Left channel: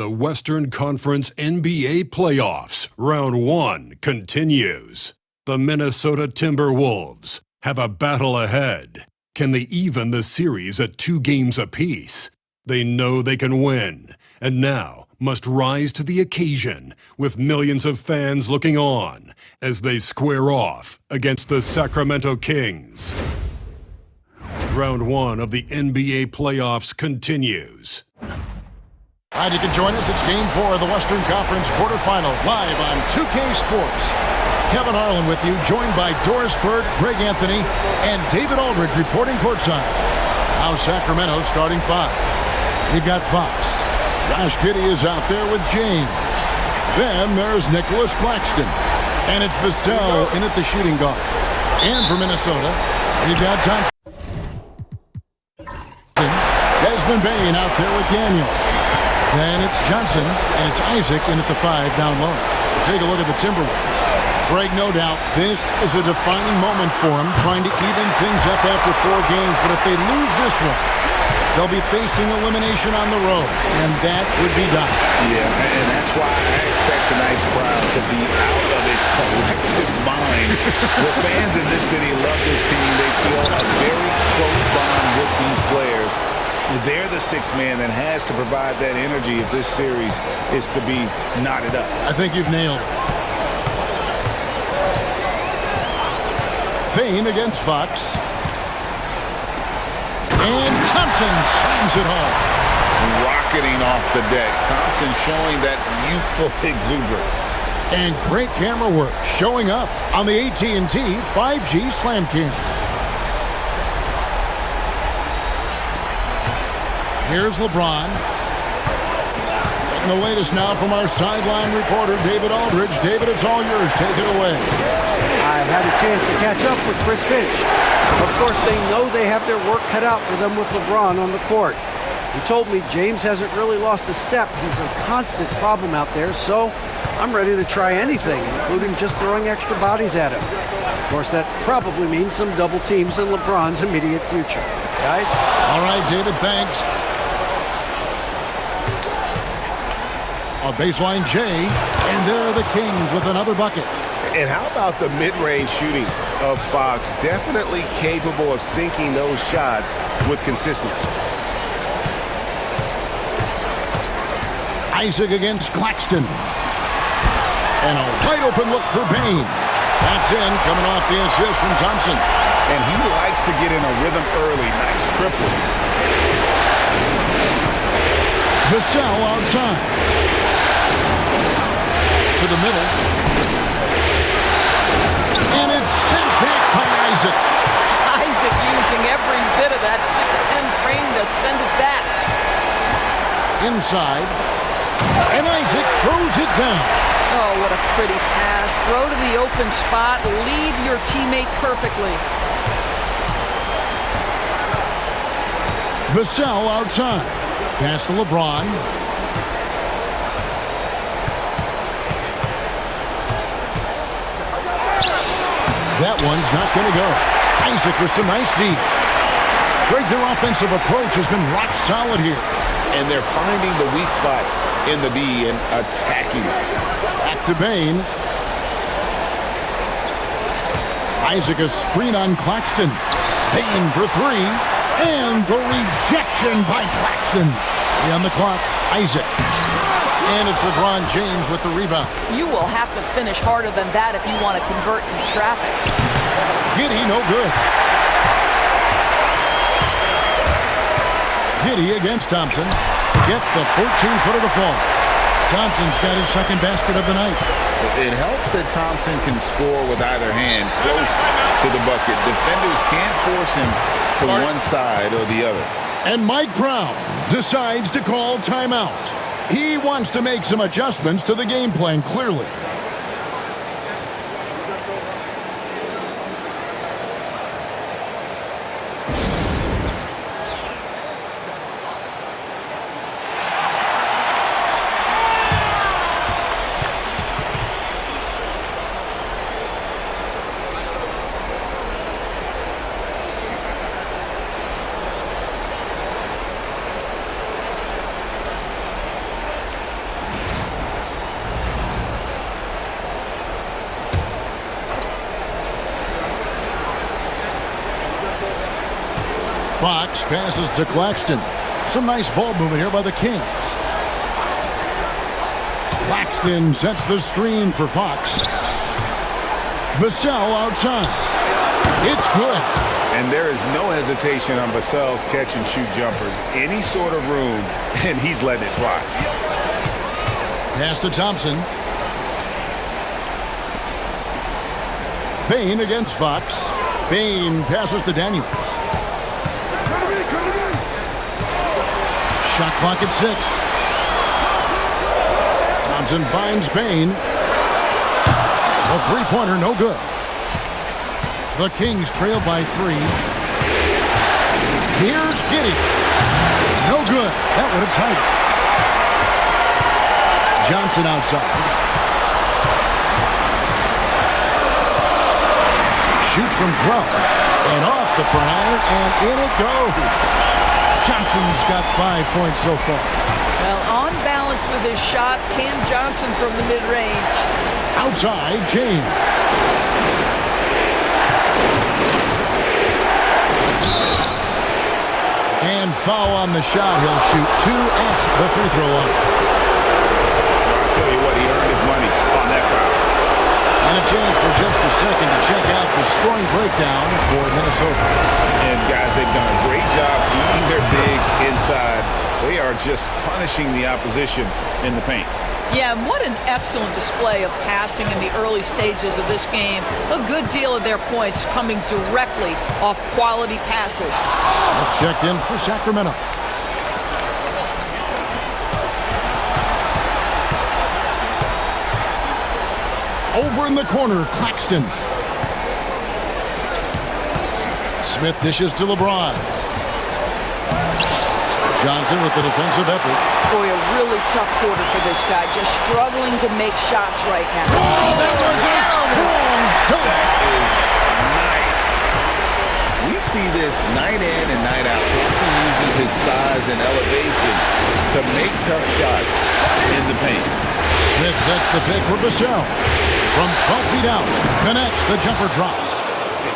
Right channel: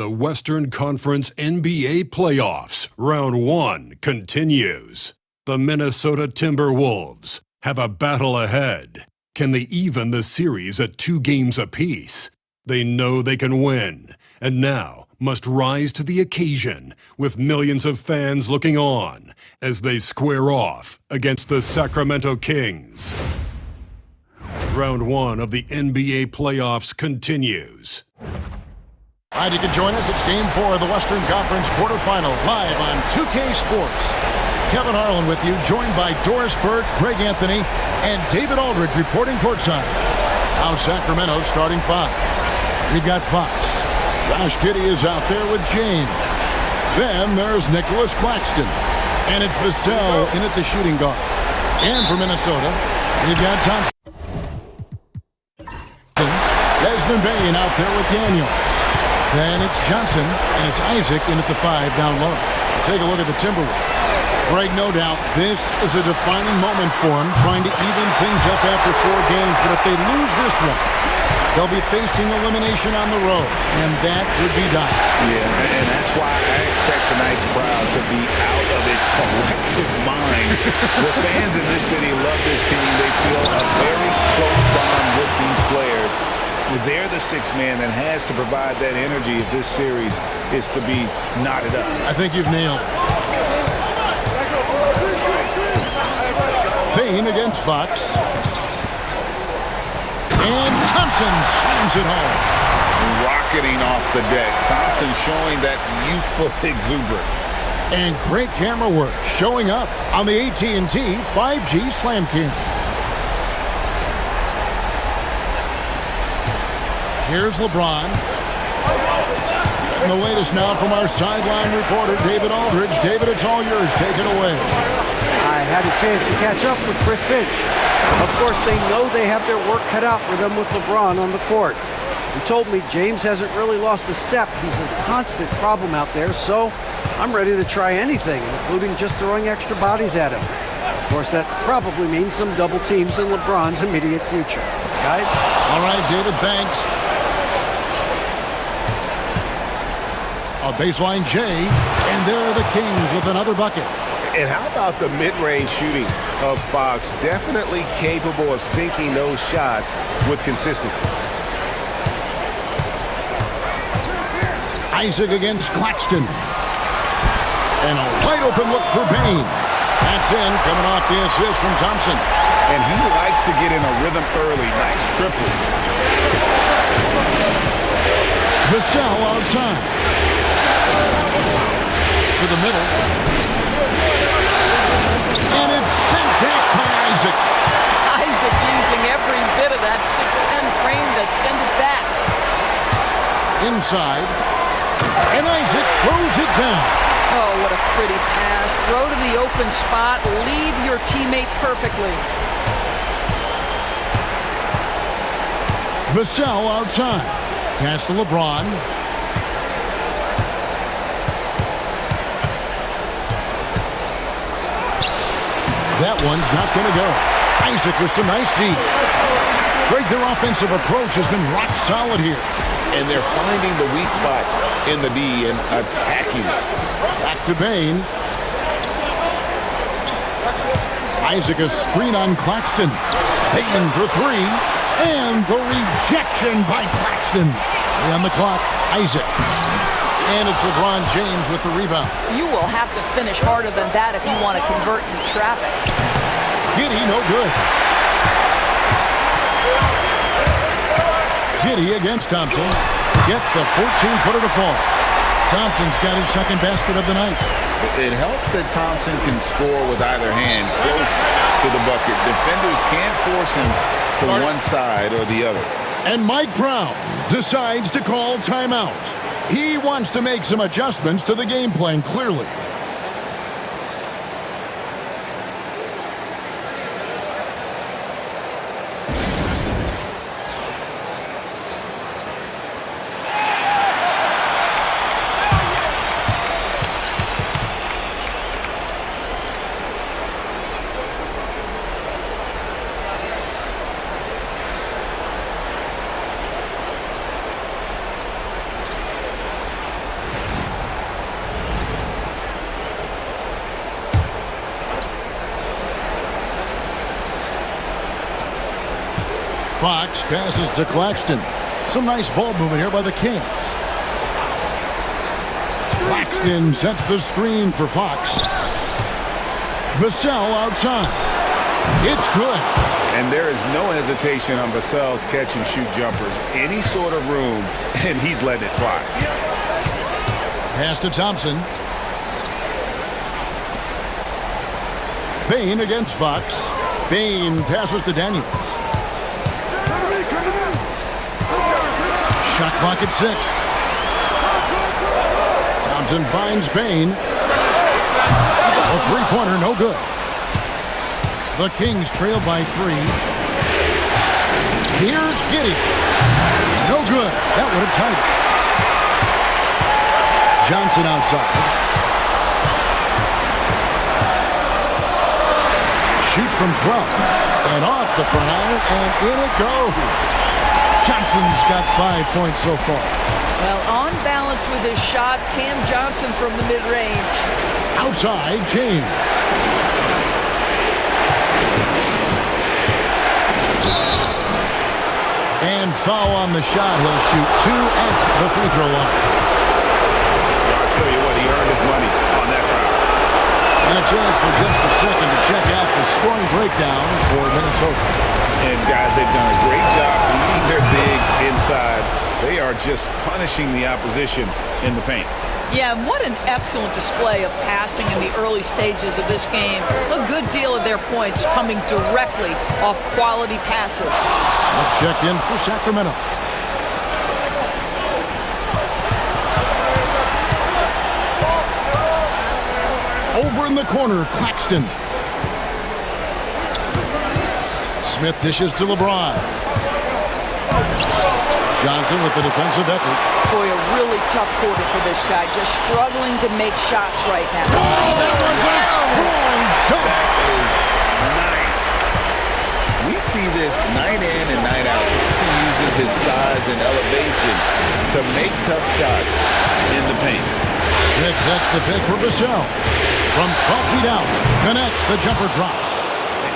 The Western Conference NBA playoffs, round 1, continues. The Minnesota Timberwolves have a battle ahead. Can they even the series at 2 games apiece? They know they can win, and now must rise to the occasion with millions of fans looking on as they square off against the Sacramento Kings. Round 1 of the NBA playoffs continues. All right, you can join us. It's Game 4 of the Western Conference quarterfinals, live on 2K Sports. Kevin Harlan with you, joined by Doris Burke, Greg Anthony, and David Aldridge reporting courtside. Now Sacramento starting 5. We've got Fox. Josh Giddey is out there with James. Then there's Nicholas Claxton. And it's Vassell in at the shooting guard. And for Minnesota, we've got Thompson. Desmond Bane out there with Daniels. Then it's Johnson, and it's Isaac in at the 5 down low. We'll take a look at the Timberwolves. Greg, no doubt, this is a defining moment for them, trying to even things up after 4 games. But if they lose this one, they'll be facing elimination on the road, and that would be dire. Yeah, and that's why I expect tonight's crowd to be out of its collective mind. The fans in this city love this team. They feel a very close bond with these players. They're the 6th man that has to provide that energy if this series is to be knotted up. I think you've nailed it. Bane against Fox. And Thompson slams it home. Rocketing off the deck. Thompson showing that youthful exuberance. And great camera work showing up on the AT&T 5G Slam Cam. Here's LeBron. Getting the latest now from our sideline reporter, David Aldridge. David, it's all yours. Take it away. I had a chance to catch up with Chris Finch. Of course, they know they have their work cut out for them with LeBron on the court. He told me James hasn't really lost a step. He's a constant problem out there, so I'm ready to try anything, including just throwing extra bodies at him. Of course, that probably means some double teams in LeBron's immediate future. Guys? All right, David, thanks. A baseline J, and there are the Kings with another bucket. And how about the mid-range shooting of Fox? Definitely capable of sinking those shots with consistency. Isaac against Claxton. And a wide open look for Bane. That's in, coming off the assist from Thompson. And he likes to get in a rhythm early. Nice triple. Vassell outside. To the middle. And it's sent back by Isaac. Isaac using every bit of that 6'10 frame to send it back. Inside. And Isaac throws it down. Oh, what a pretty pass. Throw to the open spot. Lead your teammate perfectly. Vassell outside. Pass to LeBron. That one's not going to go. Isaac with some nice D. Greg, their offensive approach has been rock solid here. And they're finding the weak spots in the D and attacking it. Back to Bane. Isaac a screen on Claxton. Bane for 3. And the rejection by Claxton. 3 on the clock. Isaac. And it's LeBron James with the rebound. You will have to finish harder than that if you want to convert in traffic. Giddey, no good. Giddey against Thompson. Gets the 14-footer to fall. Thompson's got his second basket of the night. It helps that Thompson can score with either hand close to the bucket. Defenders can't force him to one side or the other. And Mike Brown decides to call timeout. He wants to make some adjustments to the game plan, clearly. Fox passes to Claxton. Some nice ball movement here by the Kings. Claxton sets the screen for Fox. Vassell outside. It's good. And there is no hesitation on Vassell's catch-and-shoot jumpers. Any sort of room, and he's letting it fly. Pass to Thompson. Bain against Fox. Bain passes to Daniels. Shot clock at 6. Thompson finds Bain. A three-pointer, no good. The Kings trail by 3. Here's Giddey. No good. That would have tied it. Johnson outside. Shoots from 12. And off the front iron, and in it goes. Johnson's got 5 points so far. Well, on balance with his shot, Cam Johnson from the mid-range. Outside, James. And foul on the shot. He'll shoot 2 at the free throw line. I'll tell you what, he earned his money on that foul. And a chance for just a second to check out the scoring breakdown for Minnesota. And guys, they've done a great job feeding their bigs inside. They are just punishing the opposition in the paint. Yeah, and what an excellent display of passing in the early stages of this game. A good deal of their points coming directly off quality passes. Smith checked in for Sacramento. Over in the corner, Claxton. Smith dishes to LeBron. Johnson with the defensive effort. Boy, a really tough quarter for this guy. Just struggling to make shots right now. Oh, that was a strong dunk. That is nice. We see this night in and night out. Thompson uses his size and elevation to make tough shots in the paint. Smith sets the pick for Vassell. From 12 feet out, connects, the jumper drops.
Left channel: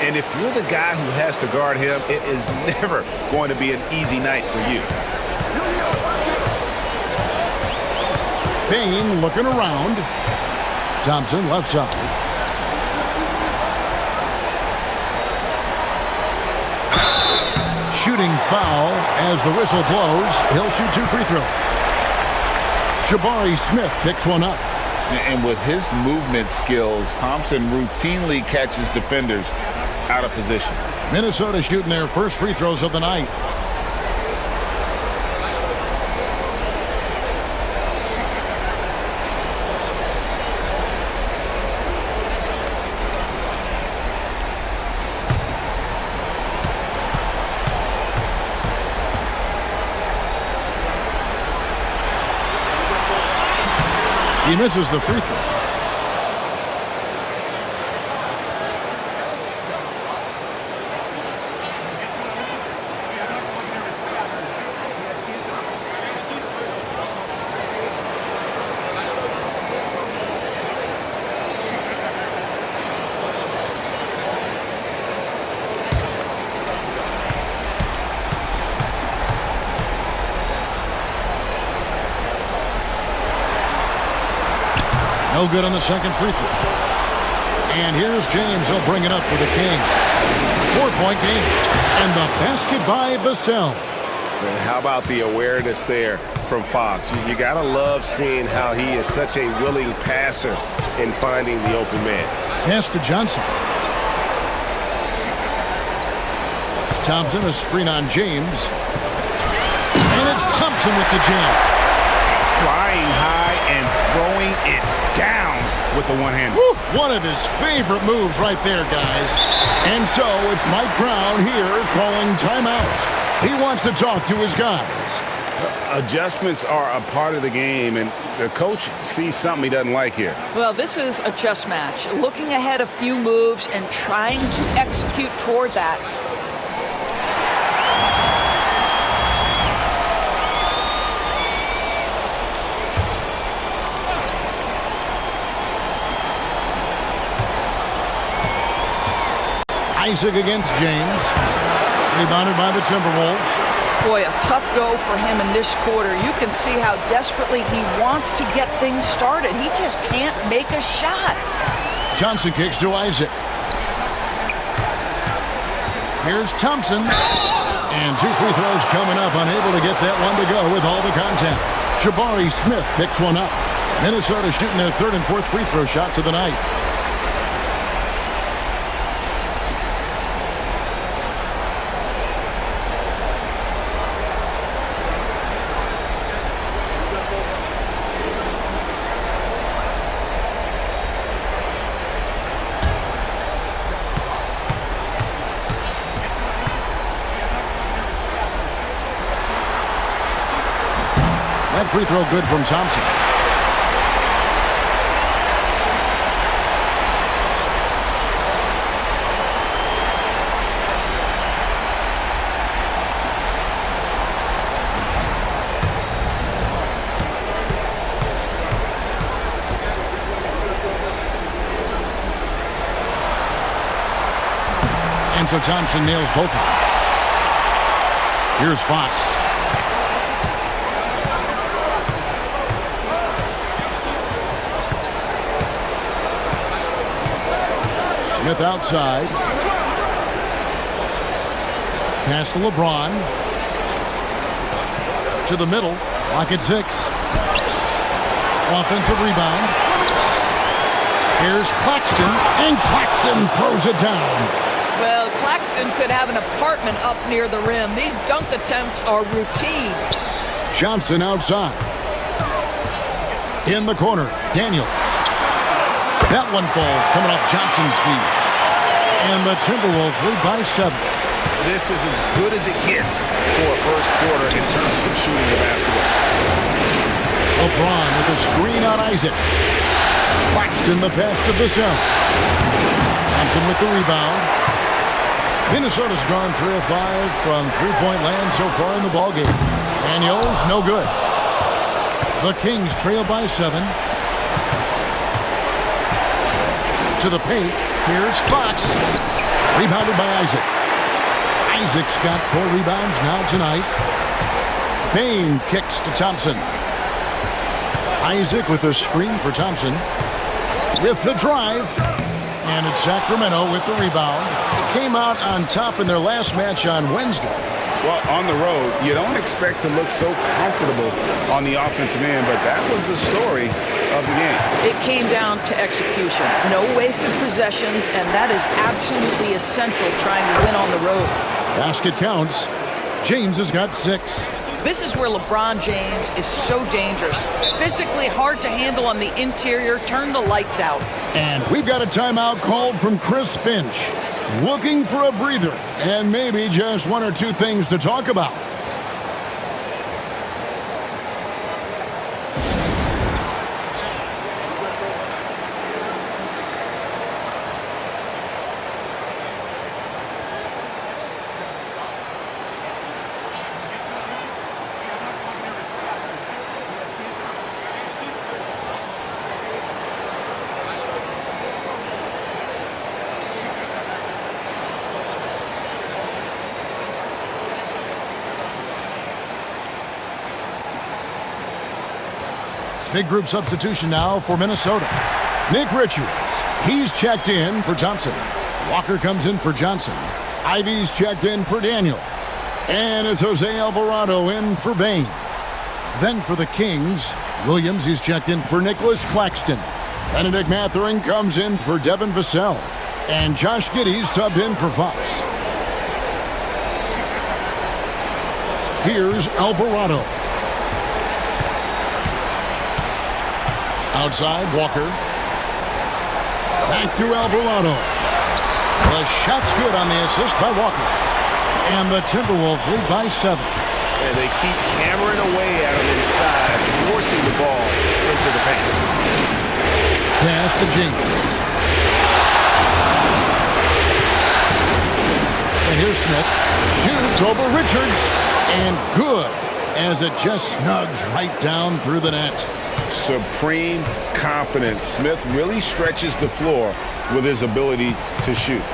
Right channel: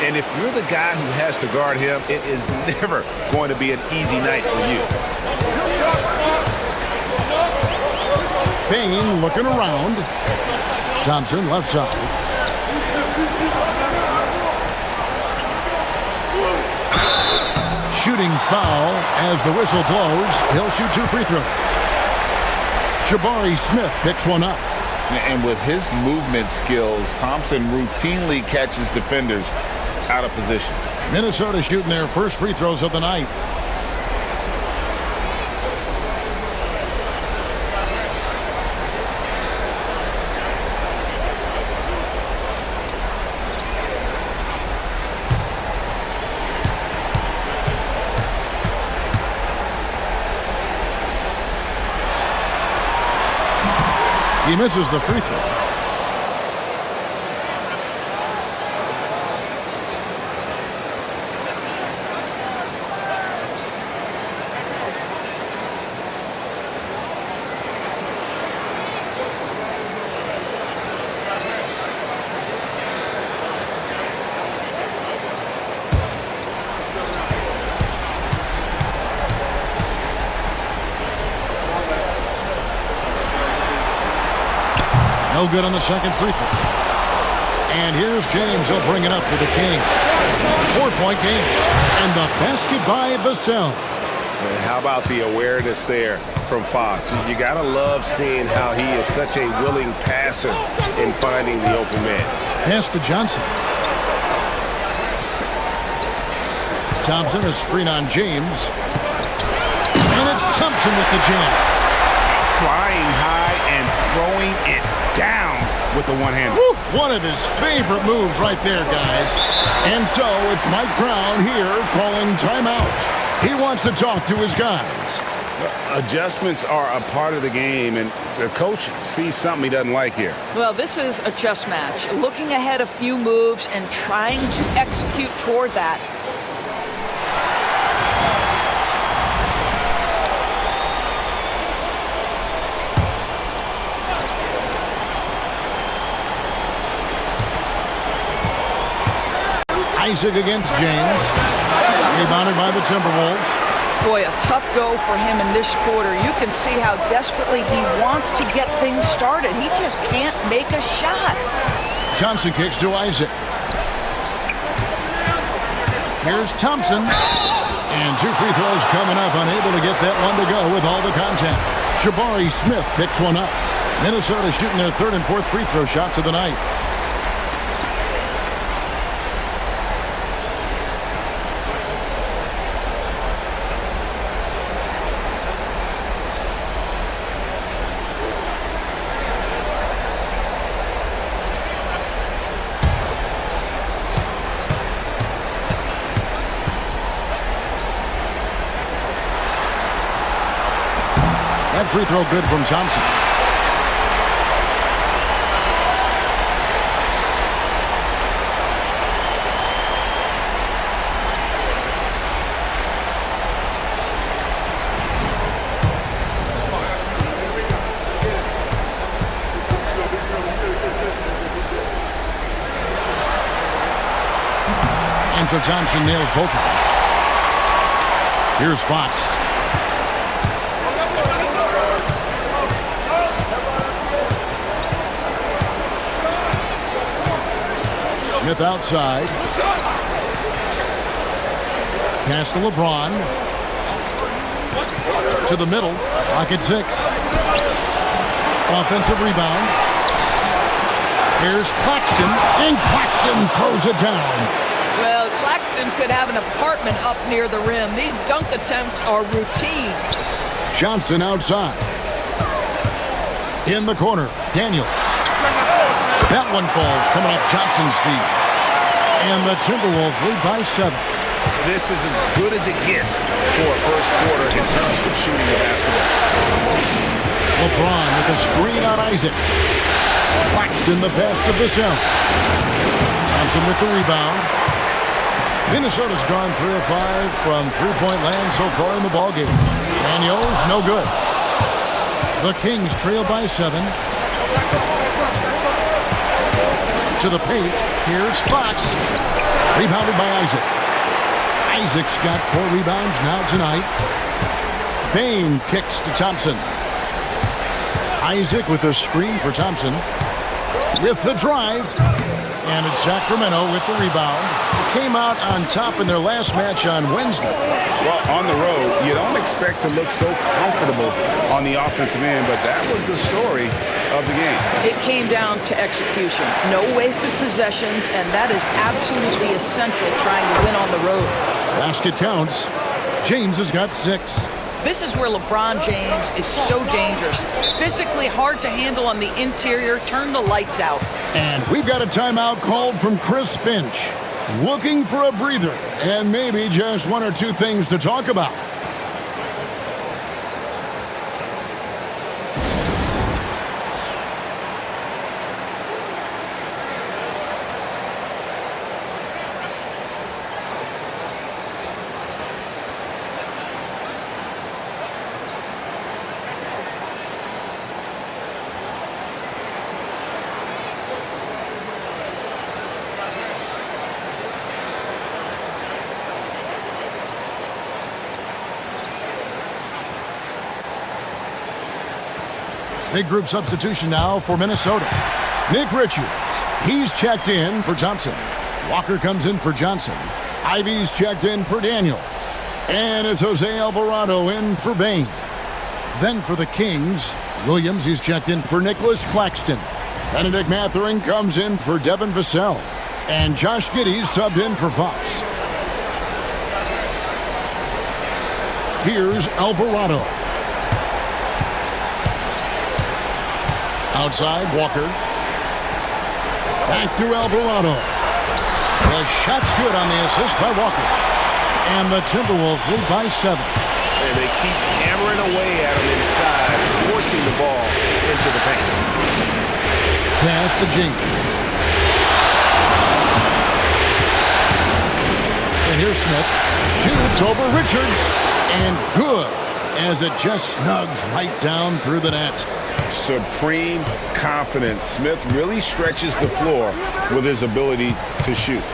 And if you're the guy who has to guard him, it is never going to be an easy night for you. Bain looking around. Thompson left side. Shooting foul as the whistle blows. He'll shoot 2 free throws. Jabari Smith picks one up. And with his movement skills, Thompson routinely catches defenders out of position. Minnesota shooting their first free throws of the night. He misses the free throw. No good on the second free throw. And here's James. He'll bring it up for the King. 4-point game. And the basket by Vassell. And how about the awareness there from Fox? You got to love seeing how he is such a willing passer in finding the open man. Pass to Johnson. Thompson, a screen on James. And it's Thompson with the jam. Flying high and throwing it down with the one-hander. One of his favorite moves right there, guys. And so it's Mike Brown here calling timeout. He wants to talk to his guys. Adjustments are a part of the game, and the coach sees something he doesn't like here. Well, this is a chess match. Looking ahead a few moves and trying to execute toward that. Isaac against James. Rebounded by the Timberwolves. Boy, a tough go for him in this quarter. You can see how desperately he wants to get things started. He just can't make a shot. Johnson kicks to Isaac. Here's Thompson. And 2 free throws coming up. Unable to get that one to go with all the contact. Jabari Smith picks one up. Minnesota shooting their 3rd and 4th free throw shots of the night. That free throw good from Thompson. And so Thompson nails both of them. Here's Fox. Smith outside. Pass to LeBron. To the middle. Lock at 6. Offensive rebound. Here's Claxton. And Claxton throws it down. Well, Claxton could have an apartment up near the rim. These dunk attempts are routine. Johnson outside. In the corner. Daniels. That one falls, coming off Johnson's feet. And the Timberwolves lead by 7. This is as good as it gets for a first quarter in terms of shooting the basketball. LeBron with a screen on Isaac. Claxton the pass to Vassell. Thompson with the rebound. Minnesota's gone 3 of 5 from three-point land so far in the ballgame. Daniels, no good. The Kings trail by 7. To the paint. Here's Fox. Rebounded by Isaac. Isaac's got 4 rebounds now tonight. Bain kicks to Thompson. Isaac with a screen for Thompson. With the drive. And it's Sacramento with the rebound. It came out on top in their last match on Wednesday. Well, on the road, you don't expect to look so comfortable on the offensive end, but that was the story of the game. It came down to execution. No wasted possessions, and that is absolutely essential trying to win on the road. Basket counts. James has got 6. This is where LeBron James is so dangerous. Physically hard to handle on the interior. Turn the lights out. And we've got a timeout called from Chris Finch. Looking for a breather and maybe just 1 or 2 things to talk about. Big group substitution now for Minnesota. Nick Richards, he's checked in for Thompson. Walker comes in for Johnson. Ivy's checked in for Daniels. And it's Jose Alvarado in for Bain. Then for the Kings, Williams, he's checked in for Nicholas Claxton. Benedict Mathurin comes in for Devin Vassell. And Josh Giddey's subbed in for Fox. Here's Alvarado. Outside, Walker. Back to Alvarado. The shot's good on the assist by Walker. And the Timberwolves lead by 7. And they keep hammering away at him inside, forcing the ball into the paint. Pass to James. And here's Smith. Shoots over Richards. And good, as it just snugs right down through the net. Supreme confidence. Smith really stretches the floor with his ability to shoot.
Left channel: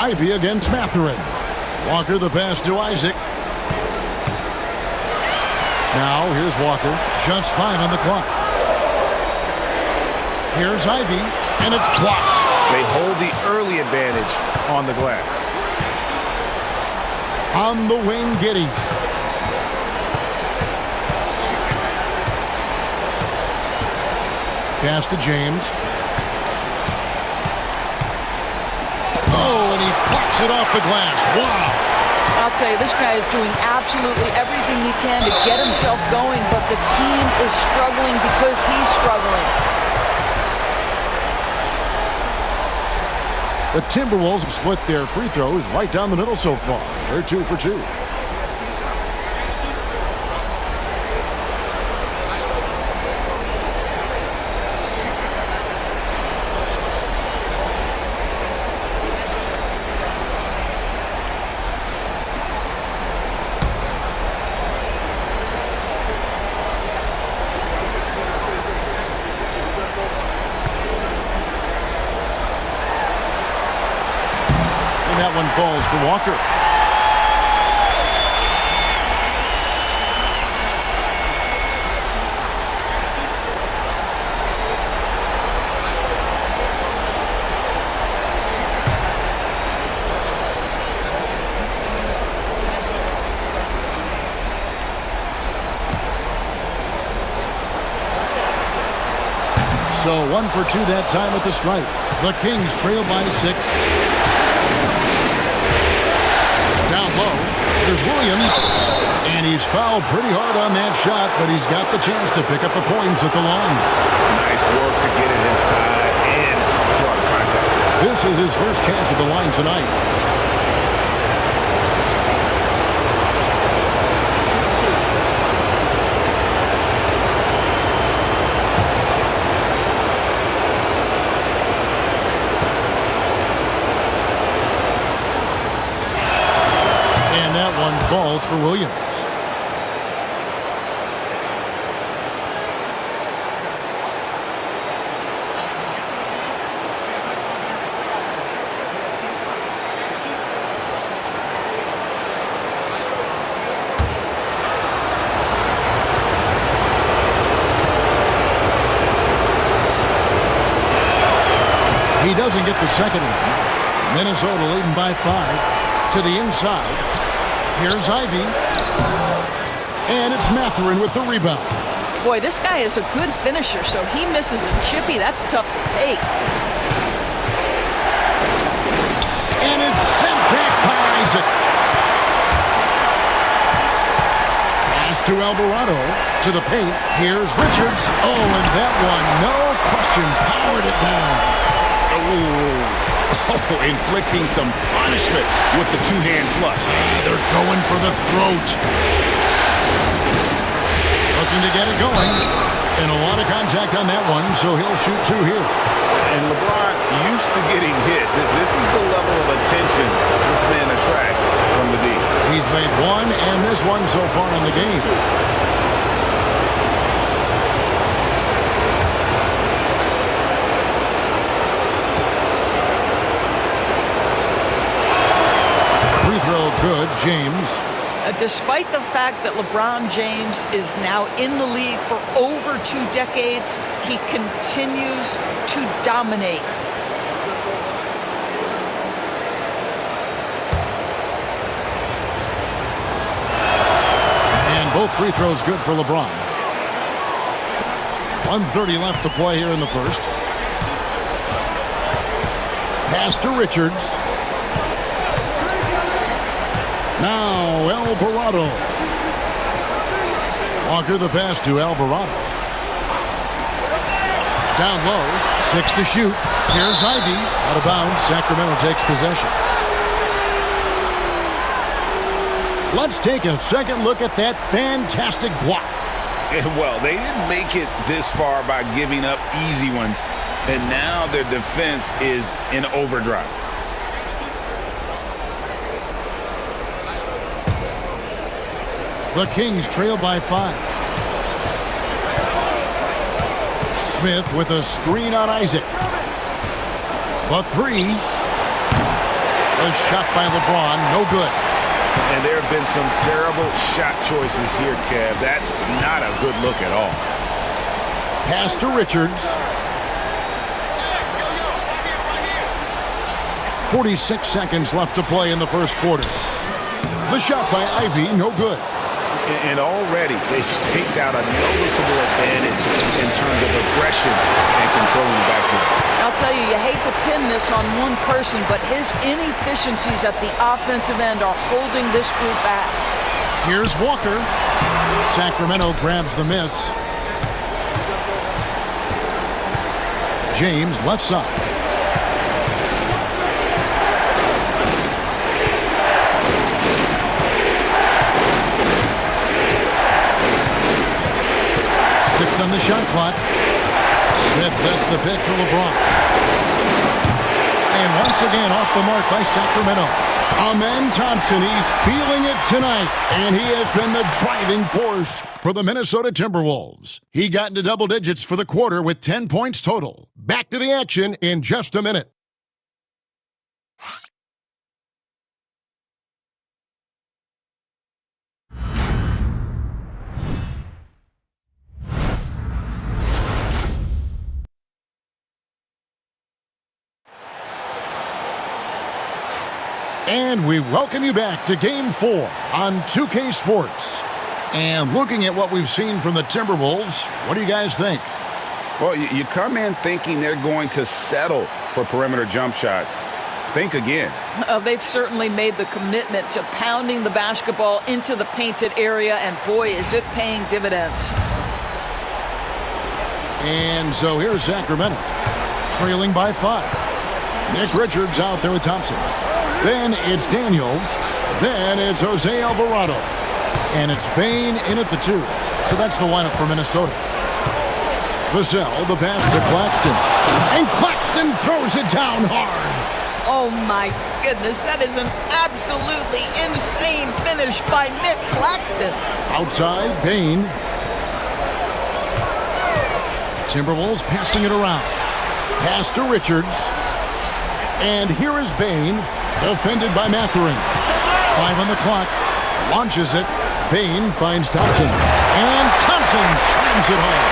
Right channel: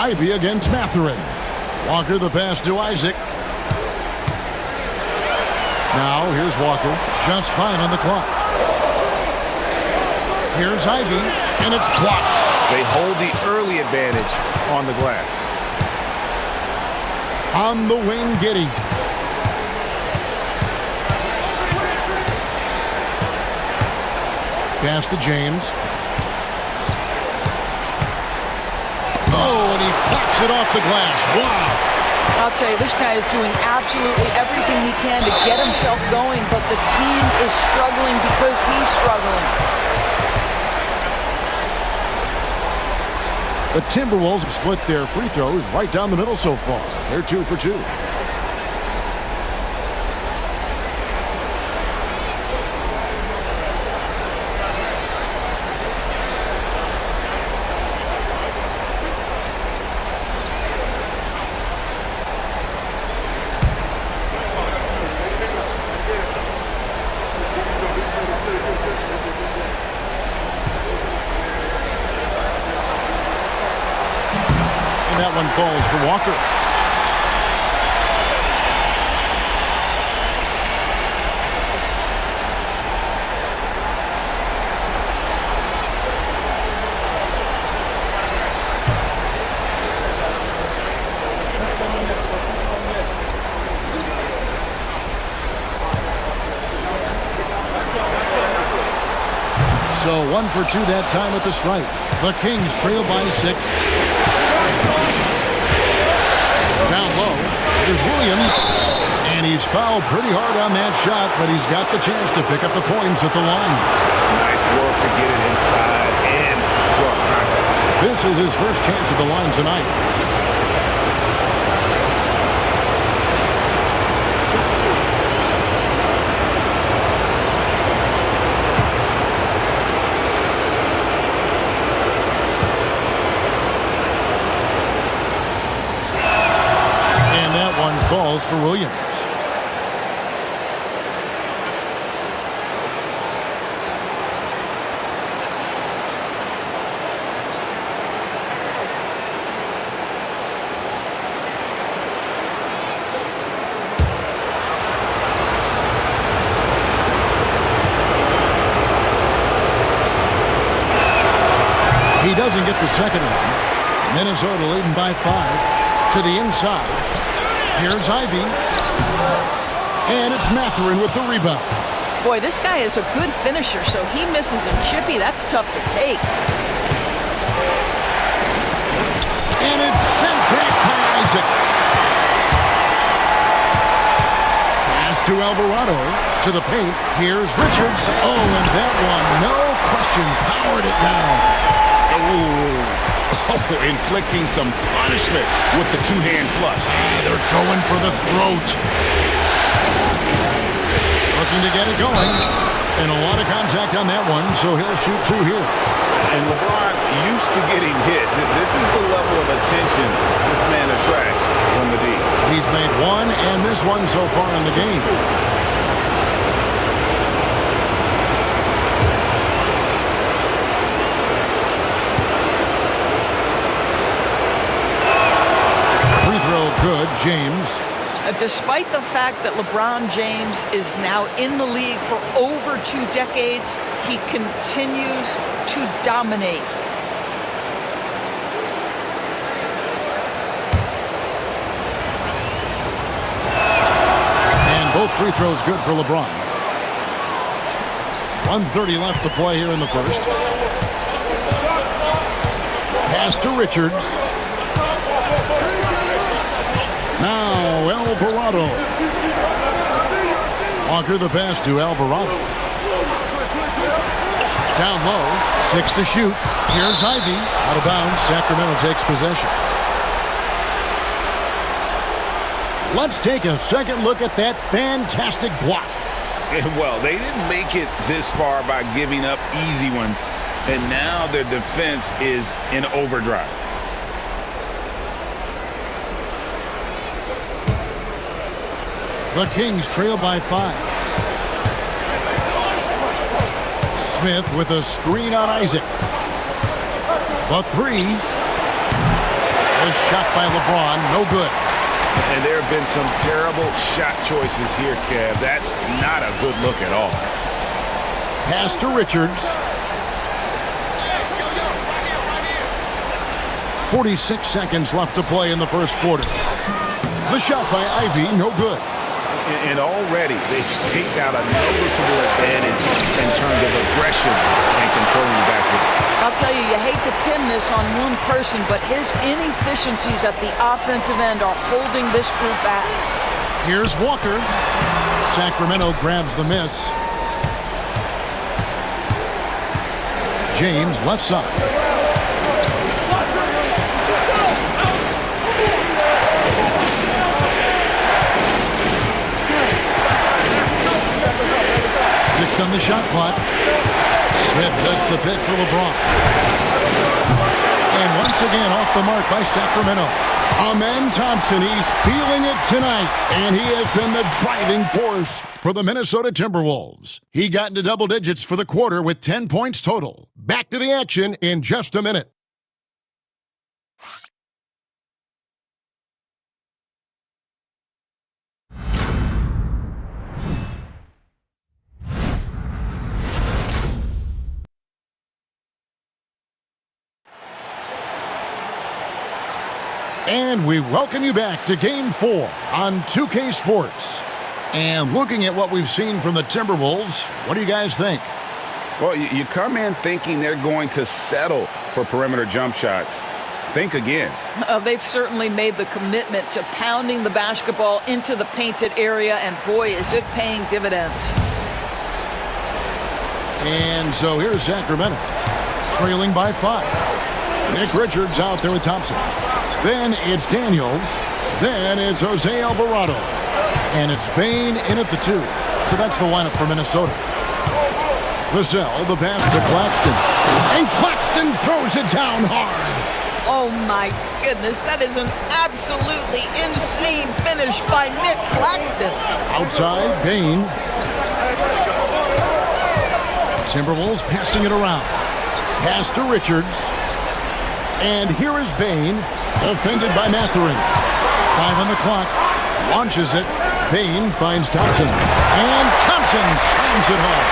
Ivy against Mathurin. Walker the pass to Isaac. Now here's Walker. Just 5 on the clock. Here's Ivy, and it's blocked. They hold the early advantage on the glass. On the wing, Giddey. Pass to James. Oh, and he blocks it off the glass. Wow. I'll tell you, this guy is doing absolutely everything he can to get himself going, but the team is struggling because he's struggling. The Timberwolves have split their free throws right down the middle so far. They're 2 for 2. That one falls for Walker. So 1 for 2 that time at the stripe. The Kings trail by 6. Down low, there's Williams, and he's fouled pretty hard on that shot, but he's got the chance to pick up the points at the line. Nice work to get it inside and draw the contact. This is his first chance at the line tonight. And that one falls for Williams. He doesn't get the second one. Minnesota leading by 5 to the inside. Here's Ivy. And it's Mathurin with the rebound. Boy, this guy is a good finisher, so he misses a chippy. That's tough to take. And it's sent back by Isaac. Pass to Alvarado. To the paint. Here's Richards. Oh, and that one, no question, powered it down. Oh, inflicting some punishment with the two-hand flush. They're going for the throat. Looking to get it going. And a lot of contact on that one, so he'll shoot 2 here. And LeBron used to getting hit. This is the level of attention this man attracts from the D. He's made 1 and missed 1 so far in the game. Free throw good, James. Despite the fact that LeBron James is now in the league for over 2 decades, he continues to dominate. And both free throws good for LeBron. 1:30 left to play here in the first. Pass to Richards. Now Alvarado. Walker the pass to Alvarado. Down low, 6 to shoot. Here's Ivy. Out of bounds, Sacramento takes possession. Let's take a second look at that fantastic block. Well, they didn't make it this far by giving up easy ones, and now their defense is in overdrive. The Kings trail by 5. Smith with a screen on Isaac. The 3. The shot by LeBron, no good. And there have been some terrible shot choices here, Kev. That's not a good look at all. Pass to Richards. 46 seconds left to play in the first quarter. The shot by Ivy, no good. And already they've staked out a noticeable advantage in terms of aggression and controlling the backcourt. I'll tell you, you hate to pin this on one person, but his inefficiencies at the offensive end are holding this group back. Here's Walker. Sacramento grabs the miss. James, left side. Six on the shot clock. Smith sets the pick for LeBron. And once again off the mark by Sacramento. Amen Thompson, he's feeling it tonight. And he has been the driving force for the Minnesota Timberwolves. He got into double digits for the quarter with 10 points total. Back to the action in just a minute. And we welcome you back to Game 4 on 2K Sports. And looking at what we've seen from the Timberwolves, what do you guys think? Well, you come in thinking they're going to settle for perimeter jump shots. Think again. They've certainly made the commitment to pounding the basketball into the painted area, and boy, is it paying dividends. And so here's Sacramento, trailing by 5. Nick Richards out there with Thompson. Then it's Daniels. Then it's Jose Alvarado. And it's Bain in at the 2. So that's the lineup for Minnesota. Vassell, the pass to Claxton. And Claxton throws it down hard. Oh my goodness, that is an absolutely insane finish by Nick Claxton. Outside, Bain. Timberwolves passing it around. Pass to Richards. And here is Bain. Defended by Mathurin. 5 on the clock. Launches it. Bain finds Thompson. And Thompson slams it home.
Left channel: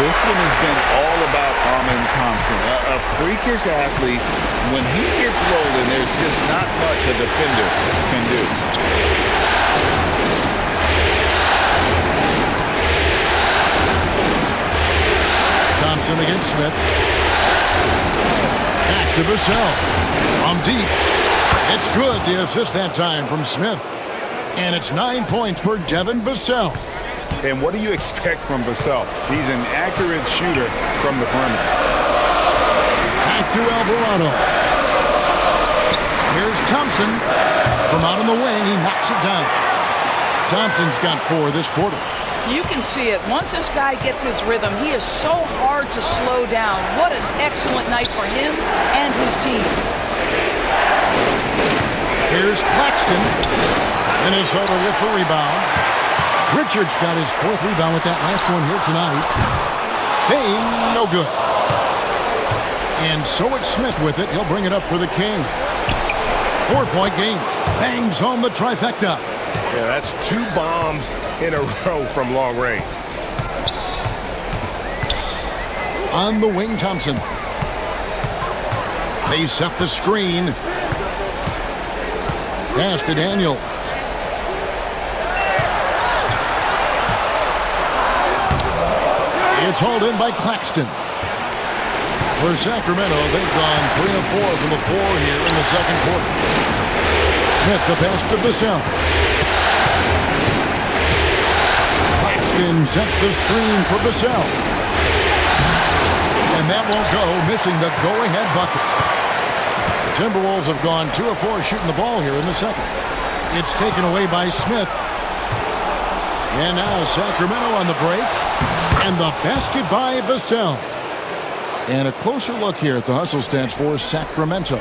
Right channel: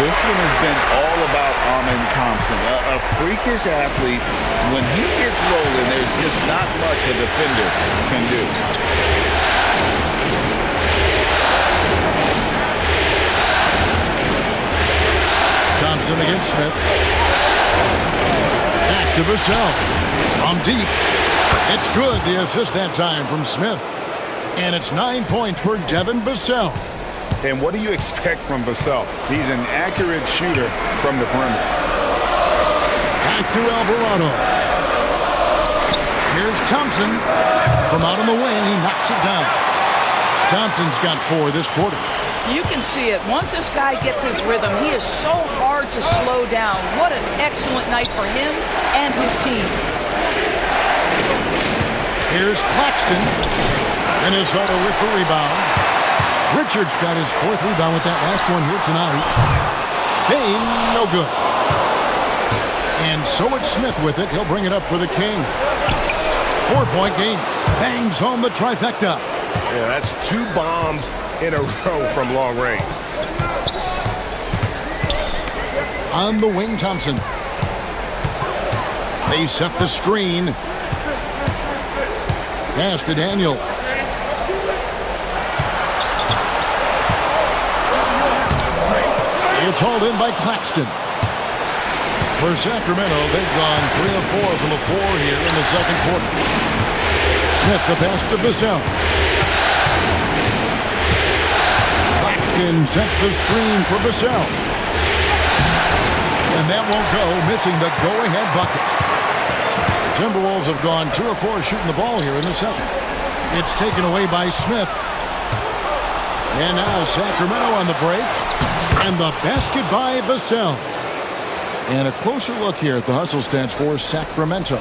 This one has been all about Amen Thompson. A freakish athlete. When he gets rolling, there's just not much a defender can do. Thompson against Smith. Back to Vassell. From deep. It's good, the assist that time from Smith. And it's 9 points for Devin Vassell. And what do you expect from Vassell? He's an accurate shooter from the perimeter. Back to Alvarado. Here's Thompson. From out on the wing, he knocks it down. Thompson's got 4 this quarter. You can see it. Once this guy gets his rhythm, he is so hard to slow down. What an excellent night for him and his team. Here's Claxton. Minnesota with the rebound. Richards got his 4th rebound with that last one here tonight. Bain, no good. And so it's Smith with it. He'll bring it up for the King. 4-point game. Bangs home the trifecta. Yeah, that's 2 bombs in a row from long range. On the wing, Thompson. They set the screen. Pass to Daniel. It's hauled in by Claxton. For Sacramento, they've gone 3 of 4 from the floor here in the second quarter. Smith, the pass to Vassell. Claxton sets the screen for Vassell. And that won't go, missing the go-ahead bucket. The Timberwolves have gone 2 of 4 shooting the ball here in the second. It's taken away by Smith. And now Sacramento on the break. And the basket by Vassell. And a closer look here at the hustle stats for Sacramento.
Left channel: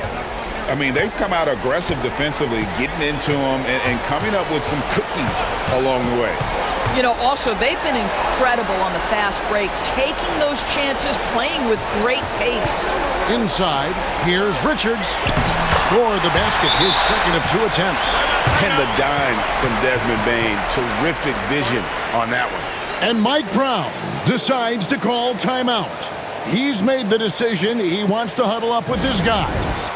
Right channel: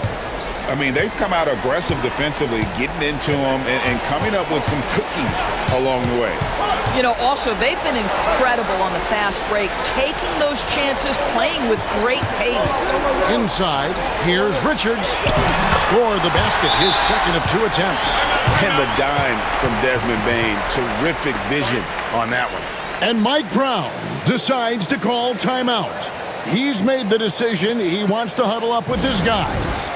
I mean, they've come out aggressive defensively, getting into them and coming up with some cookies along the way. You know, also, they've been incredible on the fast break, taking those chances, playing with great pace. Inside, here's Richards. Scored the basket, his second of 2 attempts. And the dime from Desmond Bane. Terrific vision on that one. And Mike Brown decides to call timeout. He's made the decision. He wants to huddle up with his guys.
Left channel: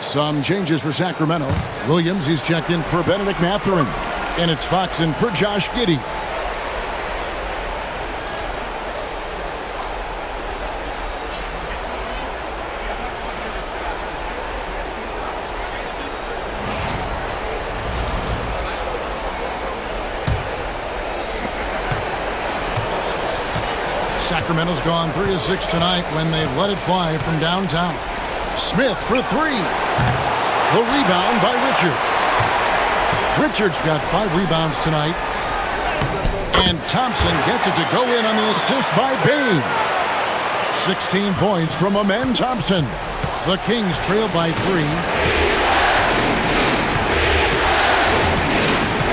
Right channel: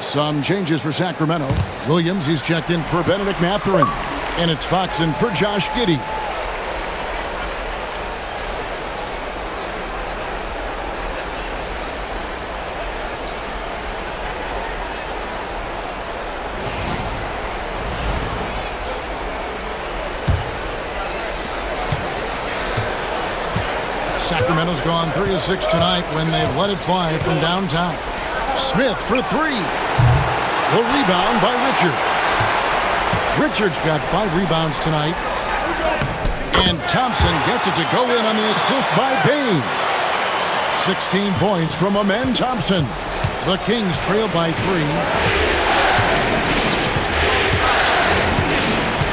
Some changes for Sacramento. Williams, he's checked in for Benedict Mathurin. And it's Fox in for Josh Giddey. Sacramento's gone 3 of 6 tonight when they've let it fly from downtown. Smith for 3. The rebound by Richards. Richards got 5 rebounds tonight. And Thompson gets it to go in on the assist by Bane. 16 points from Amen Thompson. The Kings trail by 3.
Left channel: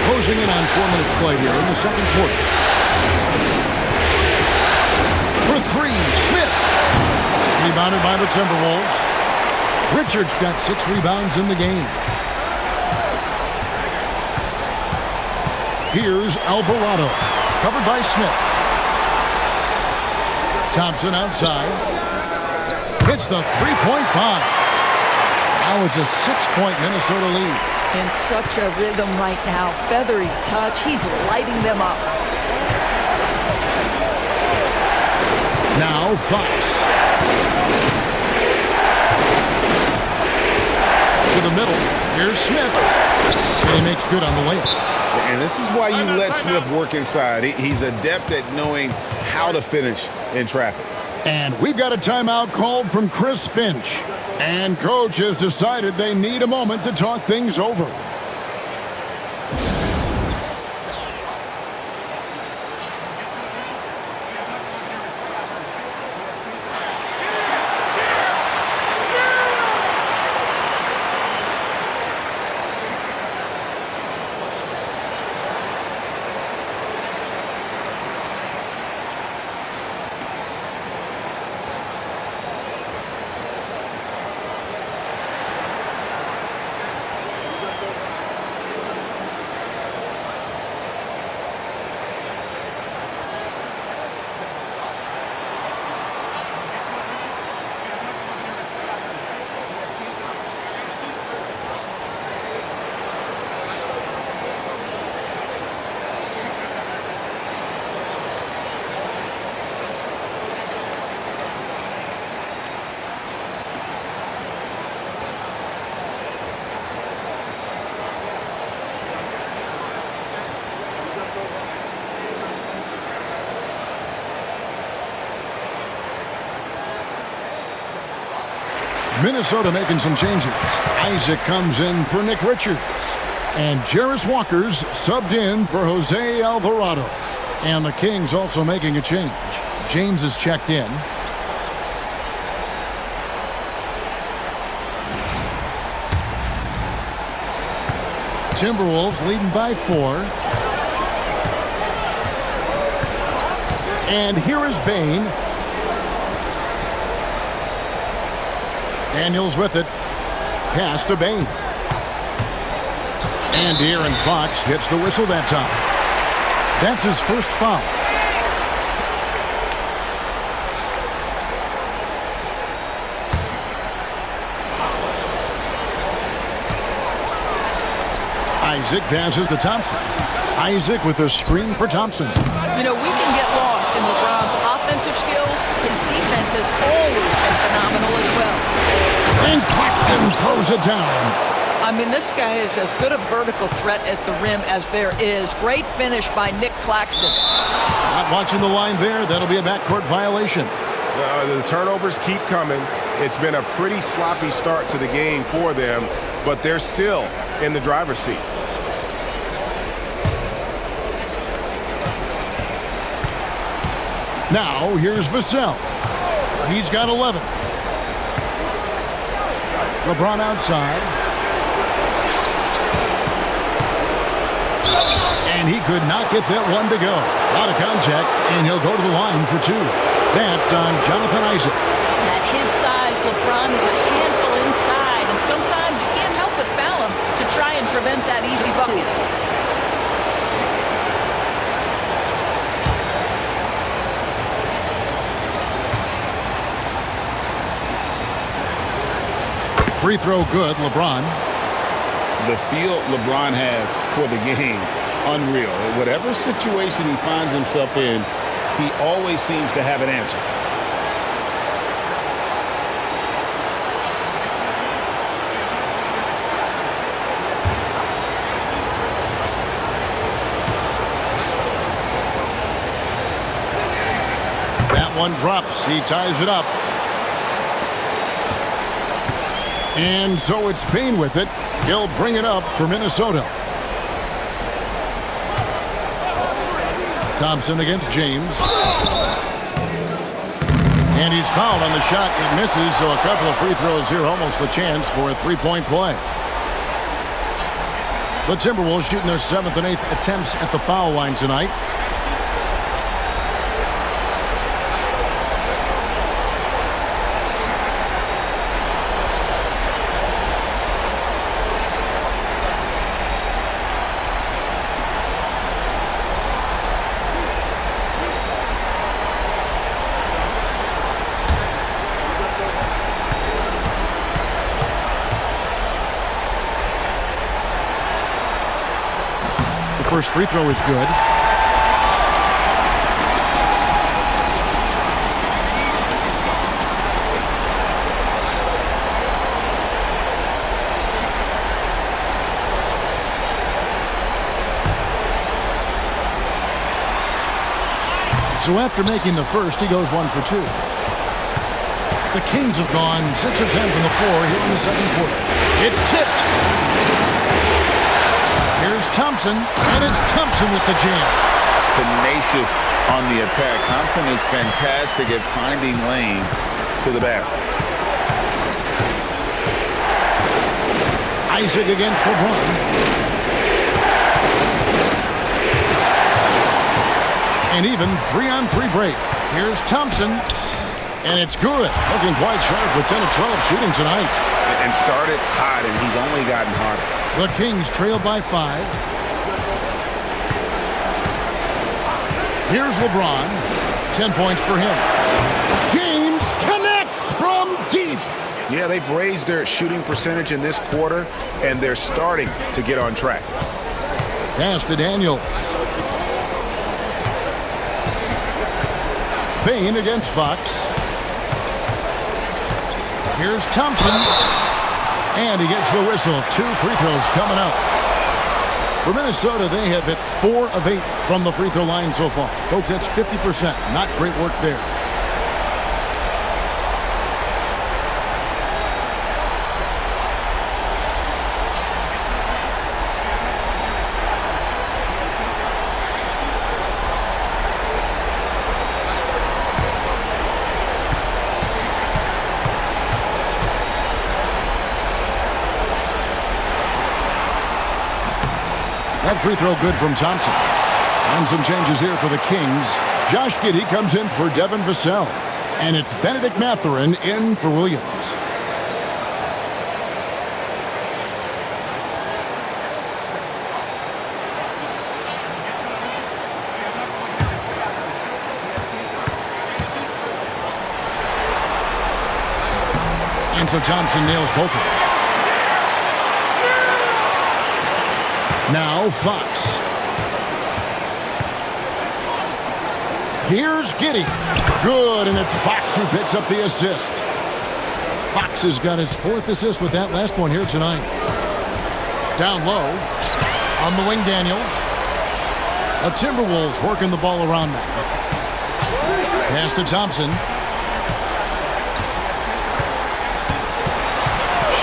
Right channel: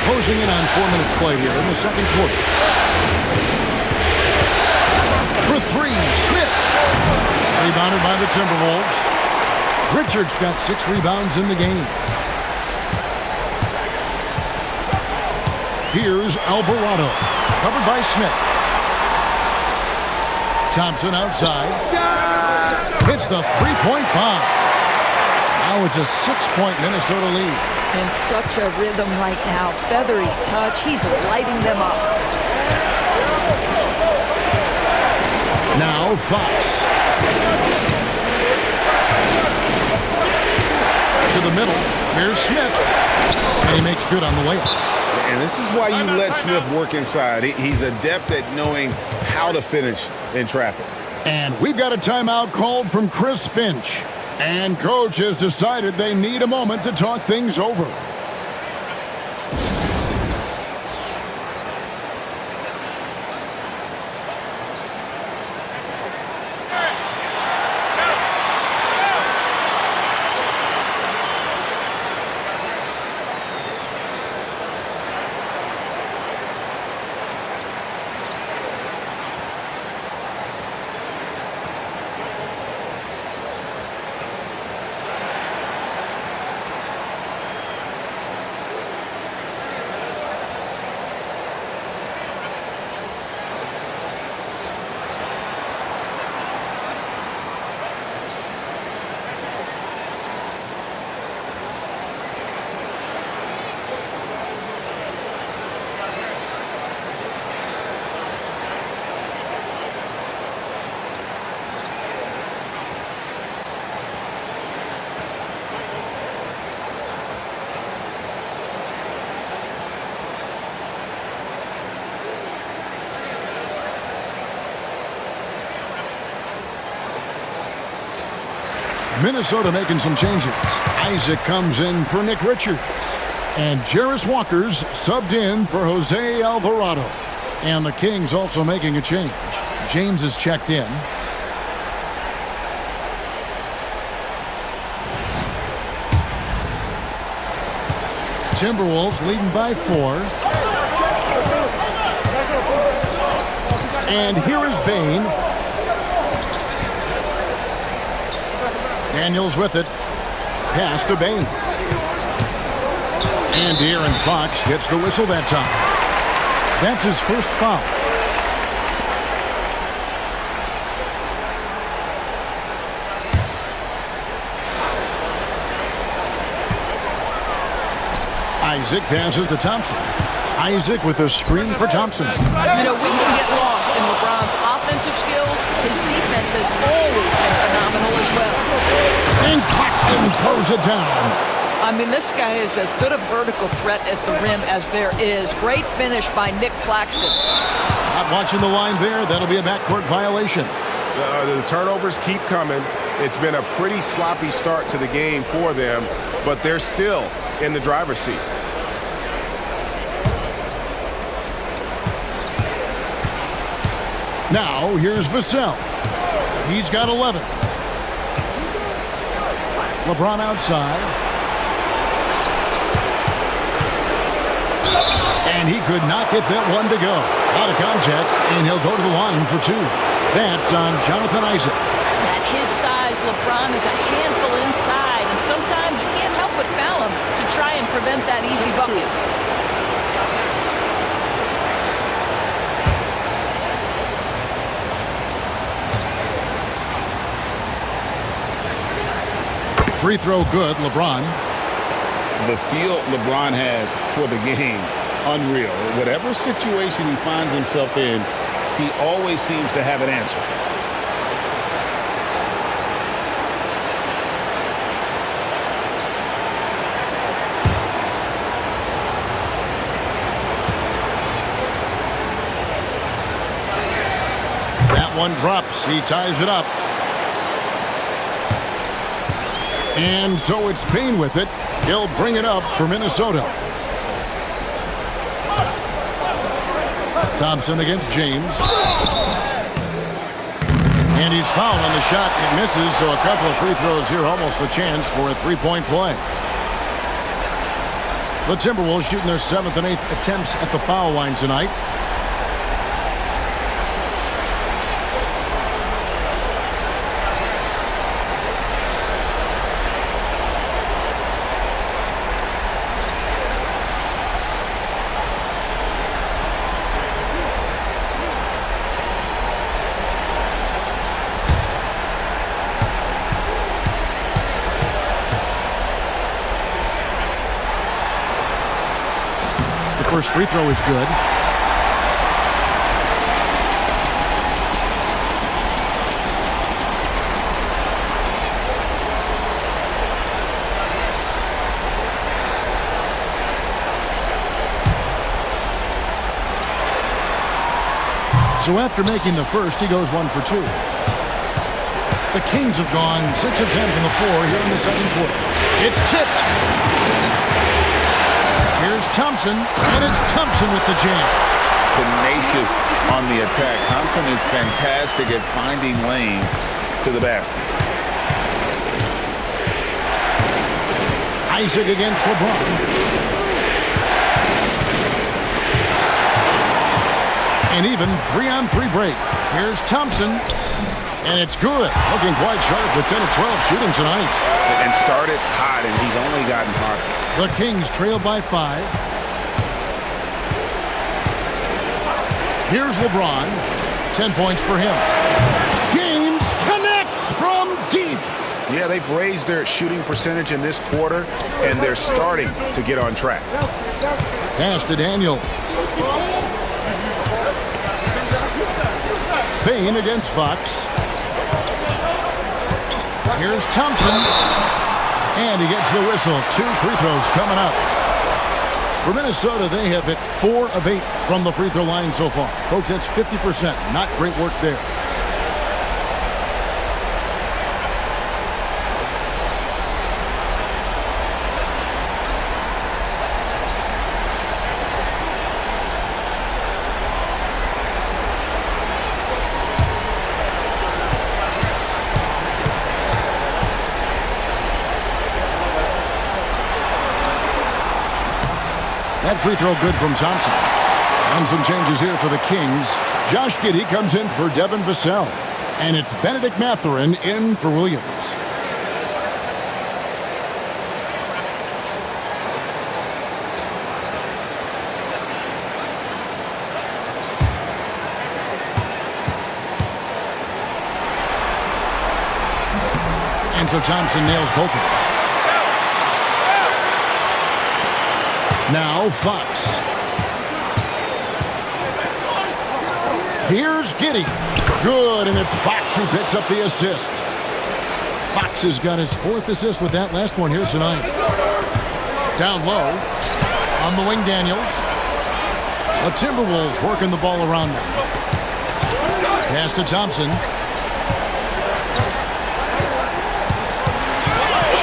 Closing in on 4 minutes played here in the second quarter. For 3, Smith. Rebounded by the Timberwolves. Richards got 6 rebounds in the game. Here's Alvarado, covered by Smith. Thompson outside. Hits the 3-point bomb. Now it's a 6-point Minnesota lead. In such a rhythm right now. Feathery touch. He's lighting them up. Now Fox. To the middle. Here's Smith. And he makes good on the layup. And this is why you let Smith work inside. He's adept at knowing how to finish in traffic. And we've got a timeout called from Chris Finch. And coach has decided they need a moment to talk things over. Minnesota making some changes. Isaac comes in for Nick Richards. And Jarris Walker's subbed in for Jose Alvarado. And the Kings also making a change. James is checked in. Timberwolves leading by 4. And here is Bane. Daniels with it. Pass to Bane. And De'Aaron Fox gets the whistle that time. That's his first foul. Isaac passes to Thompson. Isaac with a screen for Thompson. You know, we can get lost in LeBron's offensive skills. His defense has always been phenomenal as well. And Claxton throws it down. I mean, this guy is as good a vertical threat at the rim as there is. Great finish by Nick Claxton. Not watching the line there. That'll be a backcourt violation. The turnovers keep coming. It's been a pretty sloppy start to the game for them, but they're still in the driver's seat. Now, here's Vassell. He's got 11. LeBron outside. And he could not get that one to go. A lot of contact, and he'll go to the line for two. That's on Jonathan Isaac. At his size, LeBron is a handful inside, and sometimes you can't help but foul him to try and prevent that easy bucket. Free throw good, LeBron. The feel LeBron has for the game, unreal. Whatever situation he finds himself in, he always seems to have an answer. That one drops. He ties it up. And so it's Payne with it. He'll bring it up for Minnesota. Thompson against James. And he's fouled on the shot. It misses, so a couple of free throws here, almost the chance for a three-point play. The Timberwolves shooting their 7th and 8th attempts at the foul line tonight. First free throw is good. So after making the first, he goes 1 for 2. The Kings have gone 6 of 10 from the floor here in the second quarter. It's tipped. Here's Thompson, and it's Thompson with the jam. Tenacious on the attack. Thompson is fantastic at finding lanes to the basket. Isaac against LeBron. And even 3-on-3 break. Here's Thompson, and it's good. Looking quite sharp with 10 of 12 shooting tonight. And started hot, and he's only gotten harder. The Kings trail by 5. Here's LeBron. 10 points for him. James connects from deep. Yeah, they've raised their shooting percentage in this quarter, and they're starting to get on track. Pass to Daniel. Payne against Fox. Here's Thompson. And he gets the whistle. 2 free throws coming up. For Minnesota, they have hit 4 of 8 from the free throw line so far. Folks, that's 50%. Not great work there. That free throw good from Thompson. And some changes here for the Kings. Josh Giddey comes in for Devin Vassell. And it's Benedict Mathurin in for Williams. And so Thompson nails both of them. Now Fox. Here's Giddey. Good, and it's Fox who picks up the assist. Fox has got his 4th assist with that last one here tonight. Down low. On the wing, Daniels. The Timberwolves working the ball around now. Pass to Thompson.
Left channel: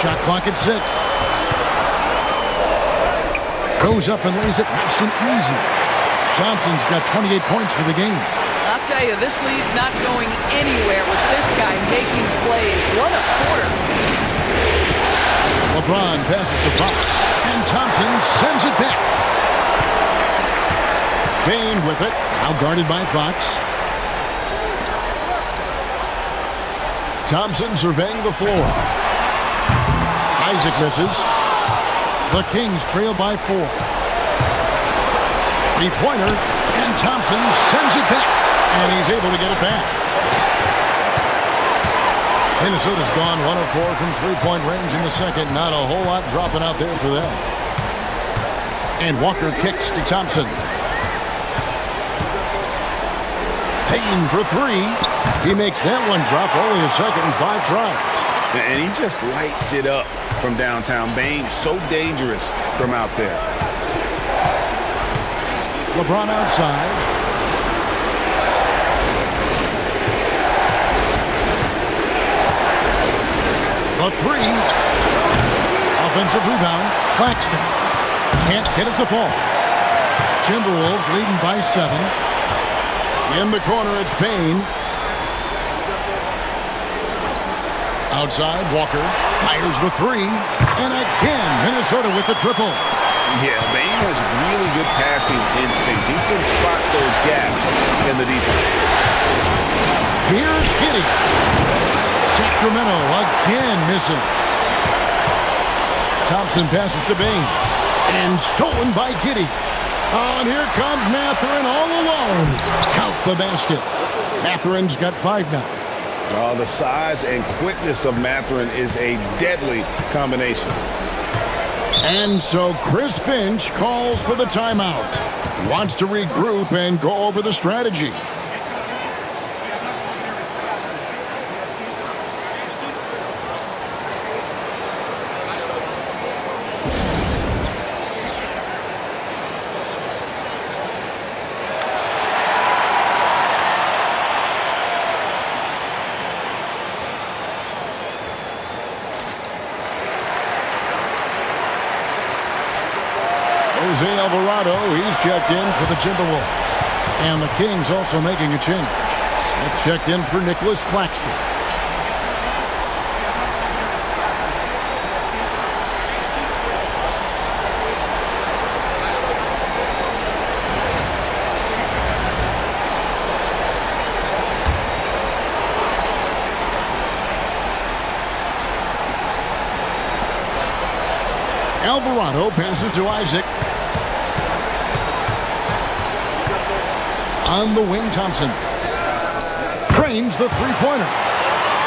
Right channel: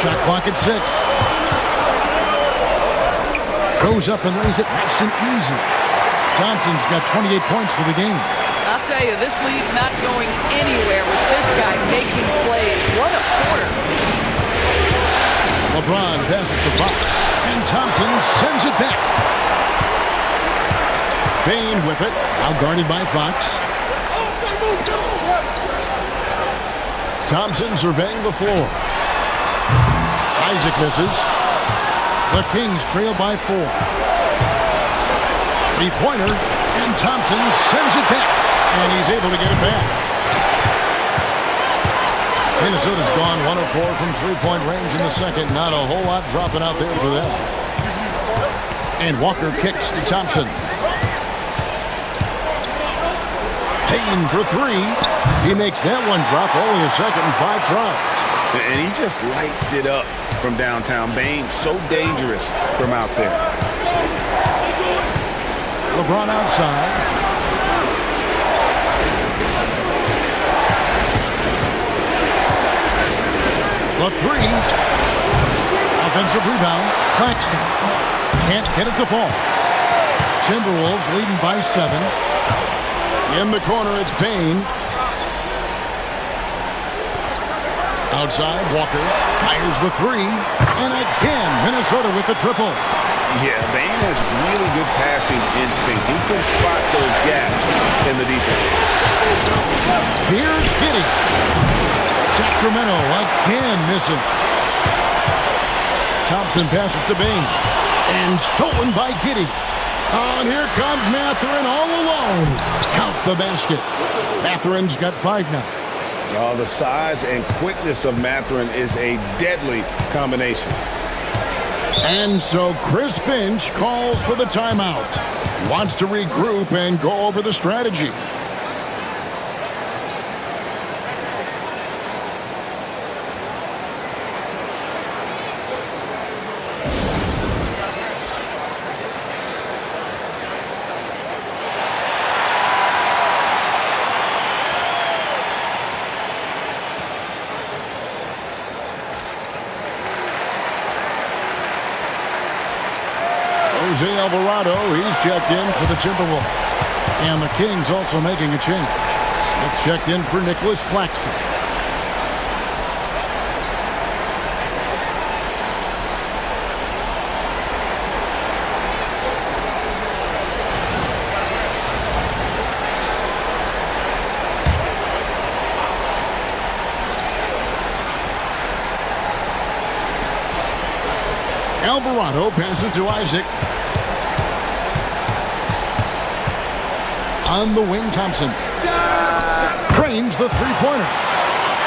Shot clock at 6. Goes up and lays it nice and easy. Thompson's got 28 points for the game. I'll tell you, this lead's not going anywhere with this guy making plays. What a quarter. LeBron passes to Fox, and Thompson sends it back. Bain with it, now guarded by Fox. Thompson surveying the floor. Isaac misses. The Kings trail by 4. 3-pointer, and Thompson sends it back. And he's able to get it back. Minnesota's gone 1 of 4 from 3-point range in the second. Not a whole lot dropping out there for them. And Walker kicks to Thompson. Payne for 3. He makes that one drop, only a second and 5 tries. And he just lights it up from downtown. Bain, so dangerous from out there. LeBron outside. The 3. Offensive rebound. Claxton. Can't get it to fall. Timberwolves leading by 7. In the corner, it's Payne. Outside, Walker fires the 3. And again, Minnesota with the triple. Yeah, Bain has really good passing instinct. He can spot those gaps in the defense. Here's Giddey. Sacramento again missing. Thompson passes to Bain. And stolen by Giddey. Oh, and here comes Mathurin all alone. Count the basket. Mathurin's got 5 now. Oh, the size and quickness of Mathurin is a deadly combination. And so Chris Finch calls for the timeout. He wants to regroup and go over the strategy. Jose Alvarado, he's checked in for the Timberwolves. And the Kings also making a change. Smith checked in for Nicholas Claxton. Alvarado passes to Isaac. On the wing, Thompson. Trains the 3-pointer.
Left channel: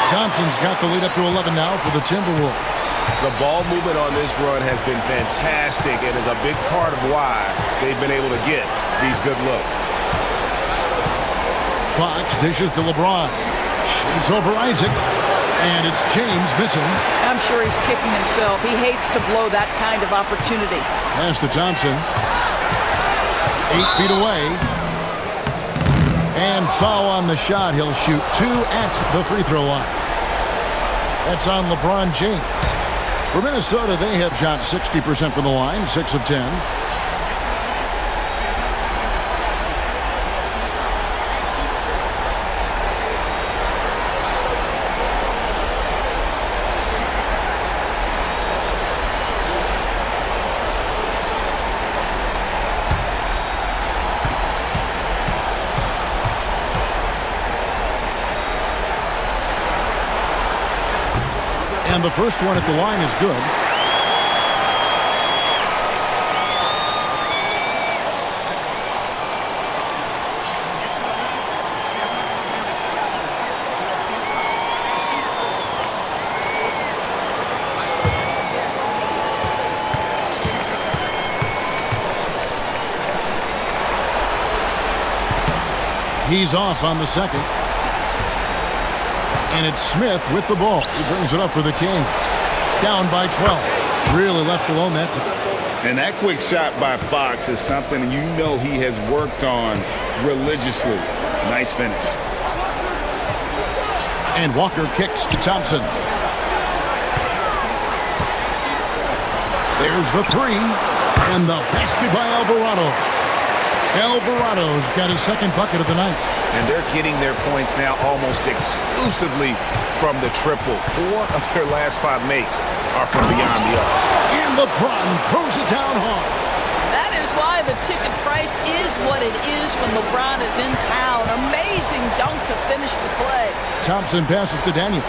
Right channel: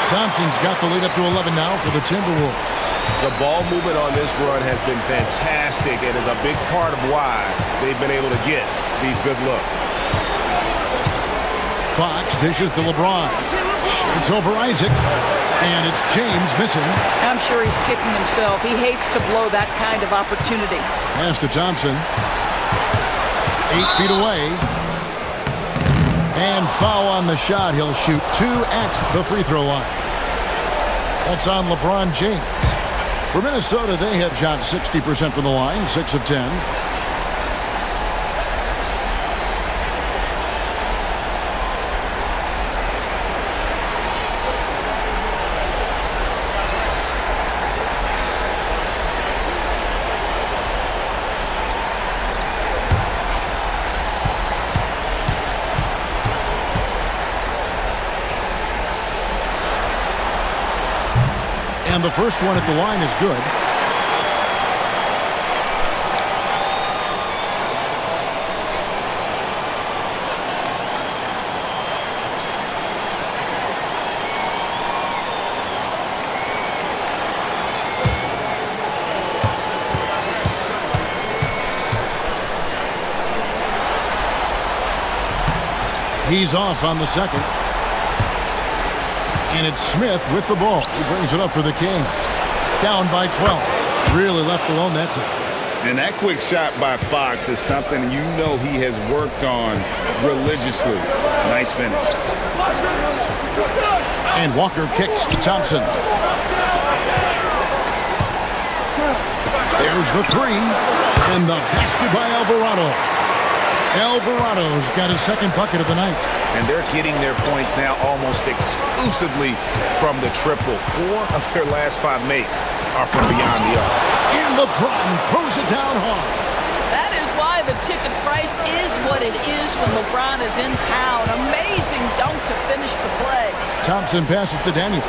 Thompson's got the lead up to 11 now for the Timberwolves. The ball movement on this run has been fantastic and is a big part of why they've been able to get these good looks. Fox dishes to LeBron. Shoots over Isaac. And it's James missing. I'm sure he's kicking himself. He hates to blow that kind of opportunity. Pass to Thompson. 8 feet away. And foul on the shot. He'll shoot 2 at the free throw line. That's on LeBron James. For Minnesota, they have shot 60% from the line, 6 of 10. And the first one at the line is good. He's off on the second. And it's Smith with the ball. He brings it up for the King. Down by 12. Really left alone that time. And that quick shot by Fox is something you know he has worked on religiously. Nice finish. And Walker kicks to Thompson. There's the three. And the basket by Alvarado. Alvarado's got his second bucket of the night. And they're getting their points now almost exclusively from the triple. 4 of their last 5 makes are from beyond the arc. And LeBron throws it down hard. That is why the ticket price is what it is when LeBron is in town. Amazing dunk to finish the play. Thompson passes to Daniels.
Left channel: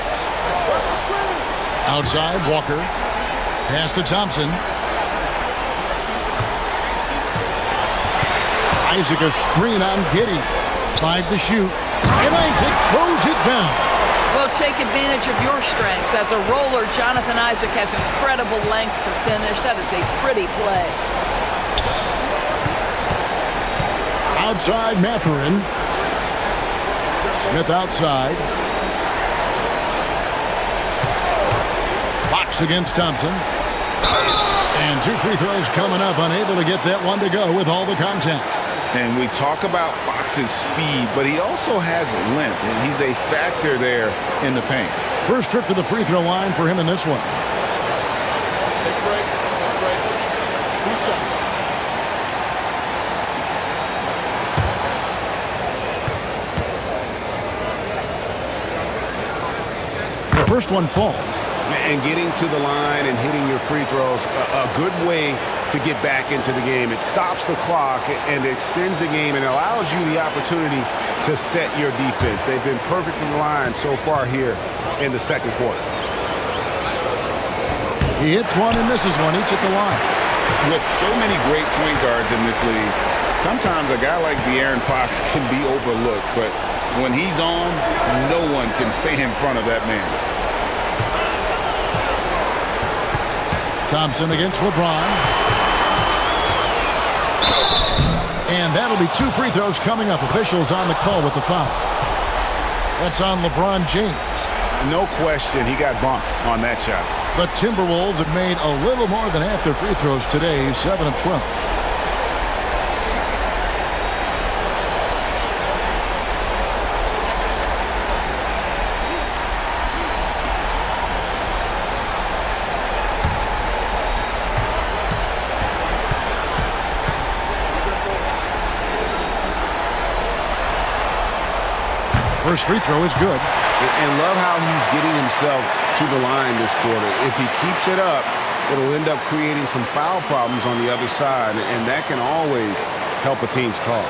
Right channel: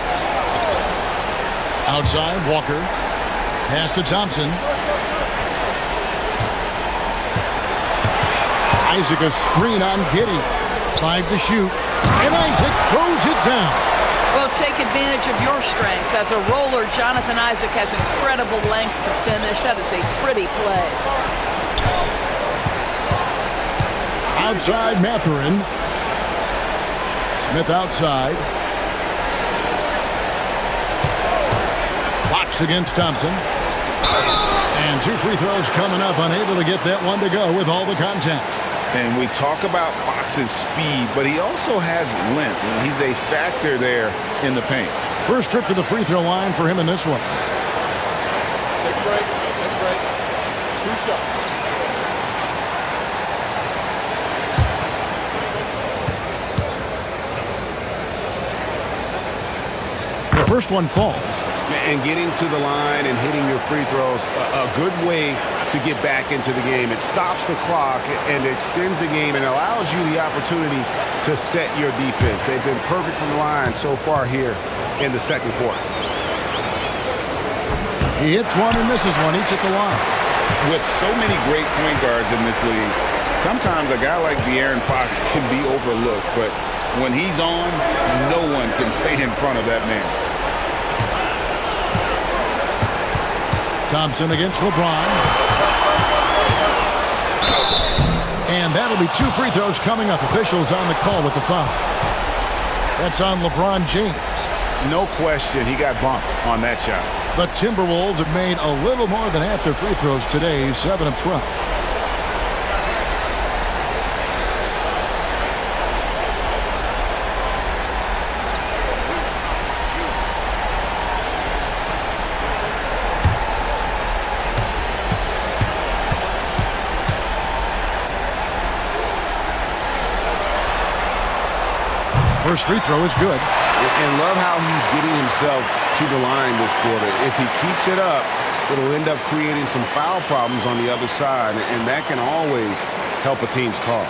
Outside, Walker. Pass to Thompson. Isaac a screen on Giddey. 5 to shoot. And Isaac throws it down. Well, take advantage of your strengths. As a roller, Jonathan Isaac has incredible length to finish. That is a pretty play. Outside, Mathurin. Smith outside. Fox against Thompson. And 2 free throws coming up. Unable to get that one to go with all the contact. And we talk about Fox's speed, but he also has length, and he's a factor there in the paint. First trip to the free throw line for him in this one. Take a break. Take a break. 2 shots. The first one falls. And getting to the line and hitting your free throws, a good way to get back into the game. It stops the clock and extends the game and allows you the opportunity to set your defense. They've been perfect from the line so far here in the second quarter. He hits one and misses one, each at the line. With so many great point guards in this league, sometimes a guy like De'Aaron Fox can be overlooked, but when he's on, no one can stay in front of that man. Thompson against LeBron. And that'll be 2 free throws coming up. Officials on the call with the foul. That's on LeBron James. No question, he got bumped on that shot. The Timberwolves have made a little more than half their free throws today, 7 of 12. First free throw is good. And love how he's getting himself to the line this quarter. If he keeps it up, it'll end up creating some foul problems on the other side, and that can always help a team's cause.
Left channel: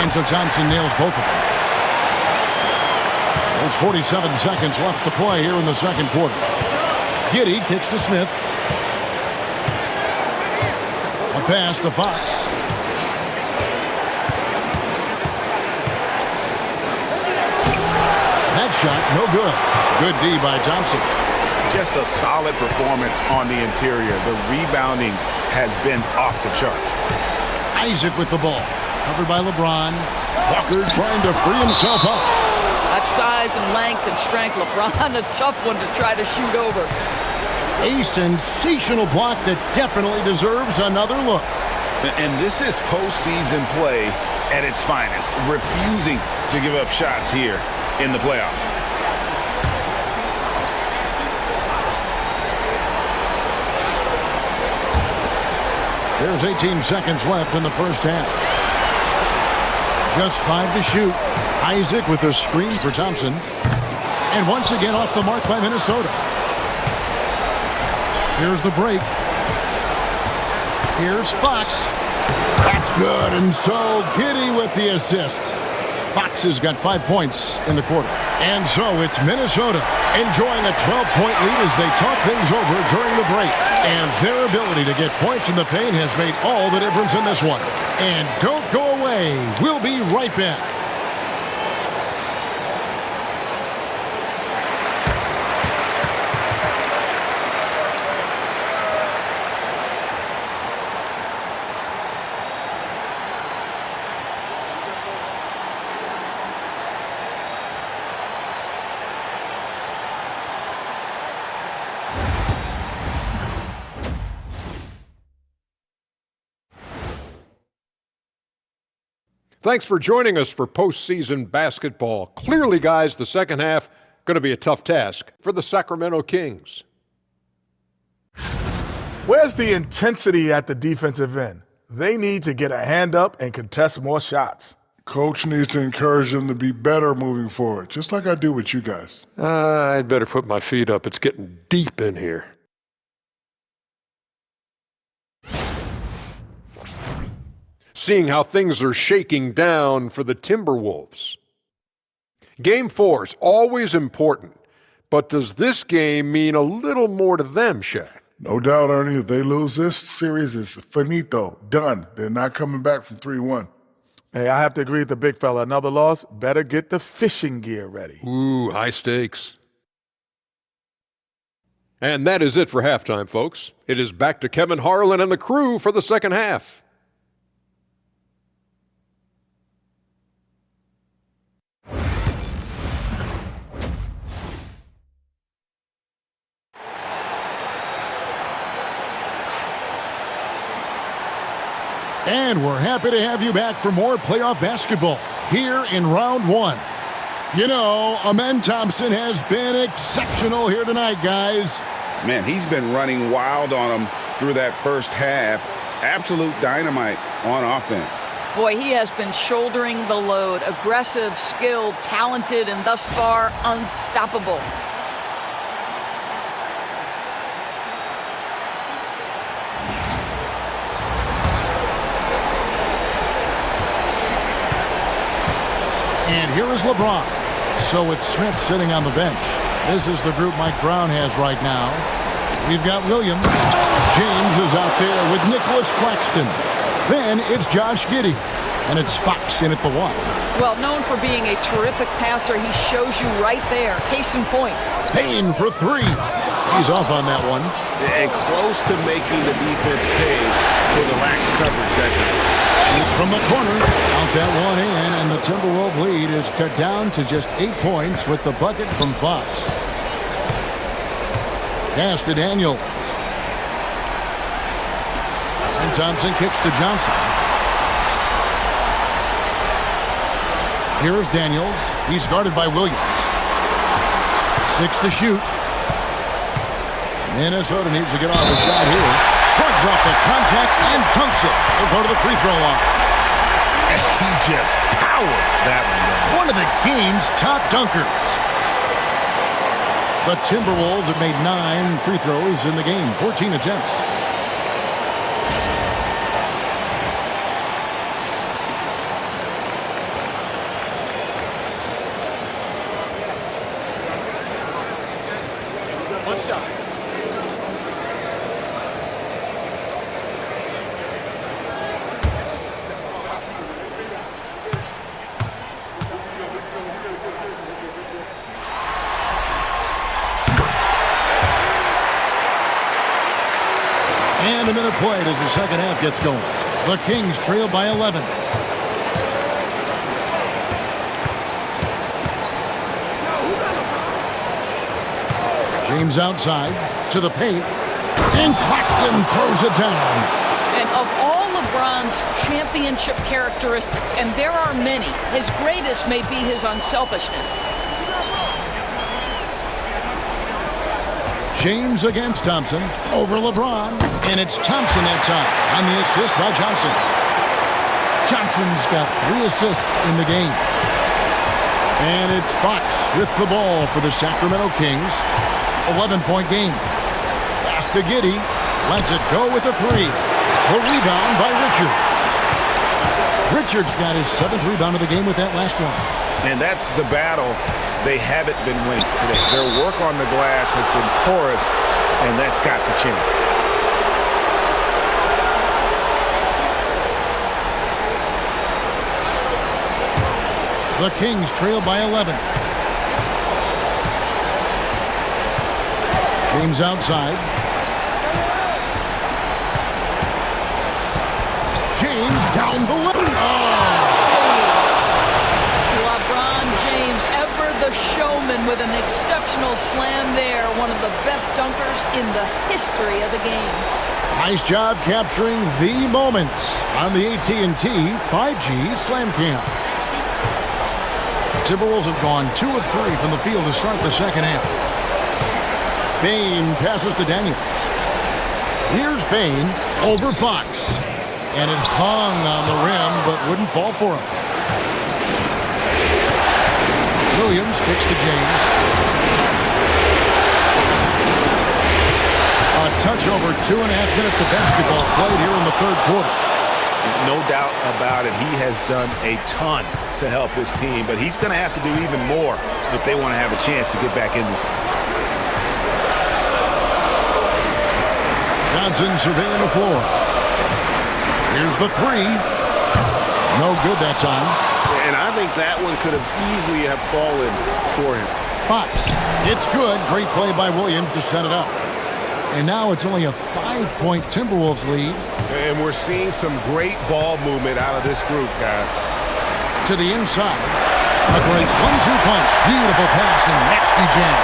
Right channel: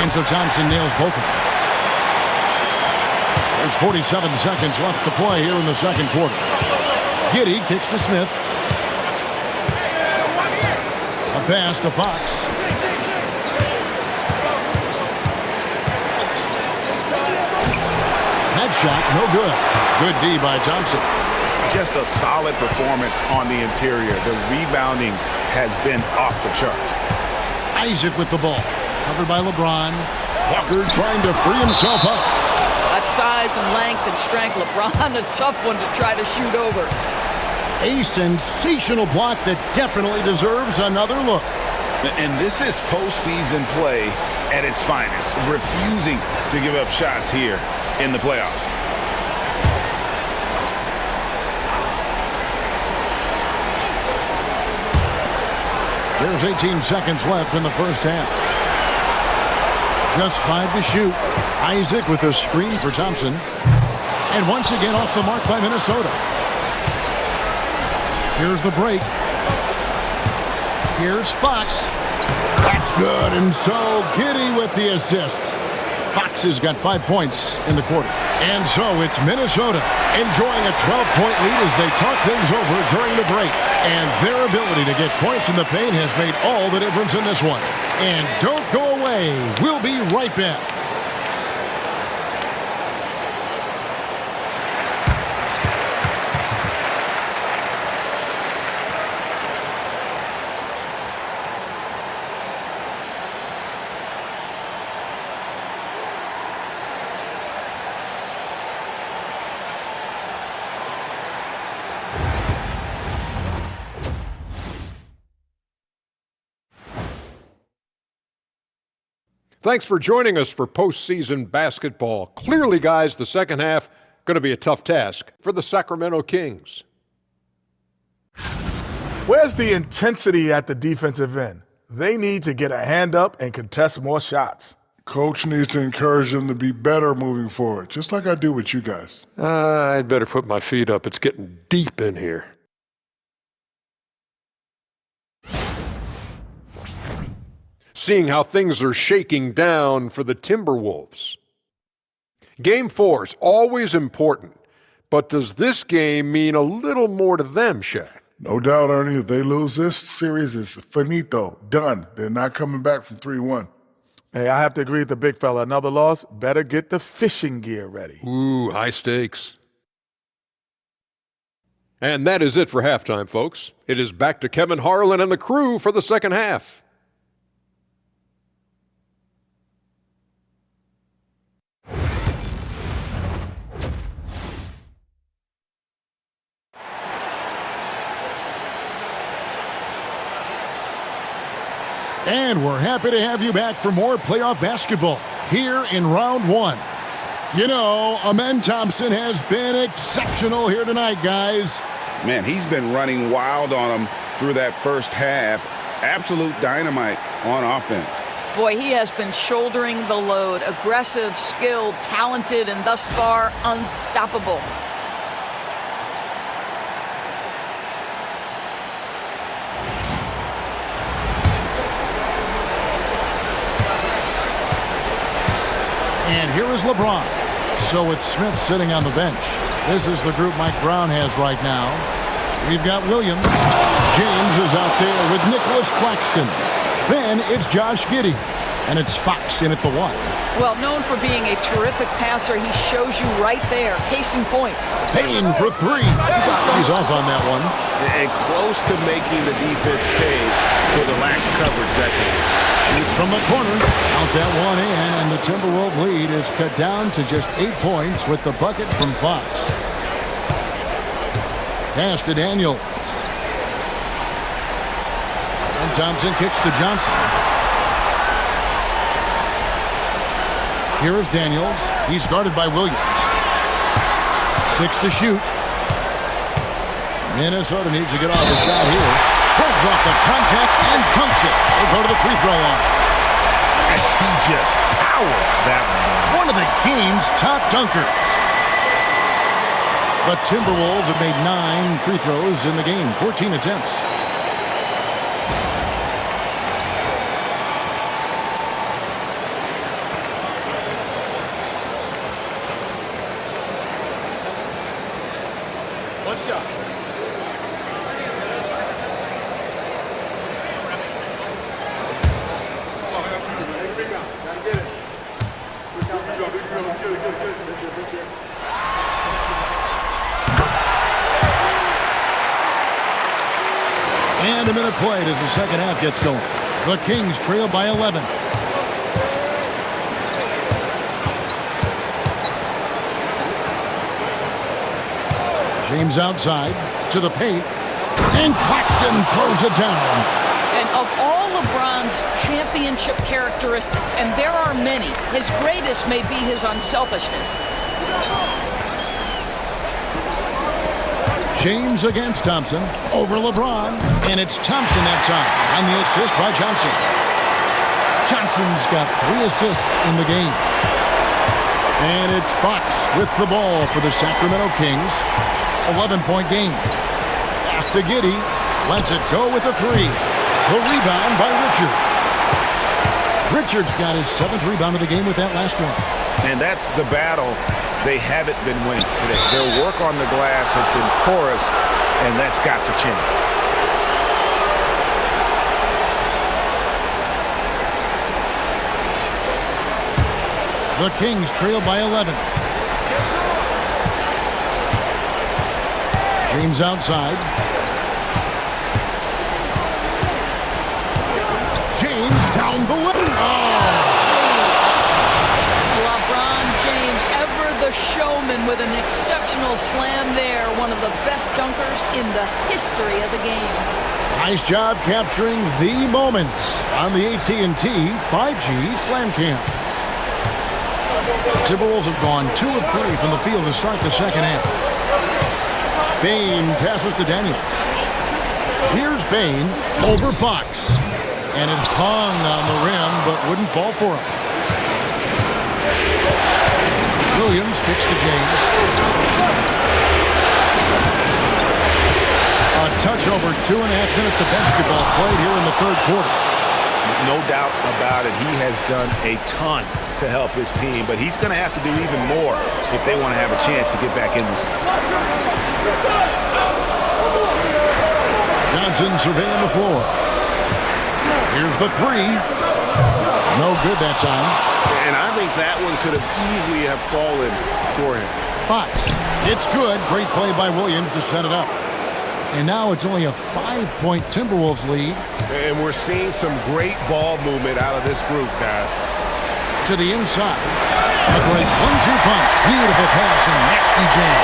And so Thompson nails both of them. There's 47 seconds left to play here in the second quarter. Giddey kicks to Smith. A pass to Fox. That shot, no good. Good D by Thompson. Just a solid performance on the interior. The rebounding has been off the charts. Isaac with the ball. Covered by LeBron. Walker trying to free himself up. That size and length and strength, LeBron, a tough one to try to shoot over. A sensational block that definitely deserves another look. And this is postseason play at its finest, refusing to give up shots here in the playoffs. There's 18 seconds left in the first half. Just 5 to shoot. Isaac with a screen for Thompson. And once again off the mark by Minnesota. Here's the break. Here's Fox. That's good. And so Giddey with the assist. Fox has got 5 points in the quarter. And so it's Minnesota enjoying a 12-point lead as they talk things over during the break. And their ability to get points in the paint has made all the difference in this one. And don't go away. We'll be right back. Thanks for joining us for postseason basketball. Clearly, guys, the second half going to be a tough task for the Sacramento Kings. Where's the intensity at the defensive end? They need to get a hand up and contest more shots. Coach needs to encourage them to be better moving forward, just like I do with you guys. I'd better put my feet up. It's getting deep in here. Seeing how things are shaking down for the Timberwolves. Game 4 is always important, but does this game mean a little more to them, Shaq? No doubt, Ernie. If they lose this series, it's finito, done. They're not coming back from 3-1. Hey, I have to agree with the big fella. Another loss, better get the fishing gear ready. Ooh, high stakes. And that is it for halftime, folks. It is back to Kevin Harlan and the crew for the second half. And we're happy to have you back for more playoff basketball here in round 1. You know, Amen Thompson has been exceptional here tonight, guys. Man, he's been running wild on them through that first half. Absolute dynamite on offense. Boy, he has been shouldering the load. Aggressive, skilled, talented, and thus far unstoppable. And here is LeBron. So with Smith sitting on the bench, this is the group Mike Brown has right now. We've got Williams. James is out there with Nicholas Claxton. Then it's Josh Giddey. And it's Fox in at the 1. Well, known for being a terrific passer, he shows you right there. Case in point. Payne for 3. He's off on that one. And close to making the defense pay for the lax coverage that time. Shoots from the corner. Count that one in, and the Timberwolves lead is cut down to just 8 points with the bucket from Fox. Pass to Daniels. And Thompson kicks to Johnson. Here is Daniels. He's guarded by Williams. 6 to shoot. Minnesota needs to get off a shot here. Shrugs off the contact and dunks it. He'll go to the free throw line. And he just powered that one down. One of the game's top dunkers. The Timberwolves have made 9 free throws in the game, 14 attempts. One shot. And a minute played as the second half gets going. The Kings trail by 11. James outside to the paint. And Claxton throws it down. And of all LeBron's championship characteristics, and there are many, his greatest may be his unselfishness. James against Thompson. Over LeBron. And it's Thompson that time on the assist by Johnson. Johnson's got 3 assists in the game. And it's Fox with the ball for the Sacramento Kings. 11-point game. Pass to Giddey. Lets it go with a 3. The rebound by Richards. Richards got his 7th rebound of the game with that last one. And that's the battle they haven't been winning today. Their work on the glass has been porous, and that's got to change. The Kings trail by 11. James outside. James down the lane. Oh! LeBron James, ever The showman with an exceptional slam there. One of the best dunkers in the history of the game. Nice job capturing the moments on the AT&T 5G Slam Cam. The Timberwolves have gone 2 of 3 from the field to start the second half. Bain passes to Daniels. Here's Bain over Fox. And it hung on the rim, but wouldn't fall for him. Williams kicks to James. A touch over 2.5 minutes of basketball played here in the third quarter. No doubt about it. He has done a ton to help his team, but he's going to have to do even more if they want to have a chance to get back in this. Johnson surveying the floor. Here's the three. No good that time. And I think that one could have easily have fallen for him. Fox. It's good. Great play by Williams to set it up. And now it's only a 5-point Timberwolves lead. And we're seeing some great ball movement out of this group, guys. To the inside. A great 1-2 punch. Beautiful pass and nasty jam.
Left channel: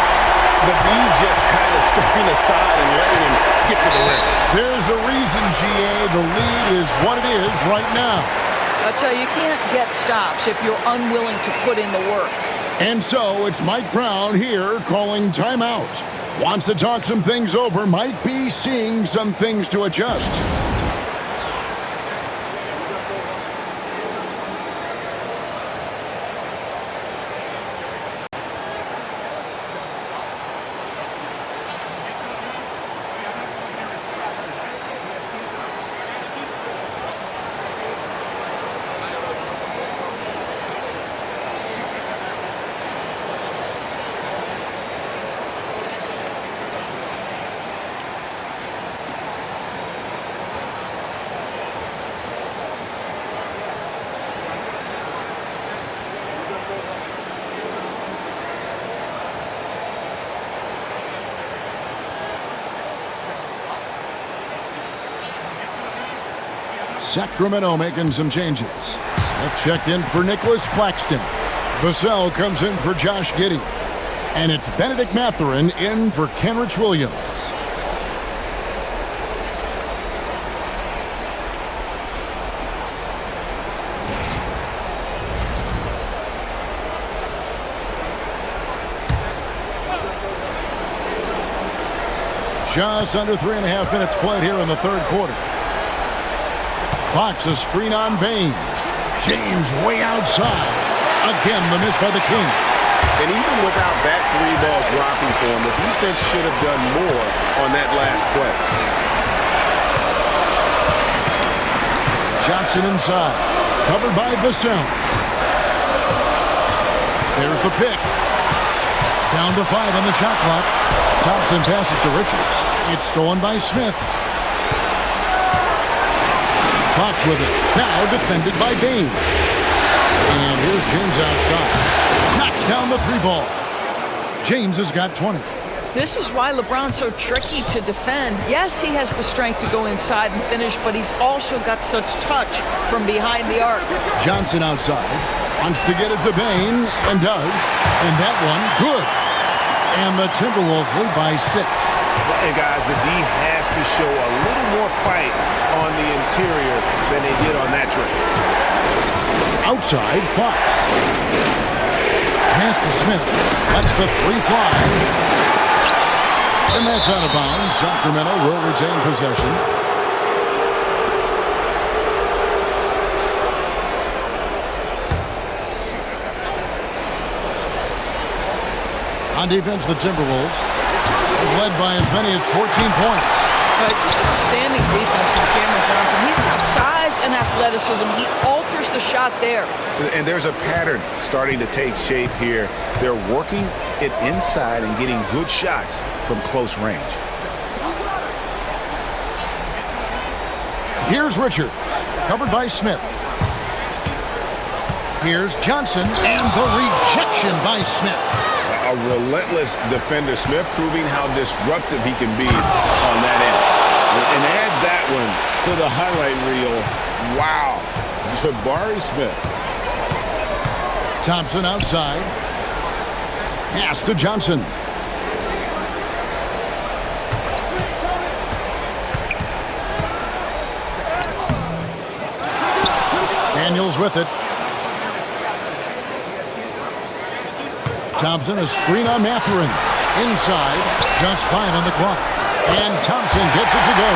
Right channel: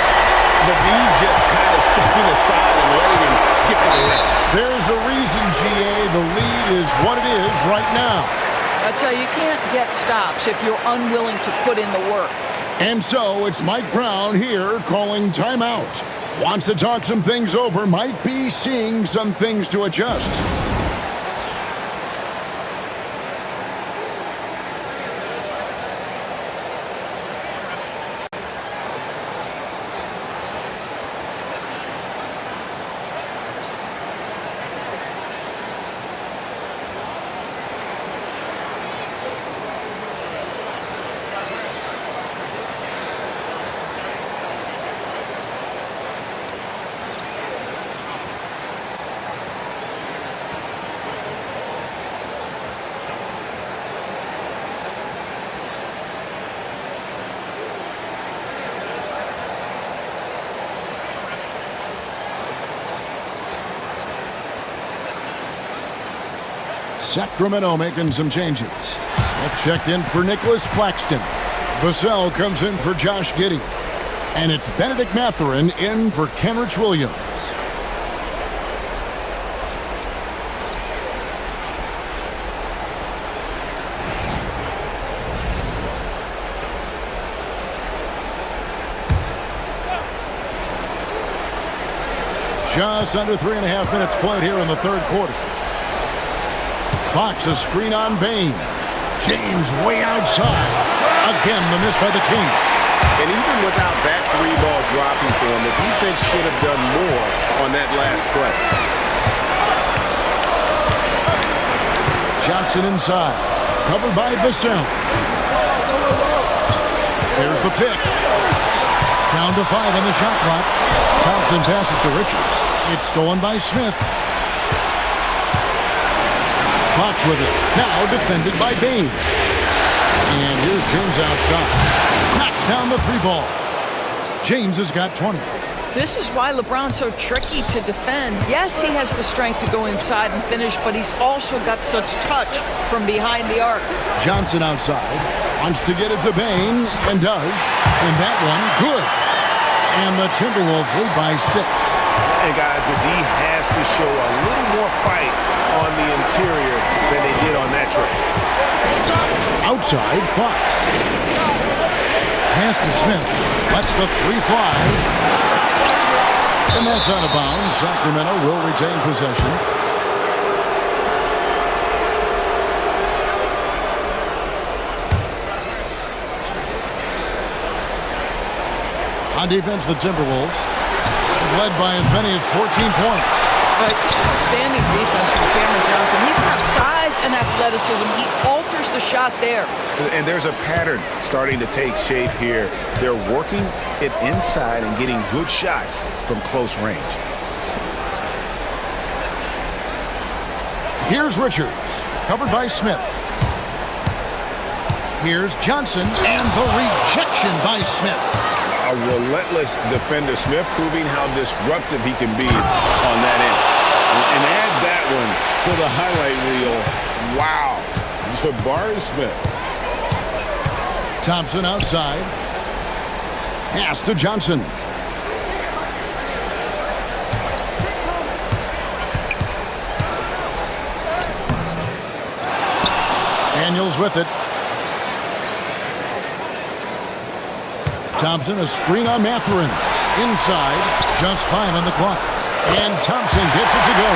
The D just kind of stepping aside and letting him get to the rim. There's a reason, GA. The lead is what it is right now. I tell you, you can't get stops if you're unwilling to put in the work. And so it's Mike Brown here calling timeout. Wants to talk some things over, might be seeing some things to adjust. Sacramento making some changes. Smith checked in for Nicholas Claxton. Vassell comes in for Josh Giddey. And it's Benedict Mathurin in for Kenrich Williams. Just under 3.5 minutes played here in the third quarter. Fox a screen on Bain. James way outside. Again, the miss by the King. And even without that three ball dropping for him, the defense should have done more on that last play. Johnson inside. Covered by Vassell. There's the pick. Down to 5 on the shot clock. Thompson passes to Richards. It's stolen by Smith. Fox with it. Now defended by Bain. And here's James outside. Knocks down the three ball. James has got 20. This is why LeBron's so tricky to defend. Yes, he has the strength to go inside and finish, but he's also got such touch from behind the arc. Johnson outside. Wants to get it to Bain, and does. And that one, good. And the Timberwolves lead by 6. And guys, the D has to show a little more fight on the interior than they did on that trip. Outside, Fox. Pass to Smith. Lets the three fly. And that's out of bounds. Sacramento will retain possession. On defense, the Timberwolves have led by as many as 14 points. Just outstanding defense from Cameron Johnson. He's got size and athleticism. He alters the shot there. And there's a pattern starting to take shape here. They're working it inside and getting good shots from close range. Here's Richards, covered by Smith. Here's Johnson, and the rejection by Smith. A relentless defender. Smith proving how disruptive he can be on that end. And add that one to the highlight reel. Wow. Jabari Smith. Thompson outside. Pass to Johnson. Daniels with it. Thompson, a screen on Mathurin. Inside, just 5 on the clock. And Thompson gets it to go.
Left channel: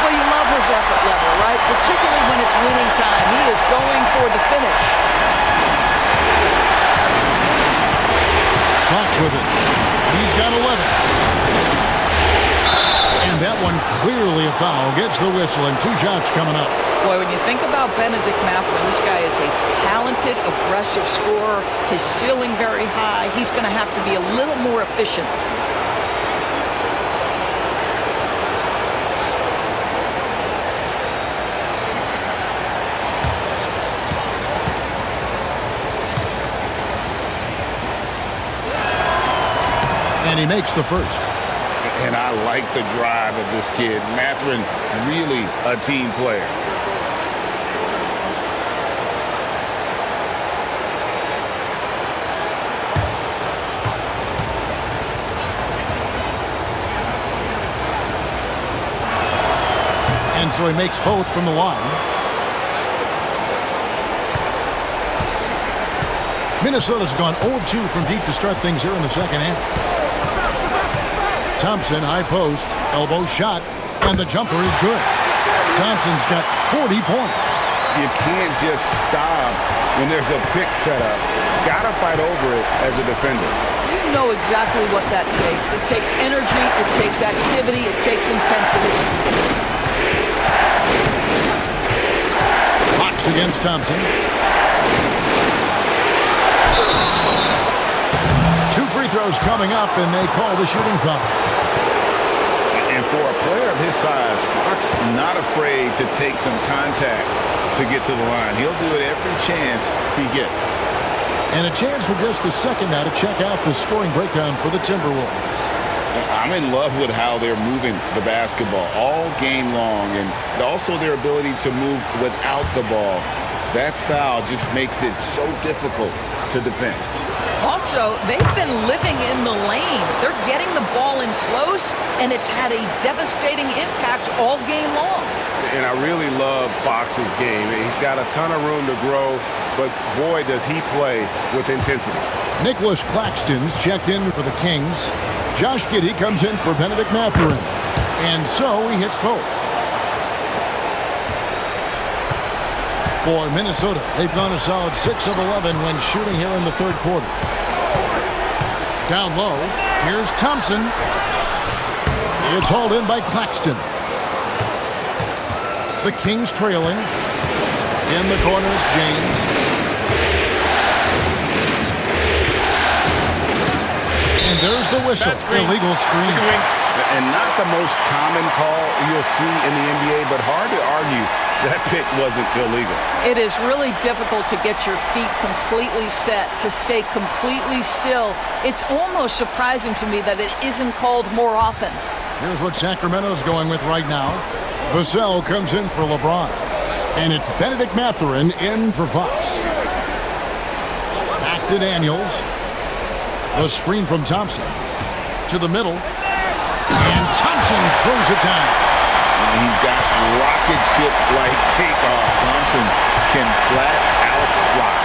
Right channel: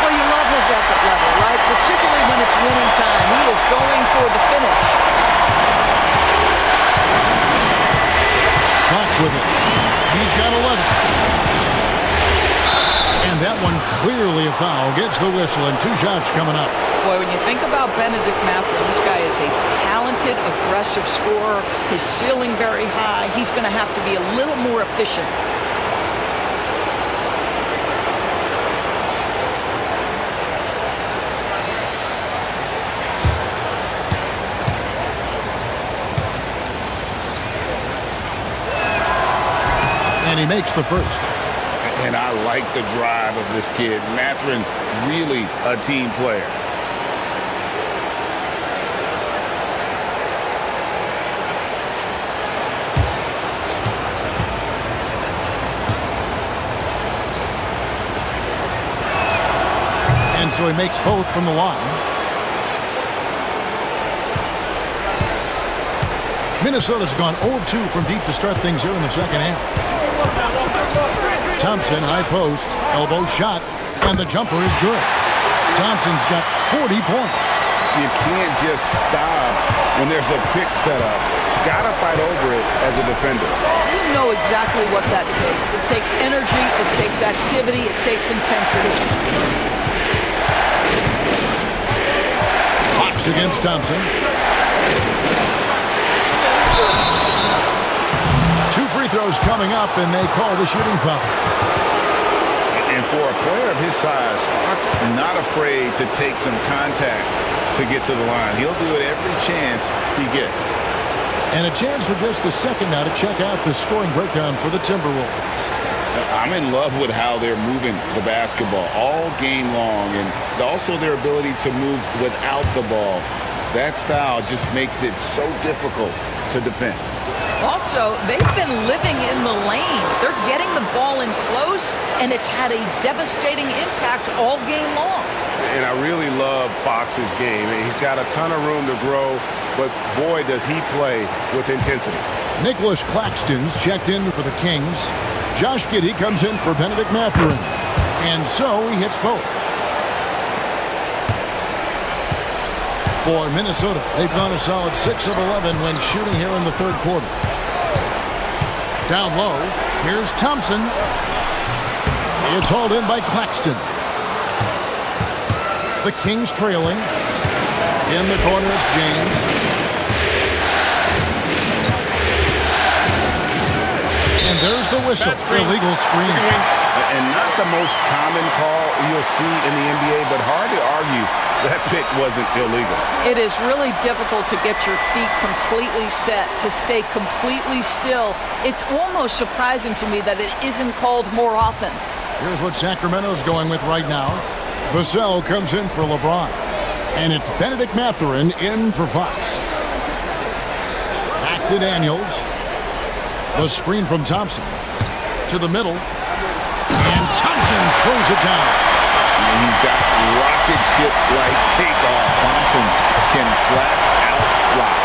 Well, you love his effort level, right? Particularly when it's winning time. He is going for the finish. Fox with it. He's got 11. And that one clearly a foul. Gets the whistle and 2 shots coming up. Boy, when you think about Benedict Mathurin, this guy is a talented, aggressive scorer. His ceiling very high. He's going to have to be a little more efficient. And he makes the first. And I like the drive of this kid. Mathurin, really a team player. And so he makes both from the line. Minnesota's gone 0 of 2 from deep to start things here in the second half. Thompson, high post, elbow shot, and the jumper is good. Thompson's got 40 points. You can't just stop when there's a pick set up. Gotta fight over it as a defender. You know exactly what that takes. It takes energy, it takes activity, it takes intensity. Fox against Thompson. 2 free throws coming up, and they call the shooting foul. And for a player of his size, Fox not afraid to take some contact to get to the line. He'll do it every chance he gets. And a chance for just a second now to check out the scoring breakdown for the Timberwolves. I'm in love with how they're moving the basketball all game long, and also their ability to move without the ball. That style just makes it so difficult to defend. Also, they've been living in the lane. They're getting the ball in close, and it's had a devastating impact all game long. And I really love Fox's game. He's got a ton of room to grow, but boy, does he play with intensity. Nicholas Claxton's checked in for the Kings. Josh Giddey comes in for Benedict Mathurin. And so he hits both. For Minnesota, they've gone a solid 6 of 11 when shooting here in the third quarter. Down low, here's Thompson. It's hauled in by Claxton. The Kings trailing. In the corner, it's James. And there's the whistle. Illegal screen. And not the most common call you'll see in the NBA, but hard to argue that pick wasn't illegal. It is really difficult to get your feet completely set, to stay completely still. It's almost surprising to me that it isn't called more often. Here's what Sacramento's going with right now. Vassell comes in for LeBron. And it's Benedict Mathurin in for Fox. Back to Daniels. The screen from Thompson. To the middle. And Thompson throws it down. He's got rocket ship-like takeoff. Thompson can flat out fly.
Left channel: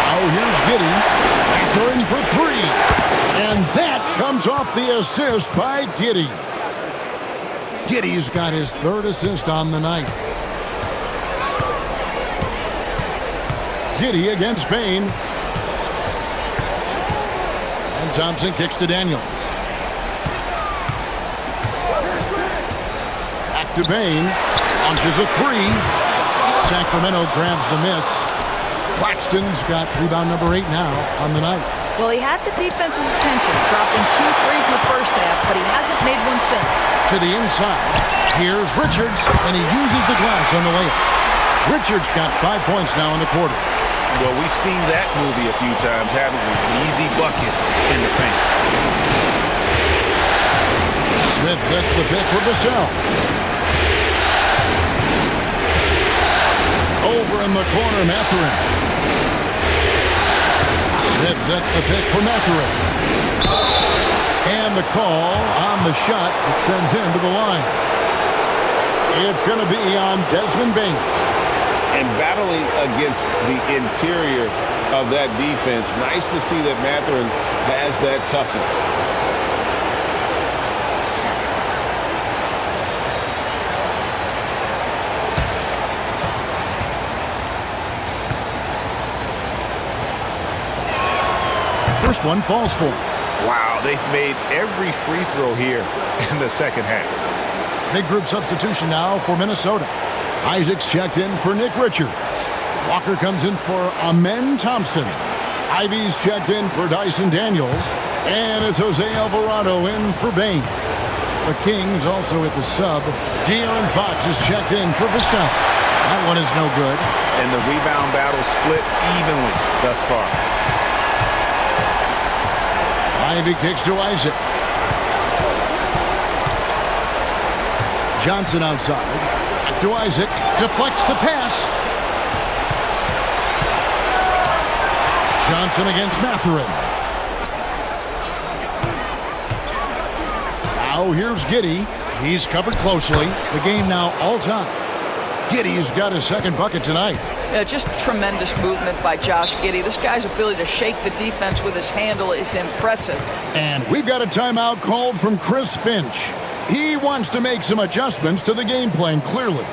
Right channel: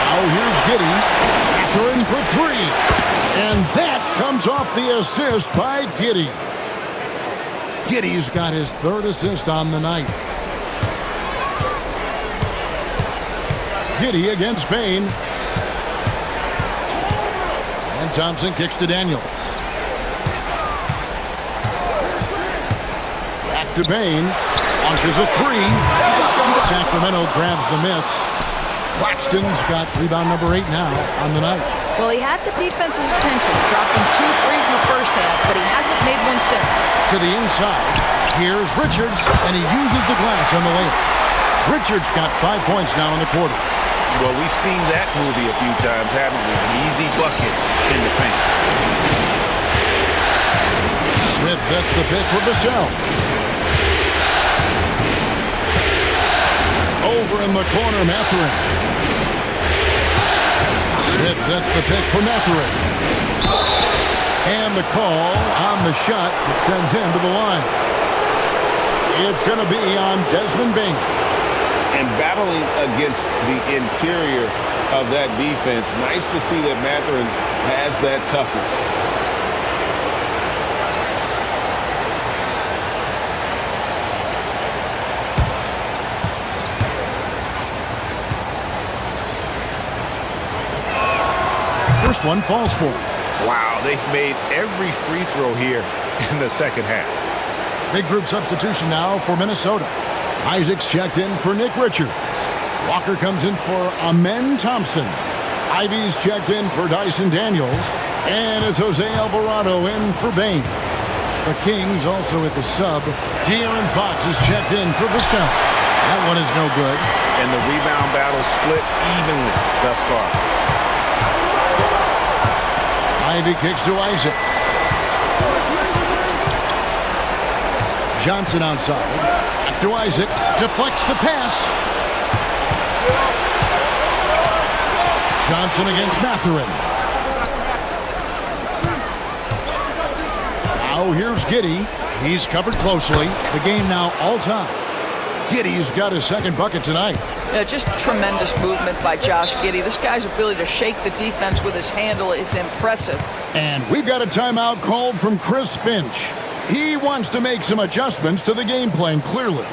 Now here's Giddey. Mathurin for 3. And that comes off the assist by Giddey. Giddey's got his 3rd assist on the night. Giddey against Bain. And Thompson kicks to Daniels. Back to Bain. Launches a 3. Sacramento grabs the miss. Claxton's got rebound number 8 now on the night. Well, he had the defense's attention, dropping 2 threes in the first half, but he hasn't made one since. To the inside, here's Richards, and he uses the glass on the layup. Richards got 5 points now in the quarter. Well, we've seen that movie a few times, haven't we? An easy bucket in the paint. Smith sets the pick for Vassell. Over in the corner, Mathurin. Smith sets the pick for Matherin. And the call on the shot that sends him to the line. It's going to be on Desmond Bain. And battling against the interior of that defense, nice to see that Matherin has that toughness. First one falls for him. Wow, they've made every free throw here in the second half. Big group substitution now for Minnesota. Isaac's checked in for Nick Richards. Walker comes in for Amen Thompson. Ivy's checked in for Dyson Daniels. And it's Jose Alvarado in for Bain. The Kings also at the sub. De'Aaron Fox is checked in for Vestel. That one is no good. And the rebound battle split evenly thus far. Ivy kicks to Isaac. Johnson outside. Back to Isaac. Deflects the pass. Johnson against Matherin. Now here's Giddey. He's covered closely. The game now all-time. Giddey's got his second bucket tonight. Yeah, just tremendous movement by Josh Giddey. This guy's ability to shake the defense with his handle is impressive. And we've got a timeout called from Chris Finch. He wants to make some adjustments to the game plan, clearly.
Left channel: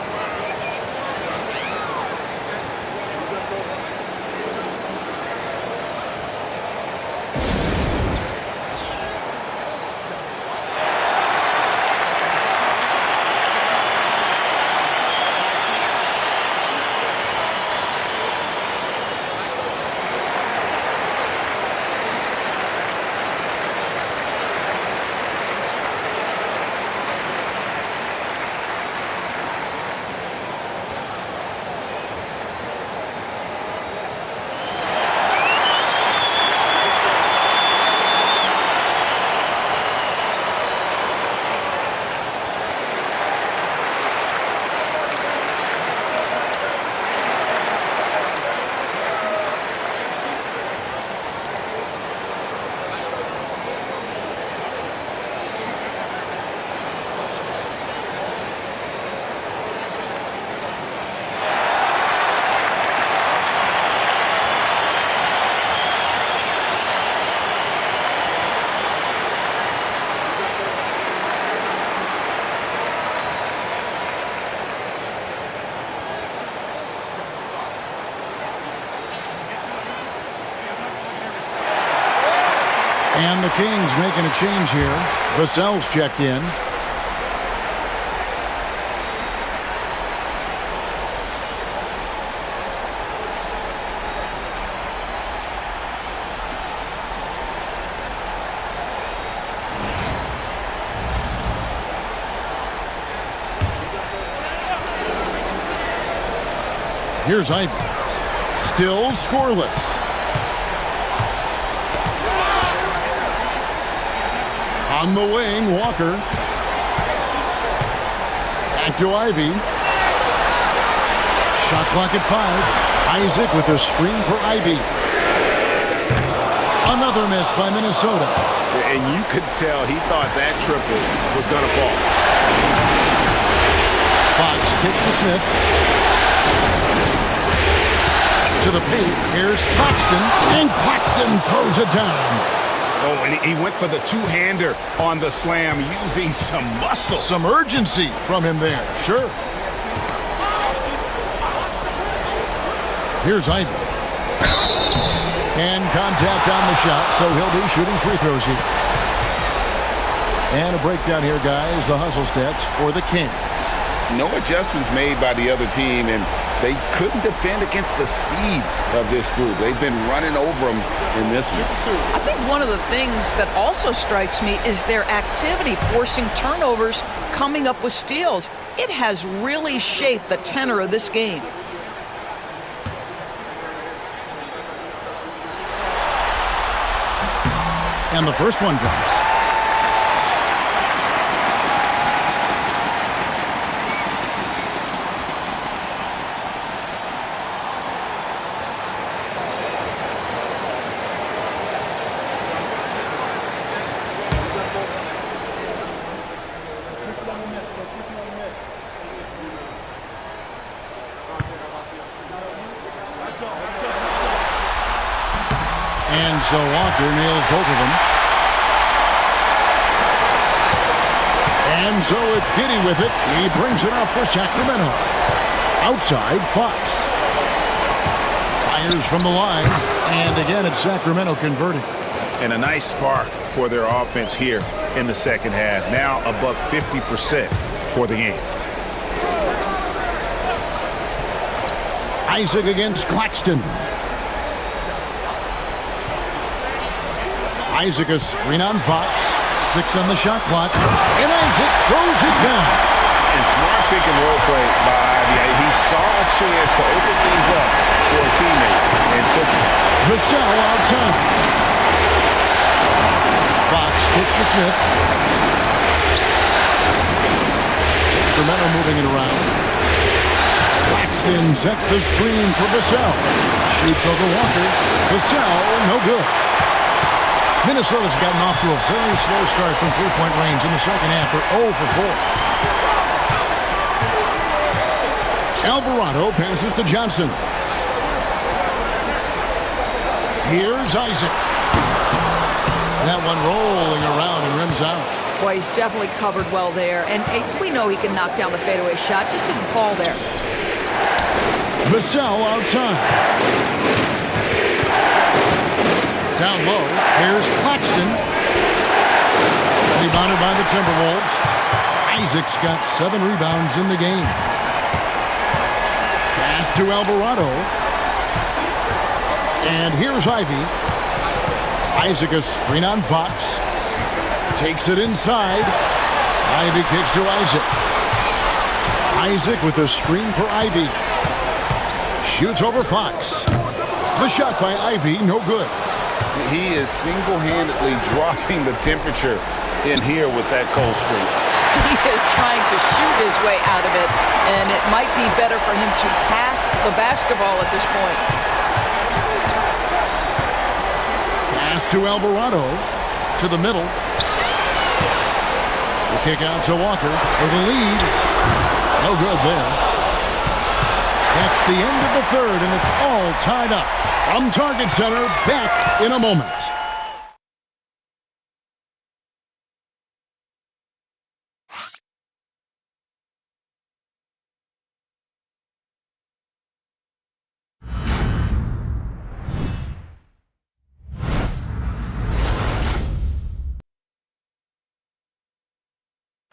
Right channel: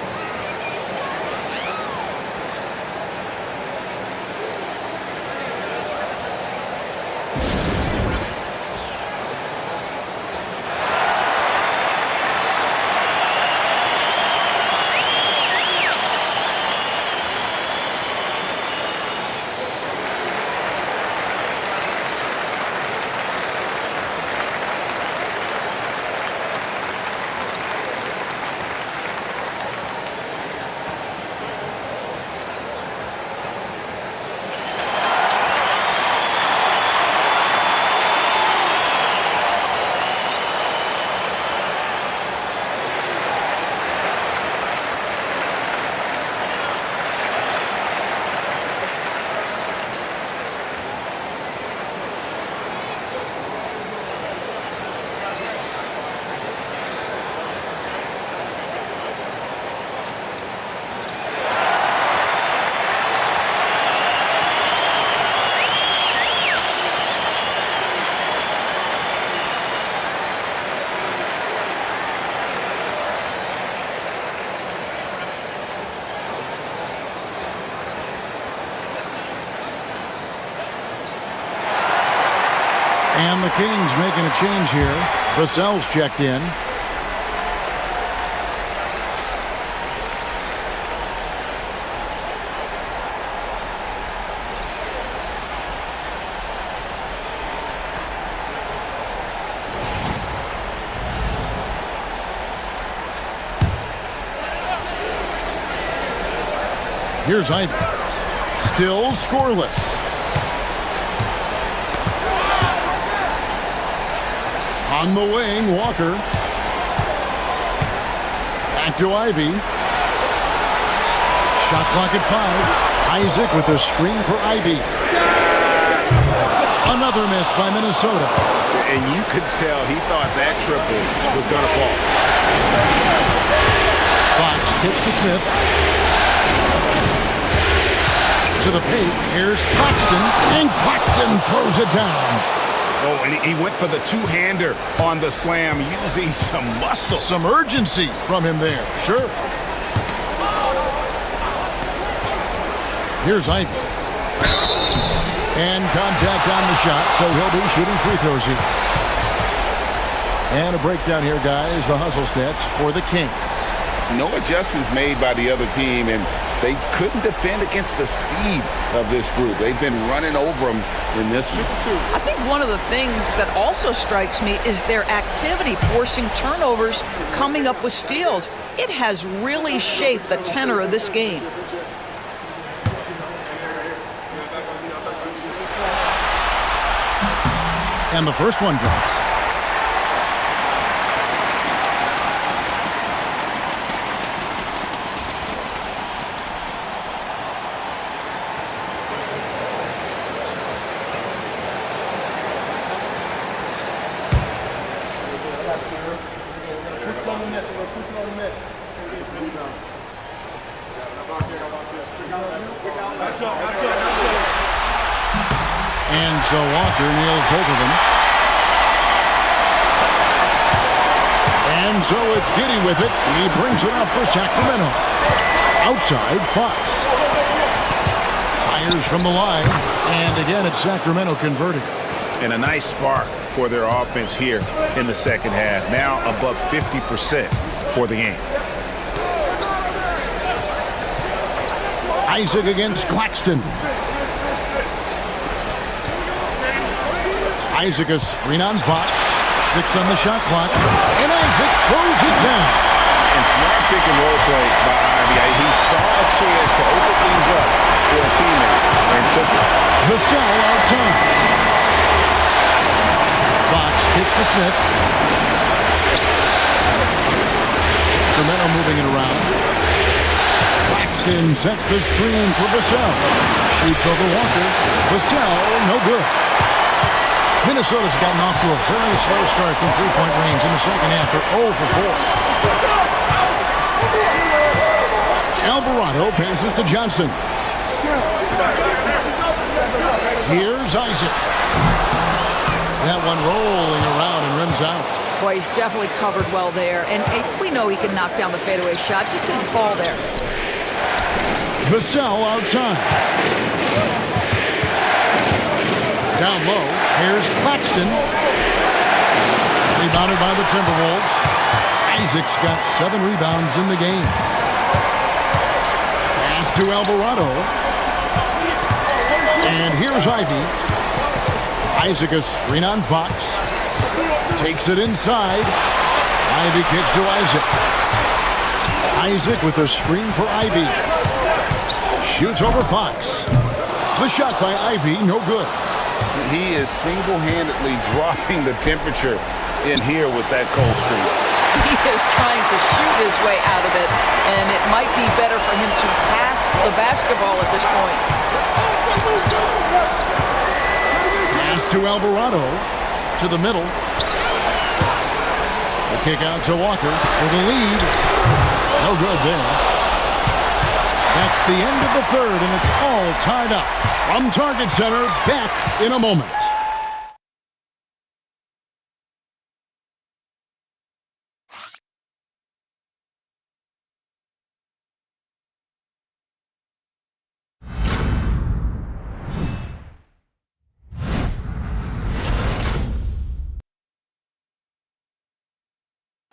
And the Kings making a change here. Vassell's checked in. Here's Ivy. Still scoreless. On the wing, Walker. Back to Ivy. Shot clock at 5. Isaac with a screen for Ivy. Another miss by Minnesota. And you could tell he thought that triple was going to fall. Fox kicks to Smith. To the paint. Here's Claxton. And Claxton throws it down. Oh, and he went for the two-hander on the slam, using some muscle. Some urgency from him there, sure. Here's Ivy. And contact on the shot, so he'll be shooting free throws here. And a breakdown here, guys. The hustle stats for the Kings. No adjustments made by the other team, and they couldn't defend against the speed of this group. They've been running over them in this one. I think one of the things that also strikes me is their activity, forcing turnovers, coming up with steals. It has really shaped the tenor of this game. And the first one drops. And so Walker nails both of them. And so it's Giddey with it. He brings it up for Sacramento. Outside, Fox. Fires from the line. And again, it's Sacramento converting. And a nice spark for their offense here in the second half. Now above 50% for the game. Isaac against Claxton. Isaac a screen on Fox. 6 on the shot clock. And Isaac throws it down. And smart pick and roll play by Ivy. He saw a chance to open things up for a teammate and took it. Vassell outside. Fox kicks to Smith. Sacramento moving it around. Claxton sets the screen for Vassell. Shoots over Walker. Vassell, no good. Minnesota's gotten off to a very slow start from three-point range in the second half. They're 0 for 4. Alvarado passes to Johnson. Here's Isaac. That one rolling around and rims out. Boy, he's definitely covered well there. And we know he can knock down the fadeaway shot. Just didn't fall there. Vassell outside. Down low, here's Claxton. Rebounded by the Timberwolves. Isaac's got 7 rebounds in the game. Pass to Alvarado. And here's Ivy. Isaac a screen on Fox. Takes it inside. Ivy kicks to Isaac. Isaac with a screen for Ivy. Shoots over Fox. The shot by Ivy, no good. He is single-handedly dropping the temperature in here with that cold streak. He is trying to shoot his way out of it, and it might be better for him to pass the basketball at this point. Pass to Alvarado, to the middle. The kick out to Walker for the lead. No good there. That's the end of the third, and it's all tied up. From Target Center, back in a moment.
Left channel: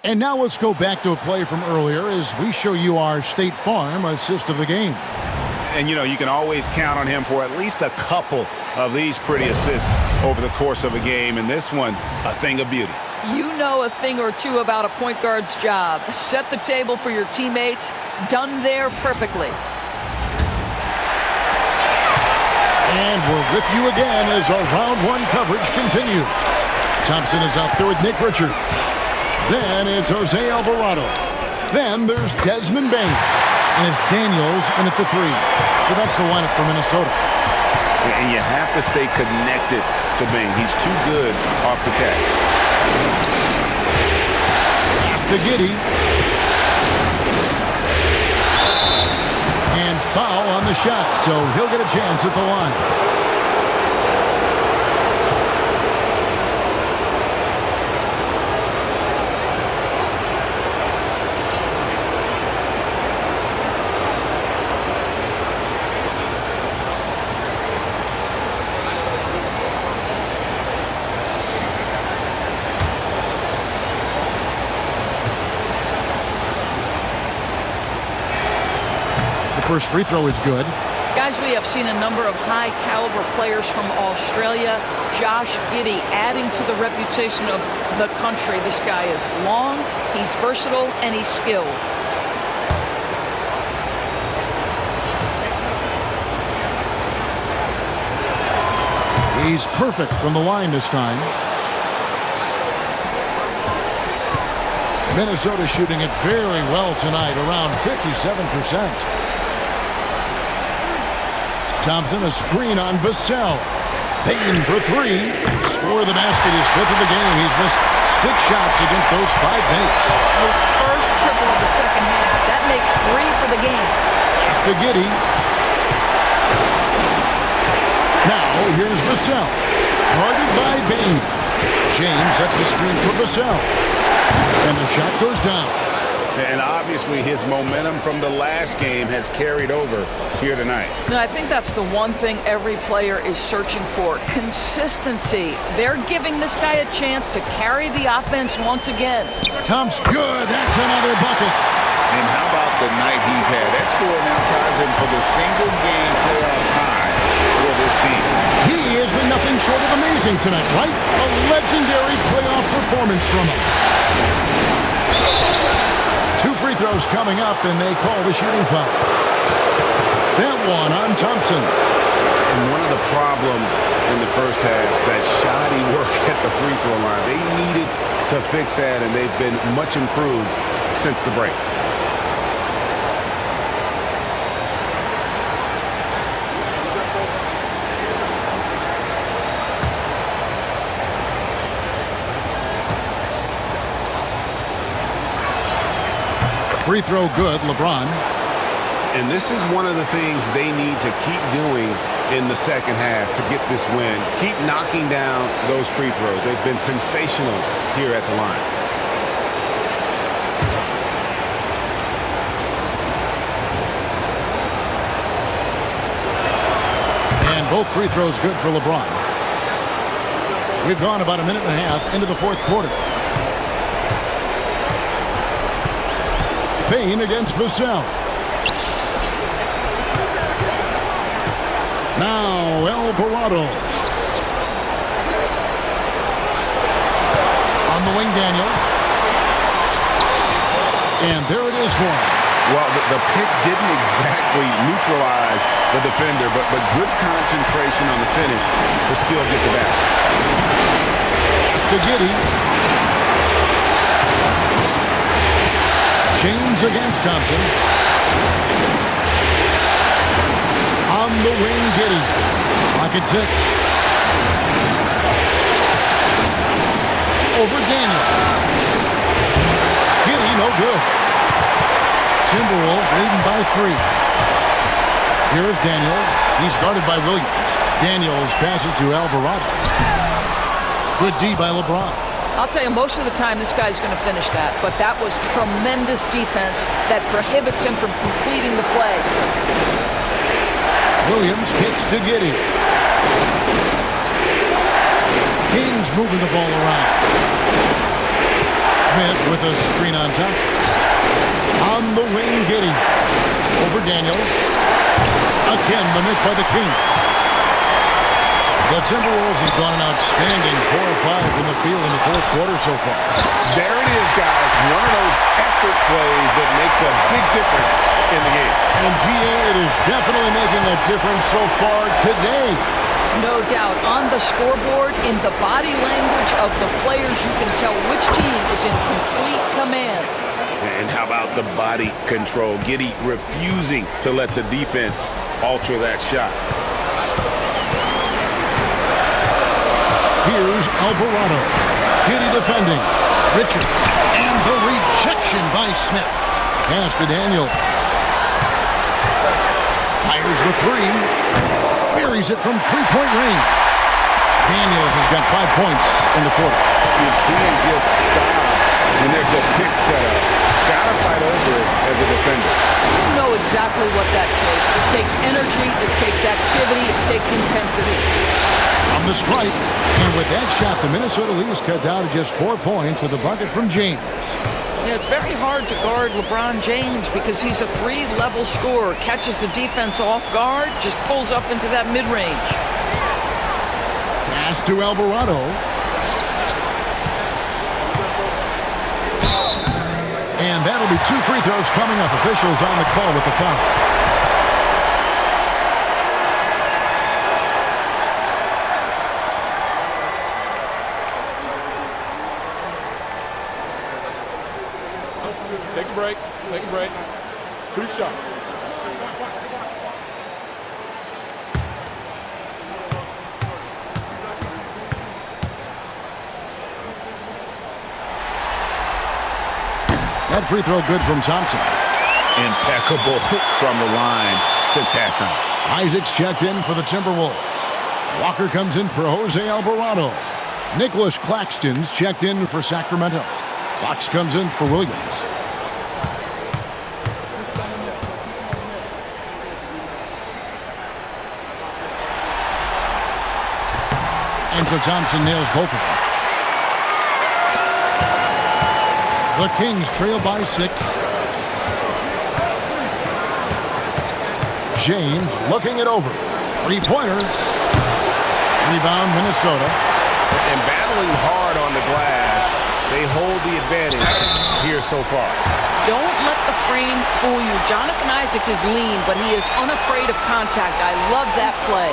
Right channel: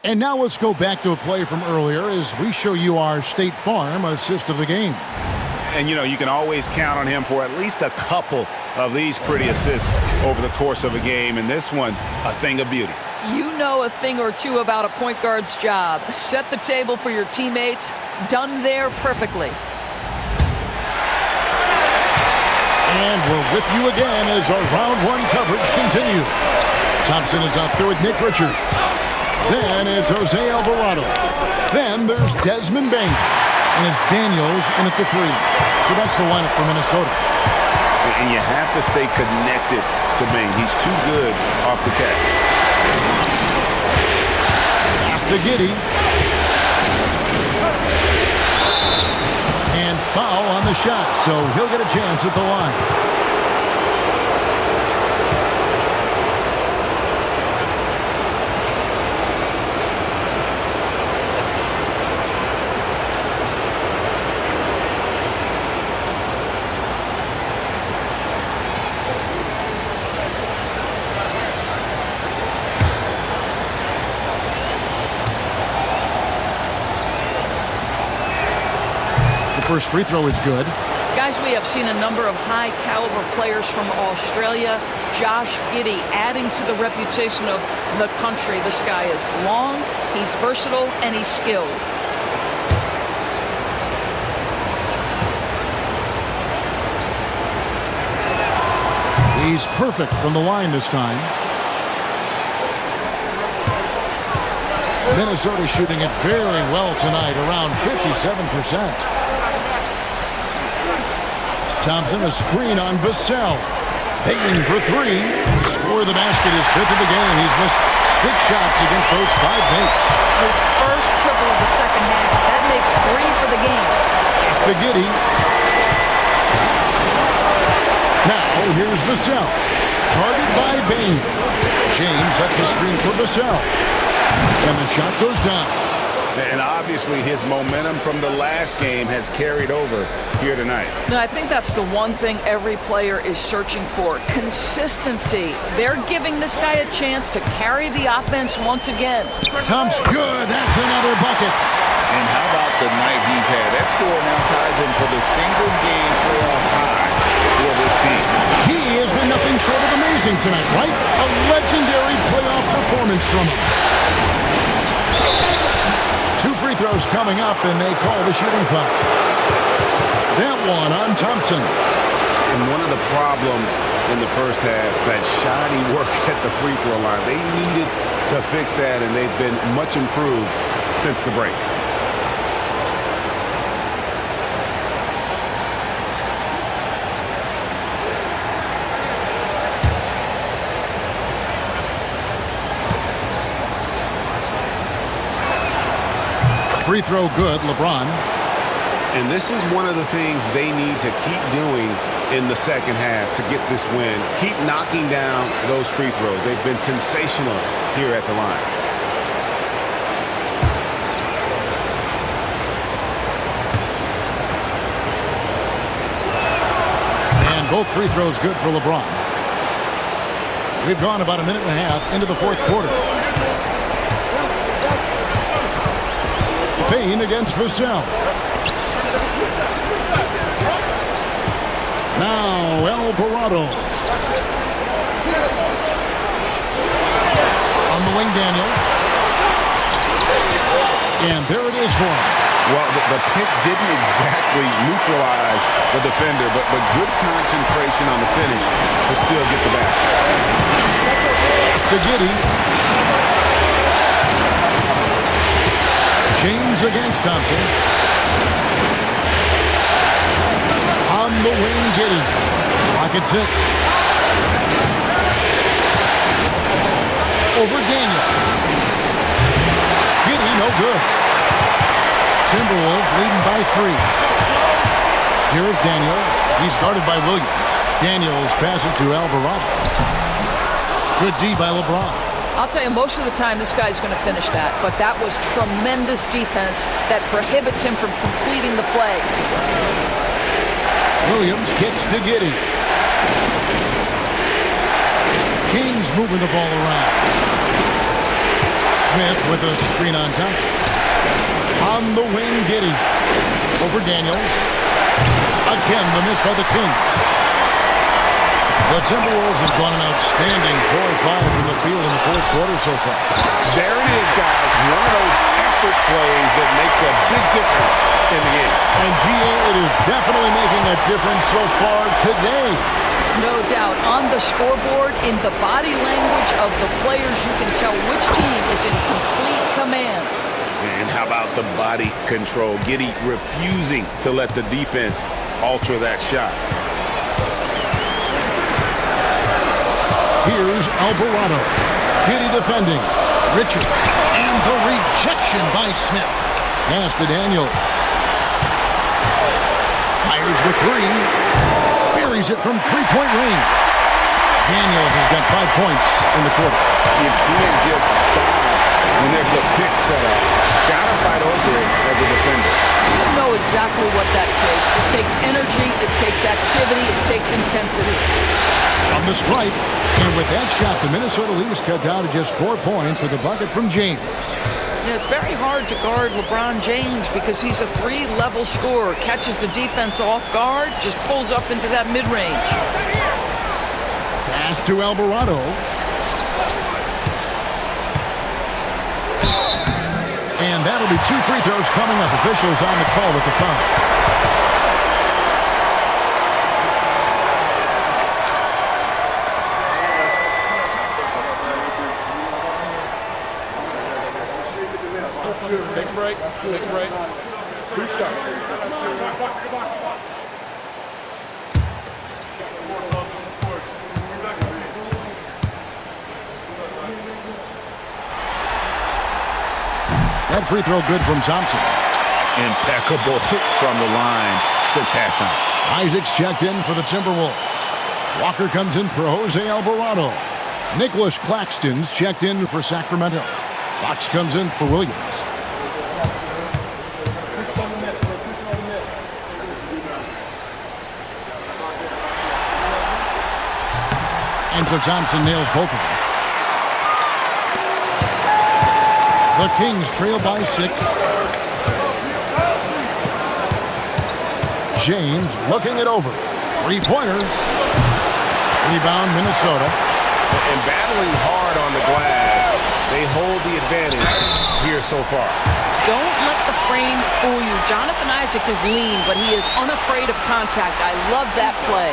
And now let's go back to a play from earlier as we show you our State Farm assist of the game. And, you know, you can always count on him for at least a couple of these pretty assists over the course of a game. And this one, a thing of beauty. You know a thing or two about a point guard's job. Set the table for your teammates. Done there perfectly. And we're with you again as our round 1 coverage continues. Thompson is out there with Nick Richards. Then it's Jose Alvarado. Then there's Desmond Bain. And it's Daniels in at the 3. So that's the lineup for Minnesota. And you have to stay connected to Bain. He's too good off the catch. Pass to Giddey. And foul on the shot, so he'll get a chance at the line. First free throw is good. Guys, we have seen a number of high-caliber players from Australia. Josh Giddey adding to the reputation of the country. This guy is long, he's versatile, and he's skilled. He's perfect from the line this time. Minnesota shooting it very well tonight, around 57%. Thompson a screen on Vassell. Payne for three. Score the basket, his fifth of the game. He's missed 6 shots against those 5 mates. His first triple of the second half. That makes 3 for the game. Pass to Giddey. Now here's Vassell. Guarded by Payne. James sets the screen for Vassell. And the shot goes down. And obviously his momentum from the last game has carried over here tonight. No, I think that's the one thing every player is searching for. Consistency. They're giving this guy a chance to carry the offense once again. Thompson, good. That's another bucket. And how about the night he's had? That score now ties him for the single-game playoff high for this team. He has been nothing short of amazing tonight, right? A legendary playoff performance from him. 2 free throws coming up, and they call the shooting foul. That one on Thompson. And one of the problems in the first half, that shoddy work at the free throw line. They needed to fix that, and they've been much improved since the break. Free throw good, LeBron. And this is one of the things they need to keep doing in the second half to get this win. Keep knocking down those free throws. They've been sensational here at the line. And both free throws good for LeBron. We've gone about a minute and a half into the fourth quarter. Payne against Vassell. Now Alvarado. On the wing, Daniels. And there it is for him. Well, the pick didn't exactly neutralize the defender, but good concentration on the finish to still get the basket. Pass to Giddey. James against Thompson. On the wing, Giddey. Pocket 6. Over Daniels. Giddey, no good. Timberwolves leading by 3. Here's Daniels. He's guarded by Williams. Daniels passes to Alvarado. Good D by LeBron. I'll tell you, most of the time this guy's going to finish that, but that was tremendous defense that prohibits him from completing the play. Williams kicks to Giddey. King's moving the ball around. Smith with a screen on Thompson. On the wing, Giddey. Over Daniels. Again, the miss by the Kings. The Timberwolves have gone an outstanding 4 of 5 from the field in the fourth quarter so far. There it is, guys. One of those effort plays that makes a big difference in the game. And GA, it is definitely making a difference so far today. No doubt. On the scoreboard, in the body language of the players, you can tell which team is in complete command. And how about the body control? Giddey refusing to let the defense alter that shot. Here's Alvarado. Giddey defending. Richards. And the rejection by Smith. Pass to Daniels. Fires the 3. Buries it from 3-point range. Daniels has got 5 points in the quarter. You can't just stop when there's a pick set up. Gotta fight over it as a defender. You know exactly what that takes. It takes energy, it takes activity, it takes intensity. From the stripe, and with that shot, the Minnesota lead is cut down to just 4 points with a bucket from James. Yeah, it's very hard to guard LeBron James because he's a 3-level scorer. Catches the defense off guard, just pulls up into that mid-range. Pass to Alvarado. And that'll be 2 free throws coming up. Officials on the call with the foul. Take a break. Take a break. 2 shots. That free throw good from Thompson. Impeccable from the line since halftime. Isaac's checked in for the Timberwolves. Walker comes in for Jose Alvarado. Nicholas Claxton's checked in for Sacramento. Fox comes in for Williams. And so Thompson nails both of them. The Kings trail by 6. James looking it over. Three-pointer. Rebound, Minnesota. And battling hard on the glass, they hold the advantage here so far. Don't let the frame fool you. Jonathan Isaac is lean, but he is unafraid of contact. I love that play.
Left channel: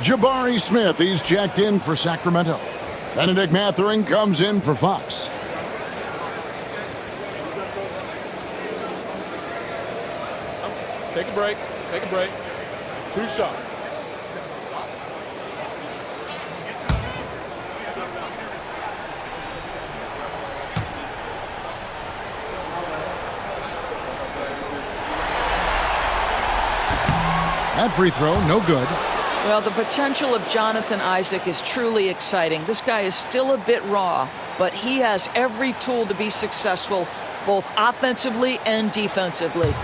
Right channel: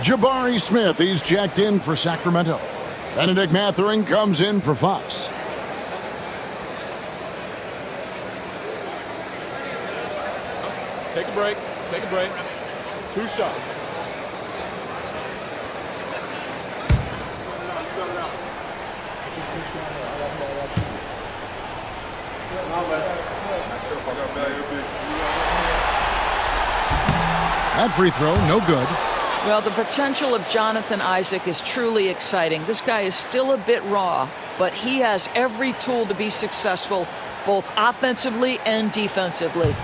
Jabari Smith, he's checked in for Sacramento. Benedict Mathurin comes in for Fox. Take a break. Take a break. 2 shots. That free throw, no good. Well, the potential of Jonathan Isaac is truly exciting. This guy is still a bit raw, but he has every tool to be successful, both offensively and defensively.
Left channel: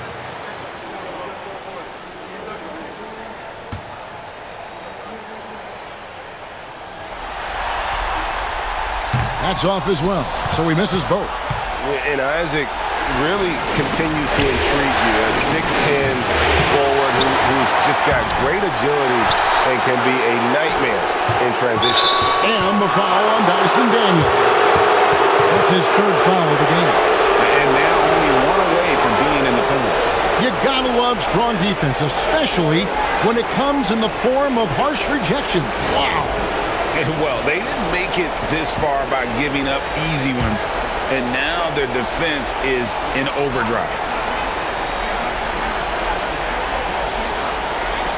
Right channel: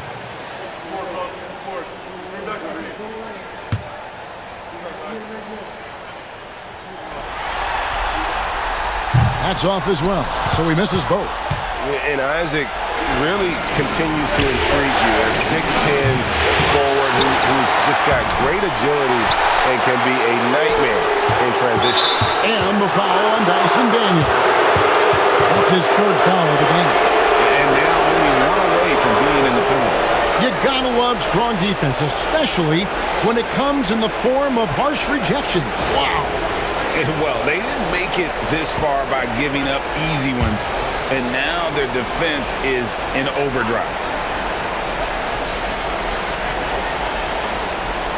That's off as well, so he misses both. And Isaac really continues to intrigue you. A 6'10 forward who's just got great agility and can be a nightmare in transition. And the foul on Dyson Daniels. That's his 3rd foul of the game. And now only 1 away from being in the penalty. You gotta love strong defense, especially when it comes in the form of harsh rejection. Wow. Well, they didn't make it this far by giving up easy ones, and now their defense is in overdrive.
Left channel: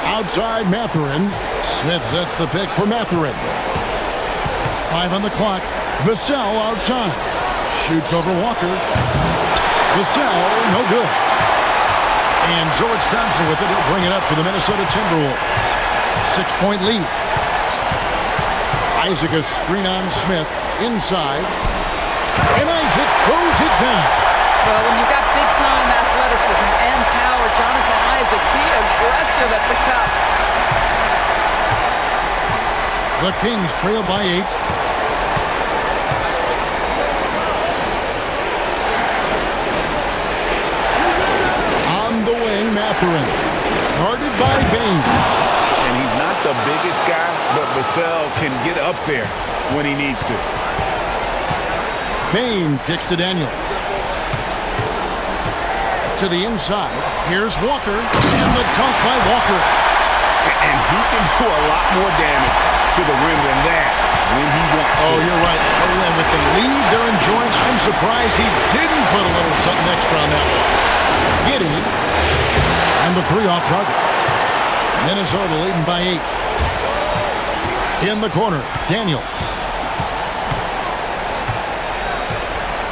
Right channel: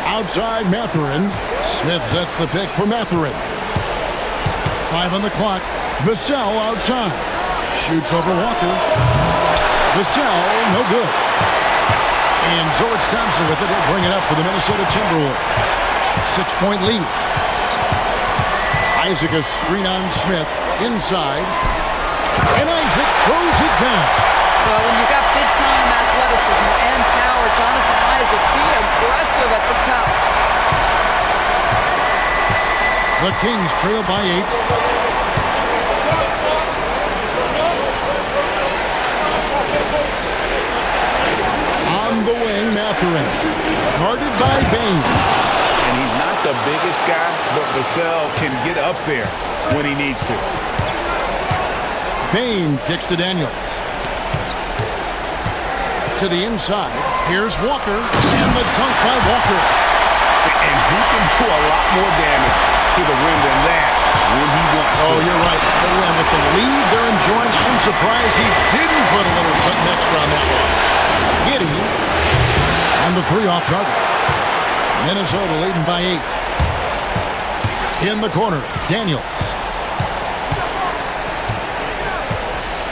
Outside Mathurin. Smith sets the pick for Mathurin. 5 on the clock. Vassell outside. Shoots over Walker. Vassell, no good. And so it's Thompson with it. He'll bring it up for the Minnesota Timberwolves. 6-point lead. Isaac a screen on Smith. Inside. And Isaac throws it down. Well, when you've got big-time athleticism and power, Jonathan Isaac, be aggressive at the cup. The Kings trail by 8. On the wing, Mathurin. Guarded by Bane. And he's not the biggest guy, but Vassell can get up there when he needs to. Bane kicks to Daniels. To the inside. Here's Walker. And the dunk by Walker. And he can do a lot more damage to the rim than that when he wants to. Oh, you're right. Oh, and with the lead they're enjoying, I'm surprised he didn't put a little something extra on that one. Giddey. And the 3 off target. Minnesota leading by 8. In the corner, Daniels.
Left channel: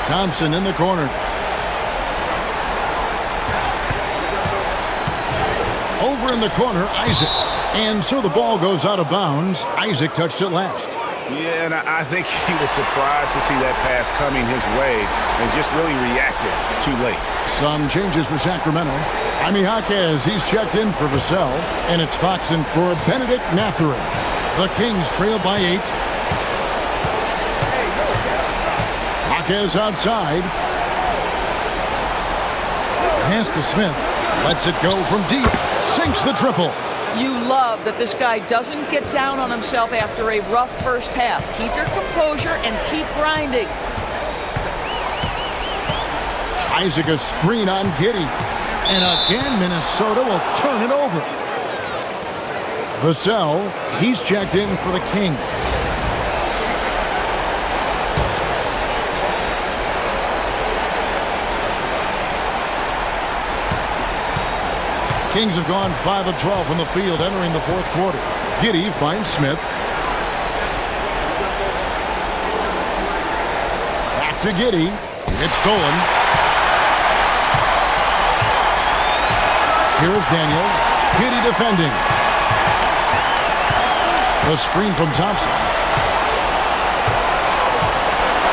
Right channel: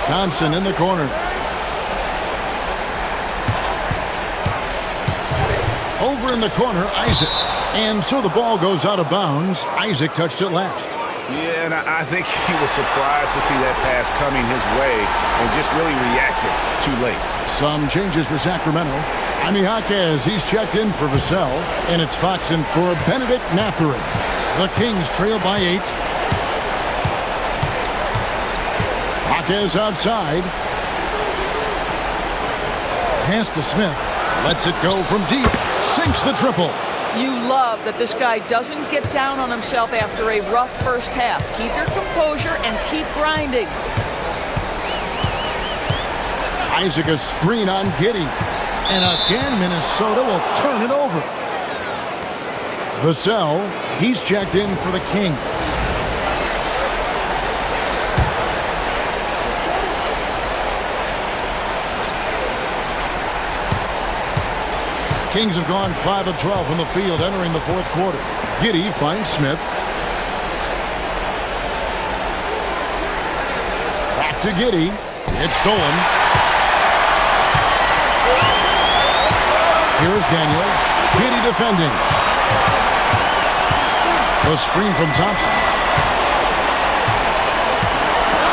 Thompson in the corner. Over in the corner, Isaac. And so the ball goes out of bounds. Isaac touched it last. Yeah, and I think he was surprised to see that pass coming his way and just really reacted too late. Some changes for Sacramento. Jaime Jaquez, he's checked in for Vassell, and it's Fox in for Benedict Mathurin. The Kings trail by 8. Jaquez outside. Pass to Smith. Lets it go from deep. Sinks the triple. You love that this guy doesn't get down on himself after a rough first half. Keep your composure and keep grinding. Isaac a screen on Giddey. And again, Minnesota will turn it over. Vassell, he's checked in for the Kings. Kings have gone 5 of 12 from the field entering the fourth quarter. Giddey finds Smith. Back to Giddey. It's stolen. Here's Daniels. Giddey defending. The screen from Thompson.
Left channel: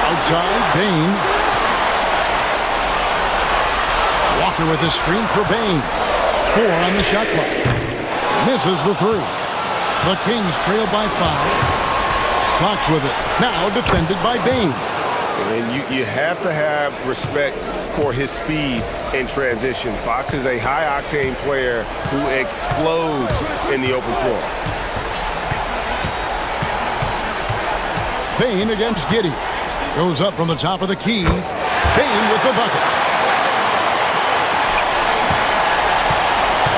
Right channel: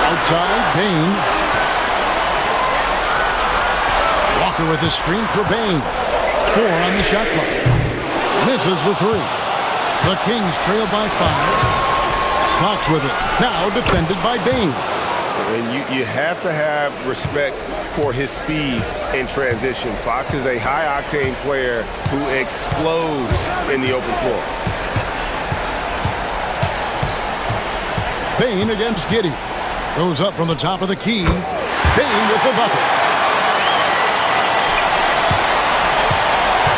Outside, Bain. Walker with the screen for Bain. 4 on the shot clock. Misses the 3. The Kings trail by 5. Fox with it. Now defended by Bain. And you have to have respect for his speed in transition. Fox is a high-octane player who explodes in the open floor. Bain against Giddey. Goes up from the top of the key. Bain with the bucket.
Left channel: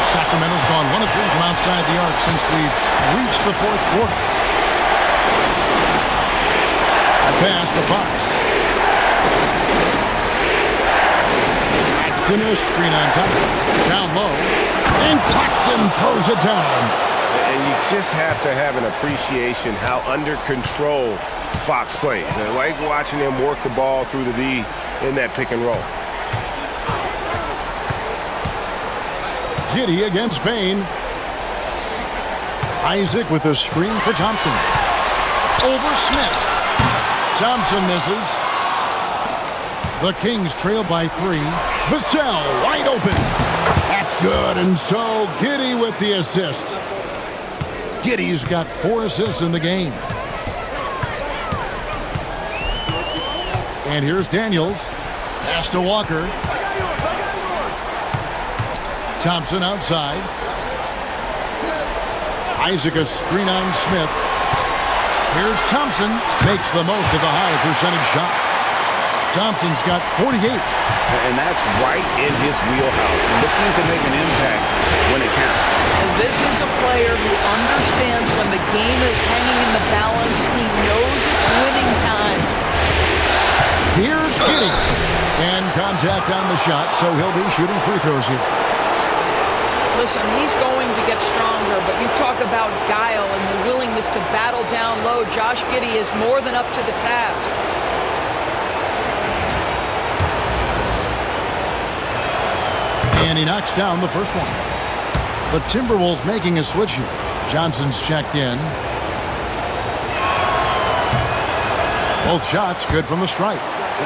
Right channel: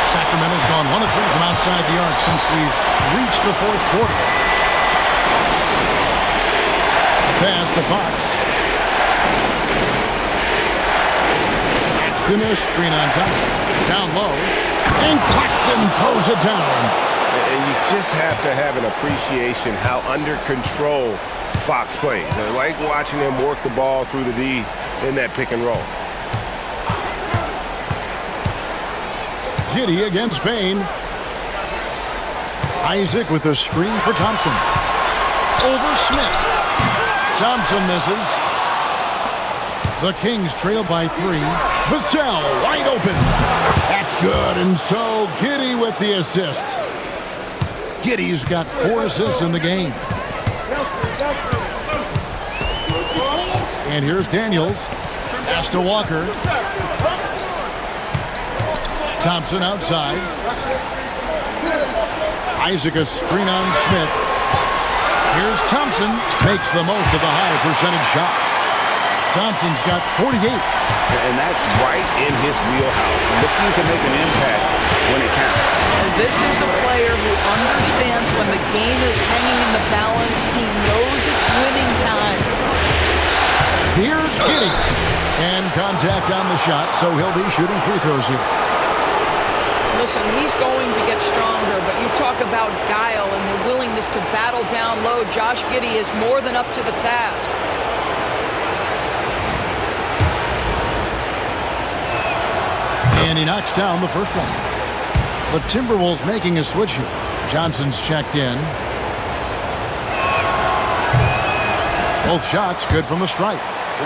Sacramento's gone 1 of 3 from outside the arc since we've reached the fourth quarter. A pass to Fox. Claxton, a screen on Thompson. Down low. And Claxton throws it down. And you just have to have an appreciation how under control Fox plays. I like watching him work the ball through the D in that pick and roll. Giddey against Bain. Isaac with a screen for Thompson. Over Smith. Thompson misses. The Kings trail by 3. Vassell wide open. That's good, and so Giddey with the assist. Giddey's got 4 assists in the game. And here's Daniels. Pass to Walker. Thompson outside. Isaac a screen on Smith. Here's Thompson. Makes the most of the high percentage shot. Thompson's got 48. And that's right in his wheelhouse. Looking to make an impact when it counts. And this is a player who understands when the game is hanging in the balance. He knows it's winning time. Here's Giddey. And contact on the shot, so he'll be shooting free throws here. Listen, he's going to get stronger, but you talk about guile and the willingness to battle down low. Josh Giddey is more than up to the task. And he knocks down the first one. The Timberwolves making a switch here. Johnson's checked in. Both shots good from the stripe.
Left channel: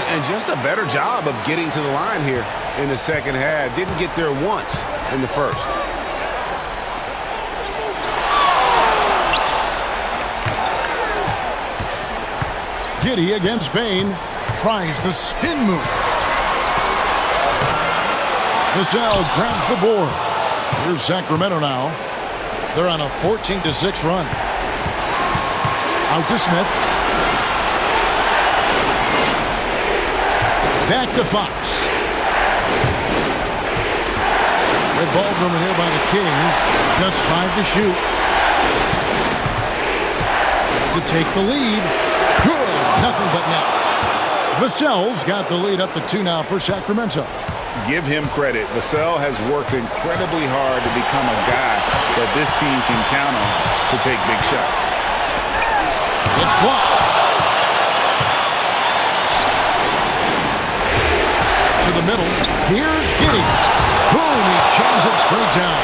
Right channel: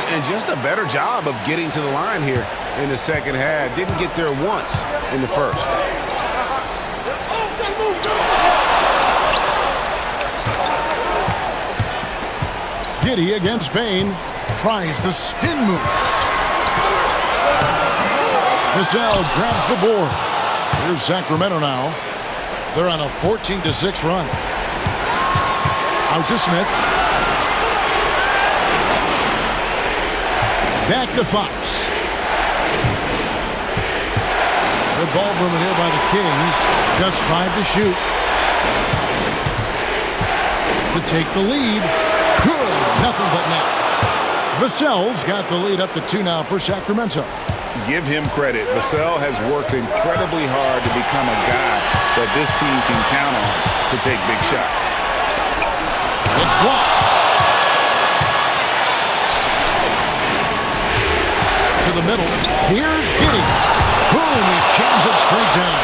And just a better job of getting to the line here in the second half. Didn't get there once in the first. Giddey against Bain. Tries the spin move. Vassell grabs the board. Here's Sacramento now. They're on a 14-6 run. Out to Smith. Back to Fox. Good ball movement here by the Kings. Just 5 to shoot. To take the lead. Good. Nothing but net. Vassell's got the lead up to 2 now for Sacramento. Give him credit. Vassell has worked incredibly hard to become a guy that this team can count on to take big shots. It's blocked. To the middle. Here's Giddey. Boom, he jams it straight down.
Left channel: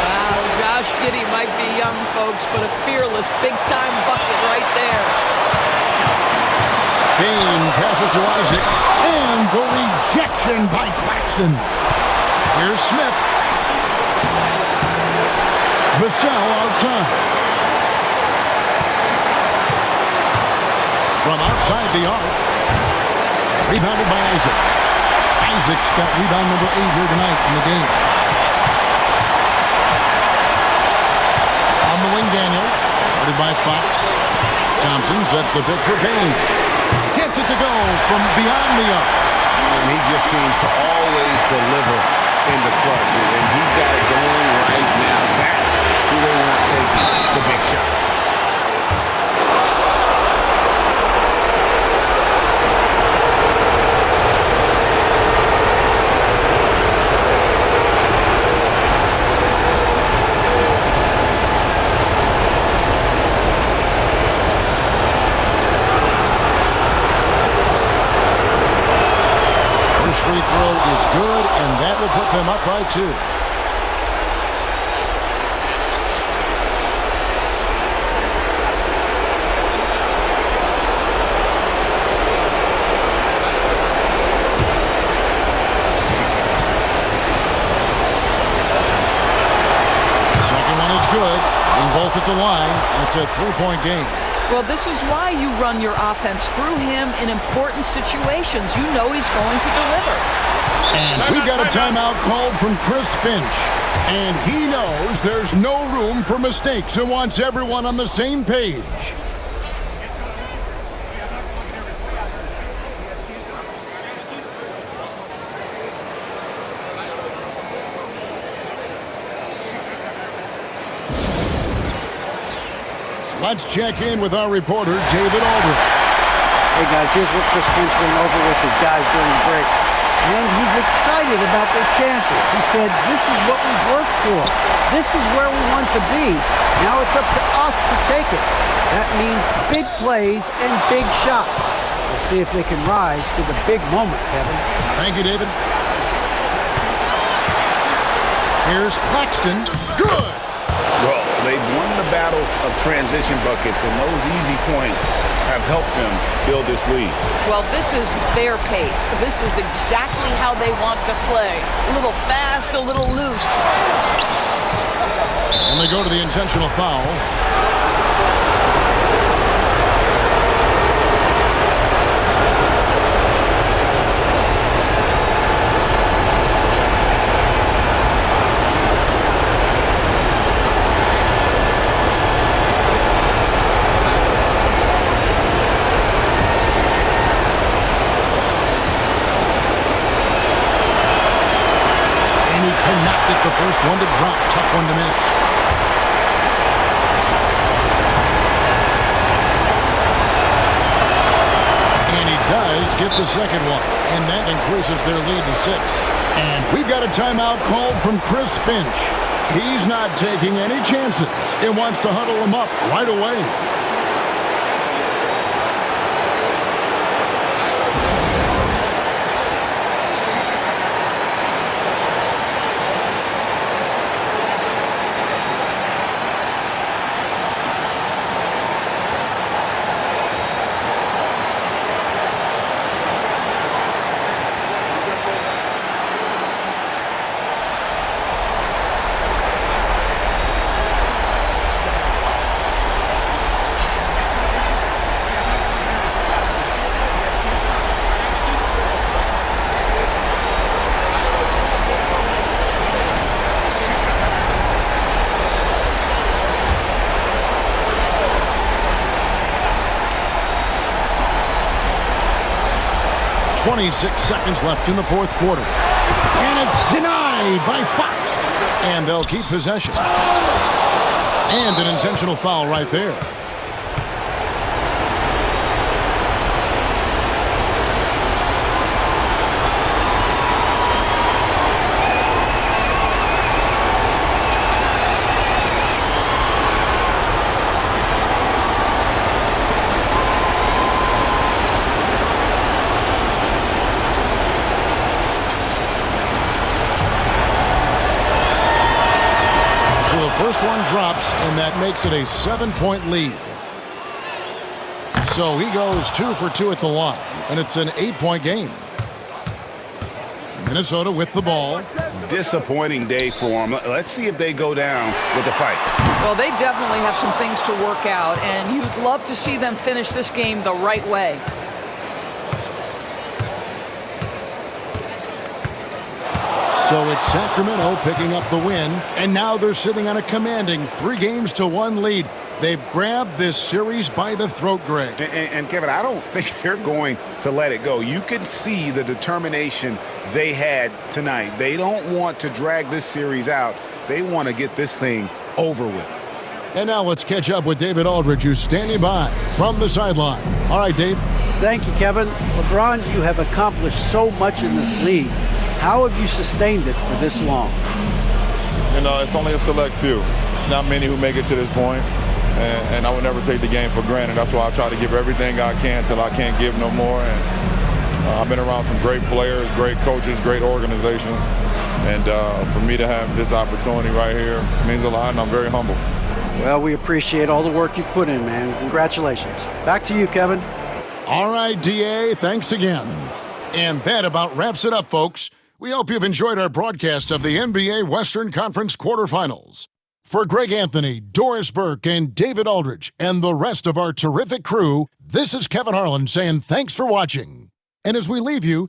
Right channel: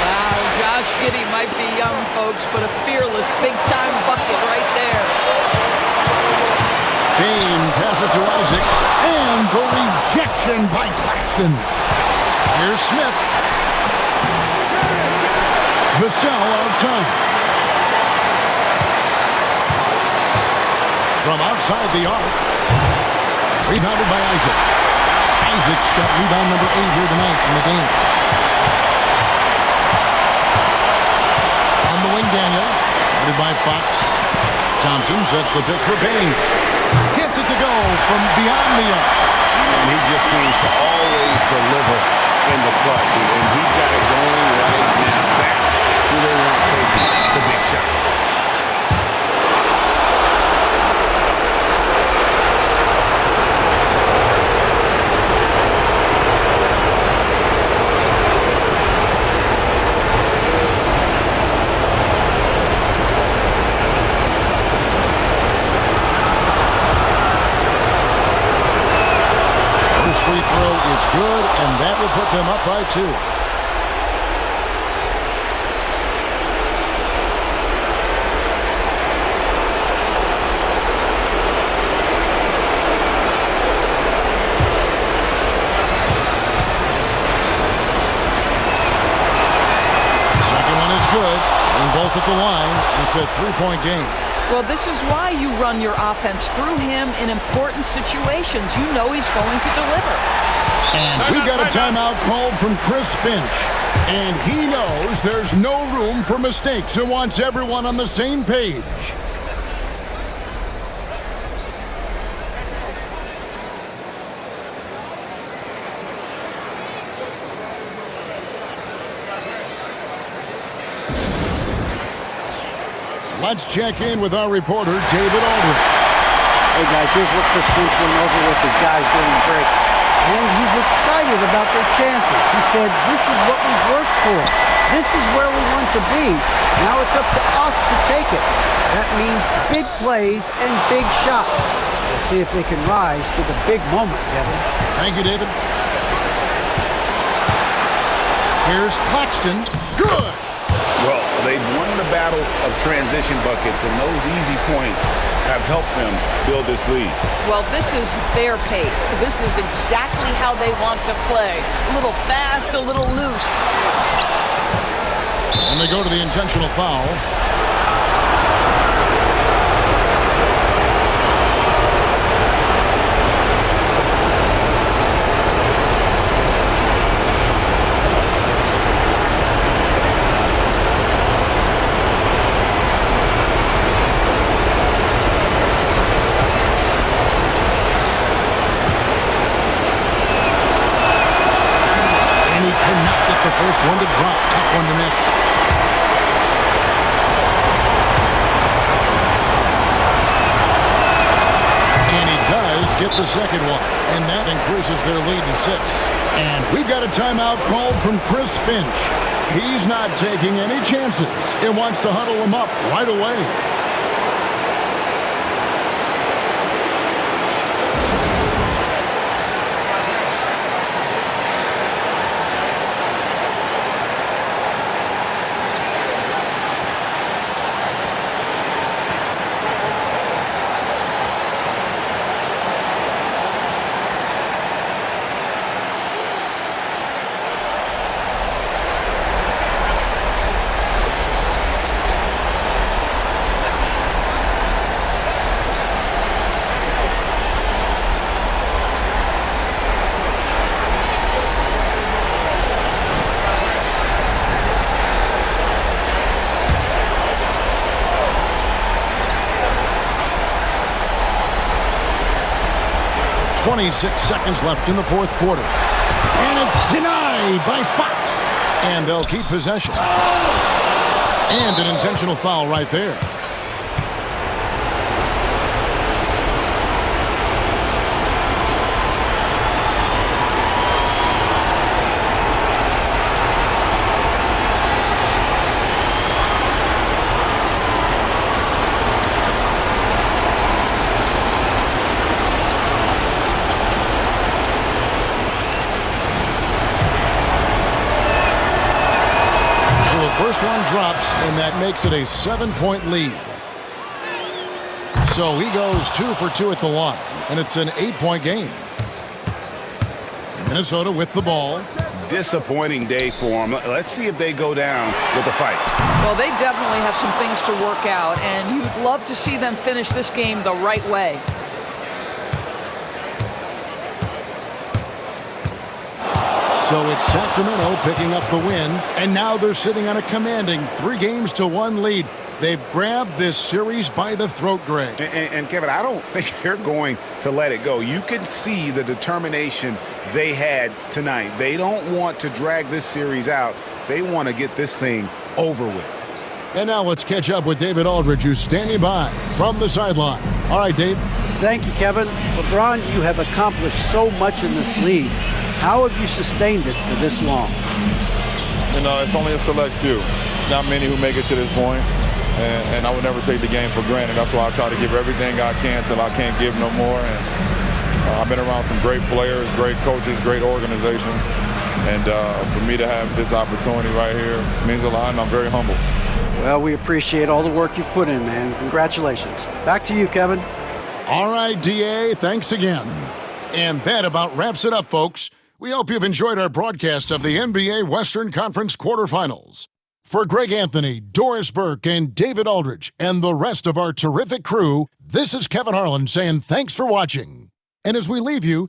Wow, Josh Giddey might be young, folks, but a fearless, big-time bucket right there. Bain passes to Isaac, and the rejection by Claxton. Here's Smith. Vassell outside. From outside the arc. Rebounded by Isaac. Isaac's got rebound number 8 here tonight in the game. On the wing, Daniels. Guarded by Fox. Thompson sets the pick for Bain. Gets it to go from beyond the arc. And he just seems to always deliver in the clutch. And he's got it going right now. That's who they want taking the big shot. is good, and that will put them up by 2. Second one is good. Being both at the line, and it's a 3-point game. Well, this is why you run your offense through him in important situations. You know he's going to deliver. And we've got a timeout called from Chris Finch. And he knows there's no room for mistakes and wants everyone on the same page. Let's check in with our reporter, David Aldridge. Hey guys, here's what Chris Finch went over with his guys during the break. And he's excited about their chances. He said, this is what we've worked for. This is where we want to be. Now it's up to us to take it. That means big plays and big shots. We'll see if they can rise to the big moment, Kevin. Thank you, David. Here's Claxton. Good! Well, they've won the battle of transition buckets, and those easy points have helped them build this lead. Well, this is their pace. This is exactly how they want to play. A little fast, a little loose. And they go to the intentional foul. And he cannot get the first one to drop. Tough one to miss. And he does get the second one. And that increases their lead to 6. And we've got a timeout called from Chris Finch. He's not taking any chances and wants to huddle them up right away. .26 seconds left in the fourth quarter. And it's denied by Fox. And they'll keep possession. And an intentional foul right there. So the first one drops, and that makes it a 7-point lead. So he goes 2 for 2 at the line, and it's an 8-point game. Minnesota with the ball. Disappointing day for them. Let's see if they go down with a fight. Well, they definitely have some things to work out, and you'd love to see them finish this game the right way. So it's Sacramento picking up the win, and now they're sitting on a commanding 3-1 lead. They've grabbed this series by the throat, Greg. And Kevin, I don't think they're going to let it go. You can see the determination they had tonight. They don't want to drag this series out. They want to get this thing over with. And now let's catch up with David Aldridge, who's standing by from the sideline. All right, Dave. Thank you, Kevin. LeBron, you have accomplished so much in this league. How have you sustained it for this long? You know, it's only a select few. It's not many who make it to this point, and I would never take the game for granted. That's why I try to give everything I can till I can't give no more. And I've been around some great players, great coaches, great organizations. And for me to have this opportunity right here means a lot, and I'm very humble. Well, we appreciate all the work you've put in, man. Congratulations. Back to you, Kevin. All right, DA, thanks again. And that about wraps it up, folks. We hope you've enjoyed our broadcast of the NBA Western Conference quarterfinals. For Greg Anthony, Doris Burke, and David Aldridge, and the rest of our terrific crew, this is Kevin Harlan saying thanks for watching. And as we leave you,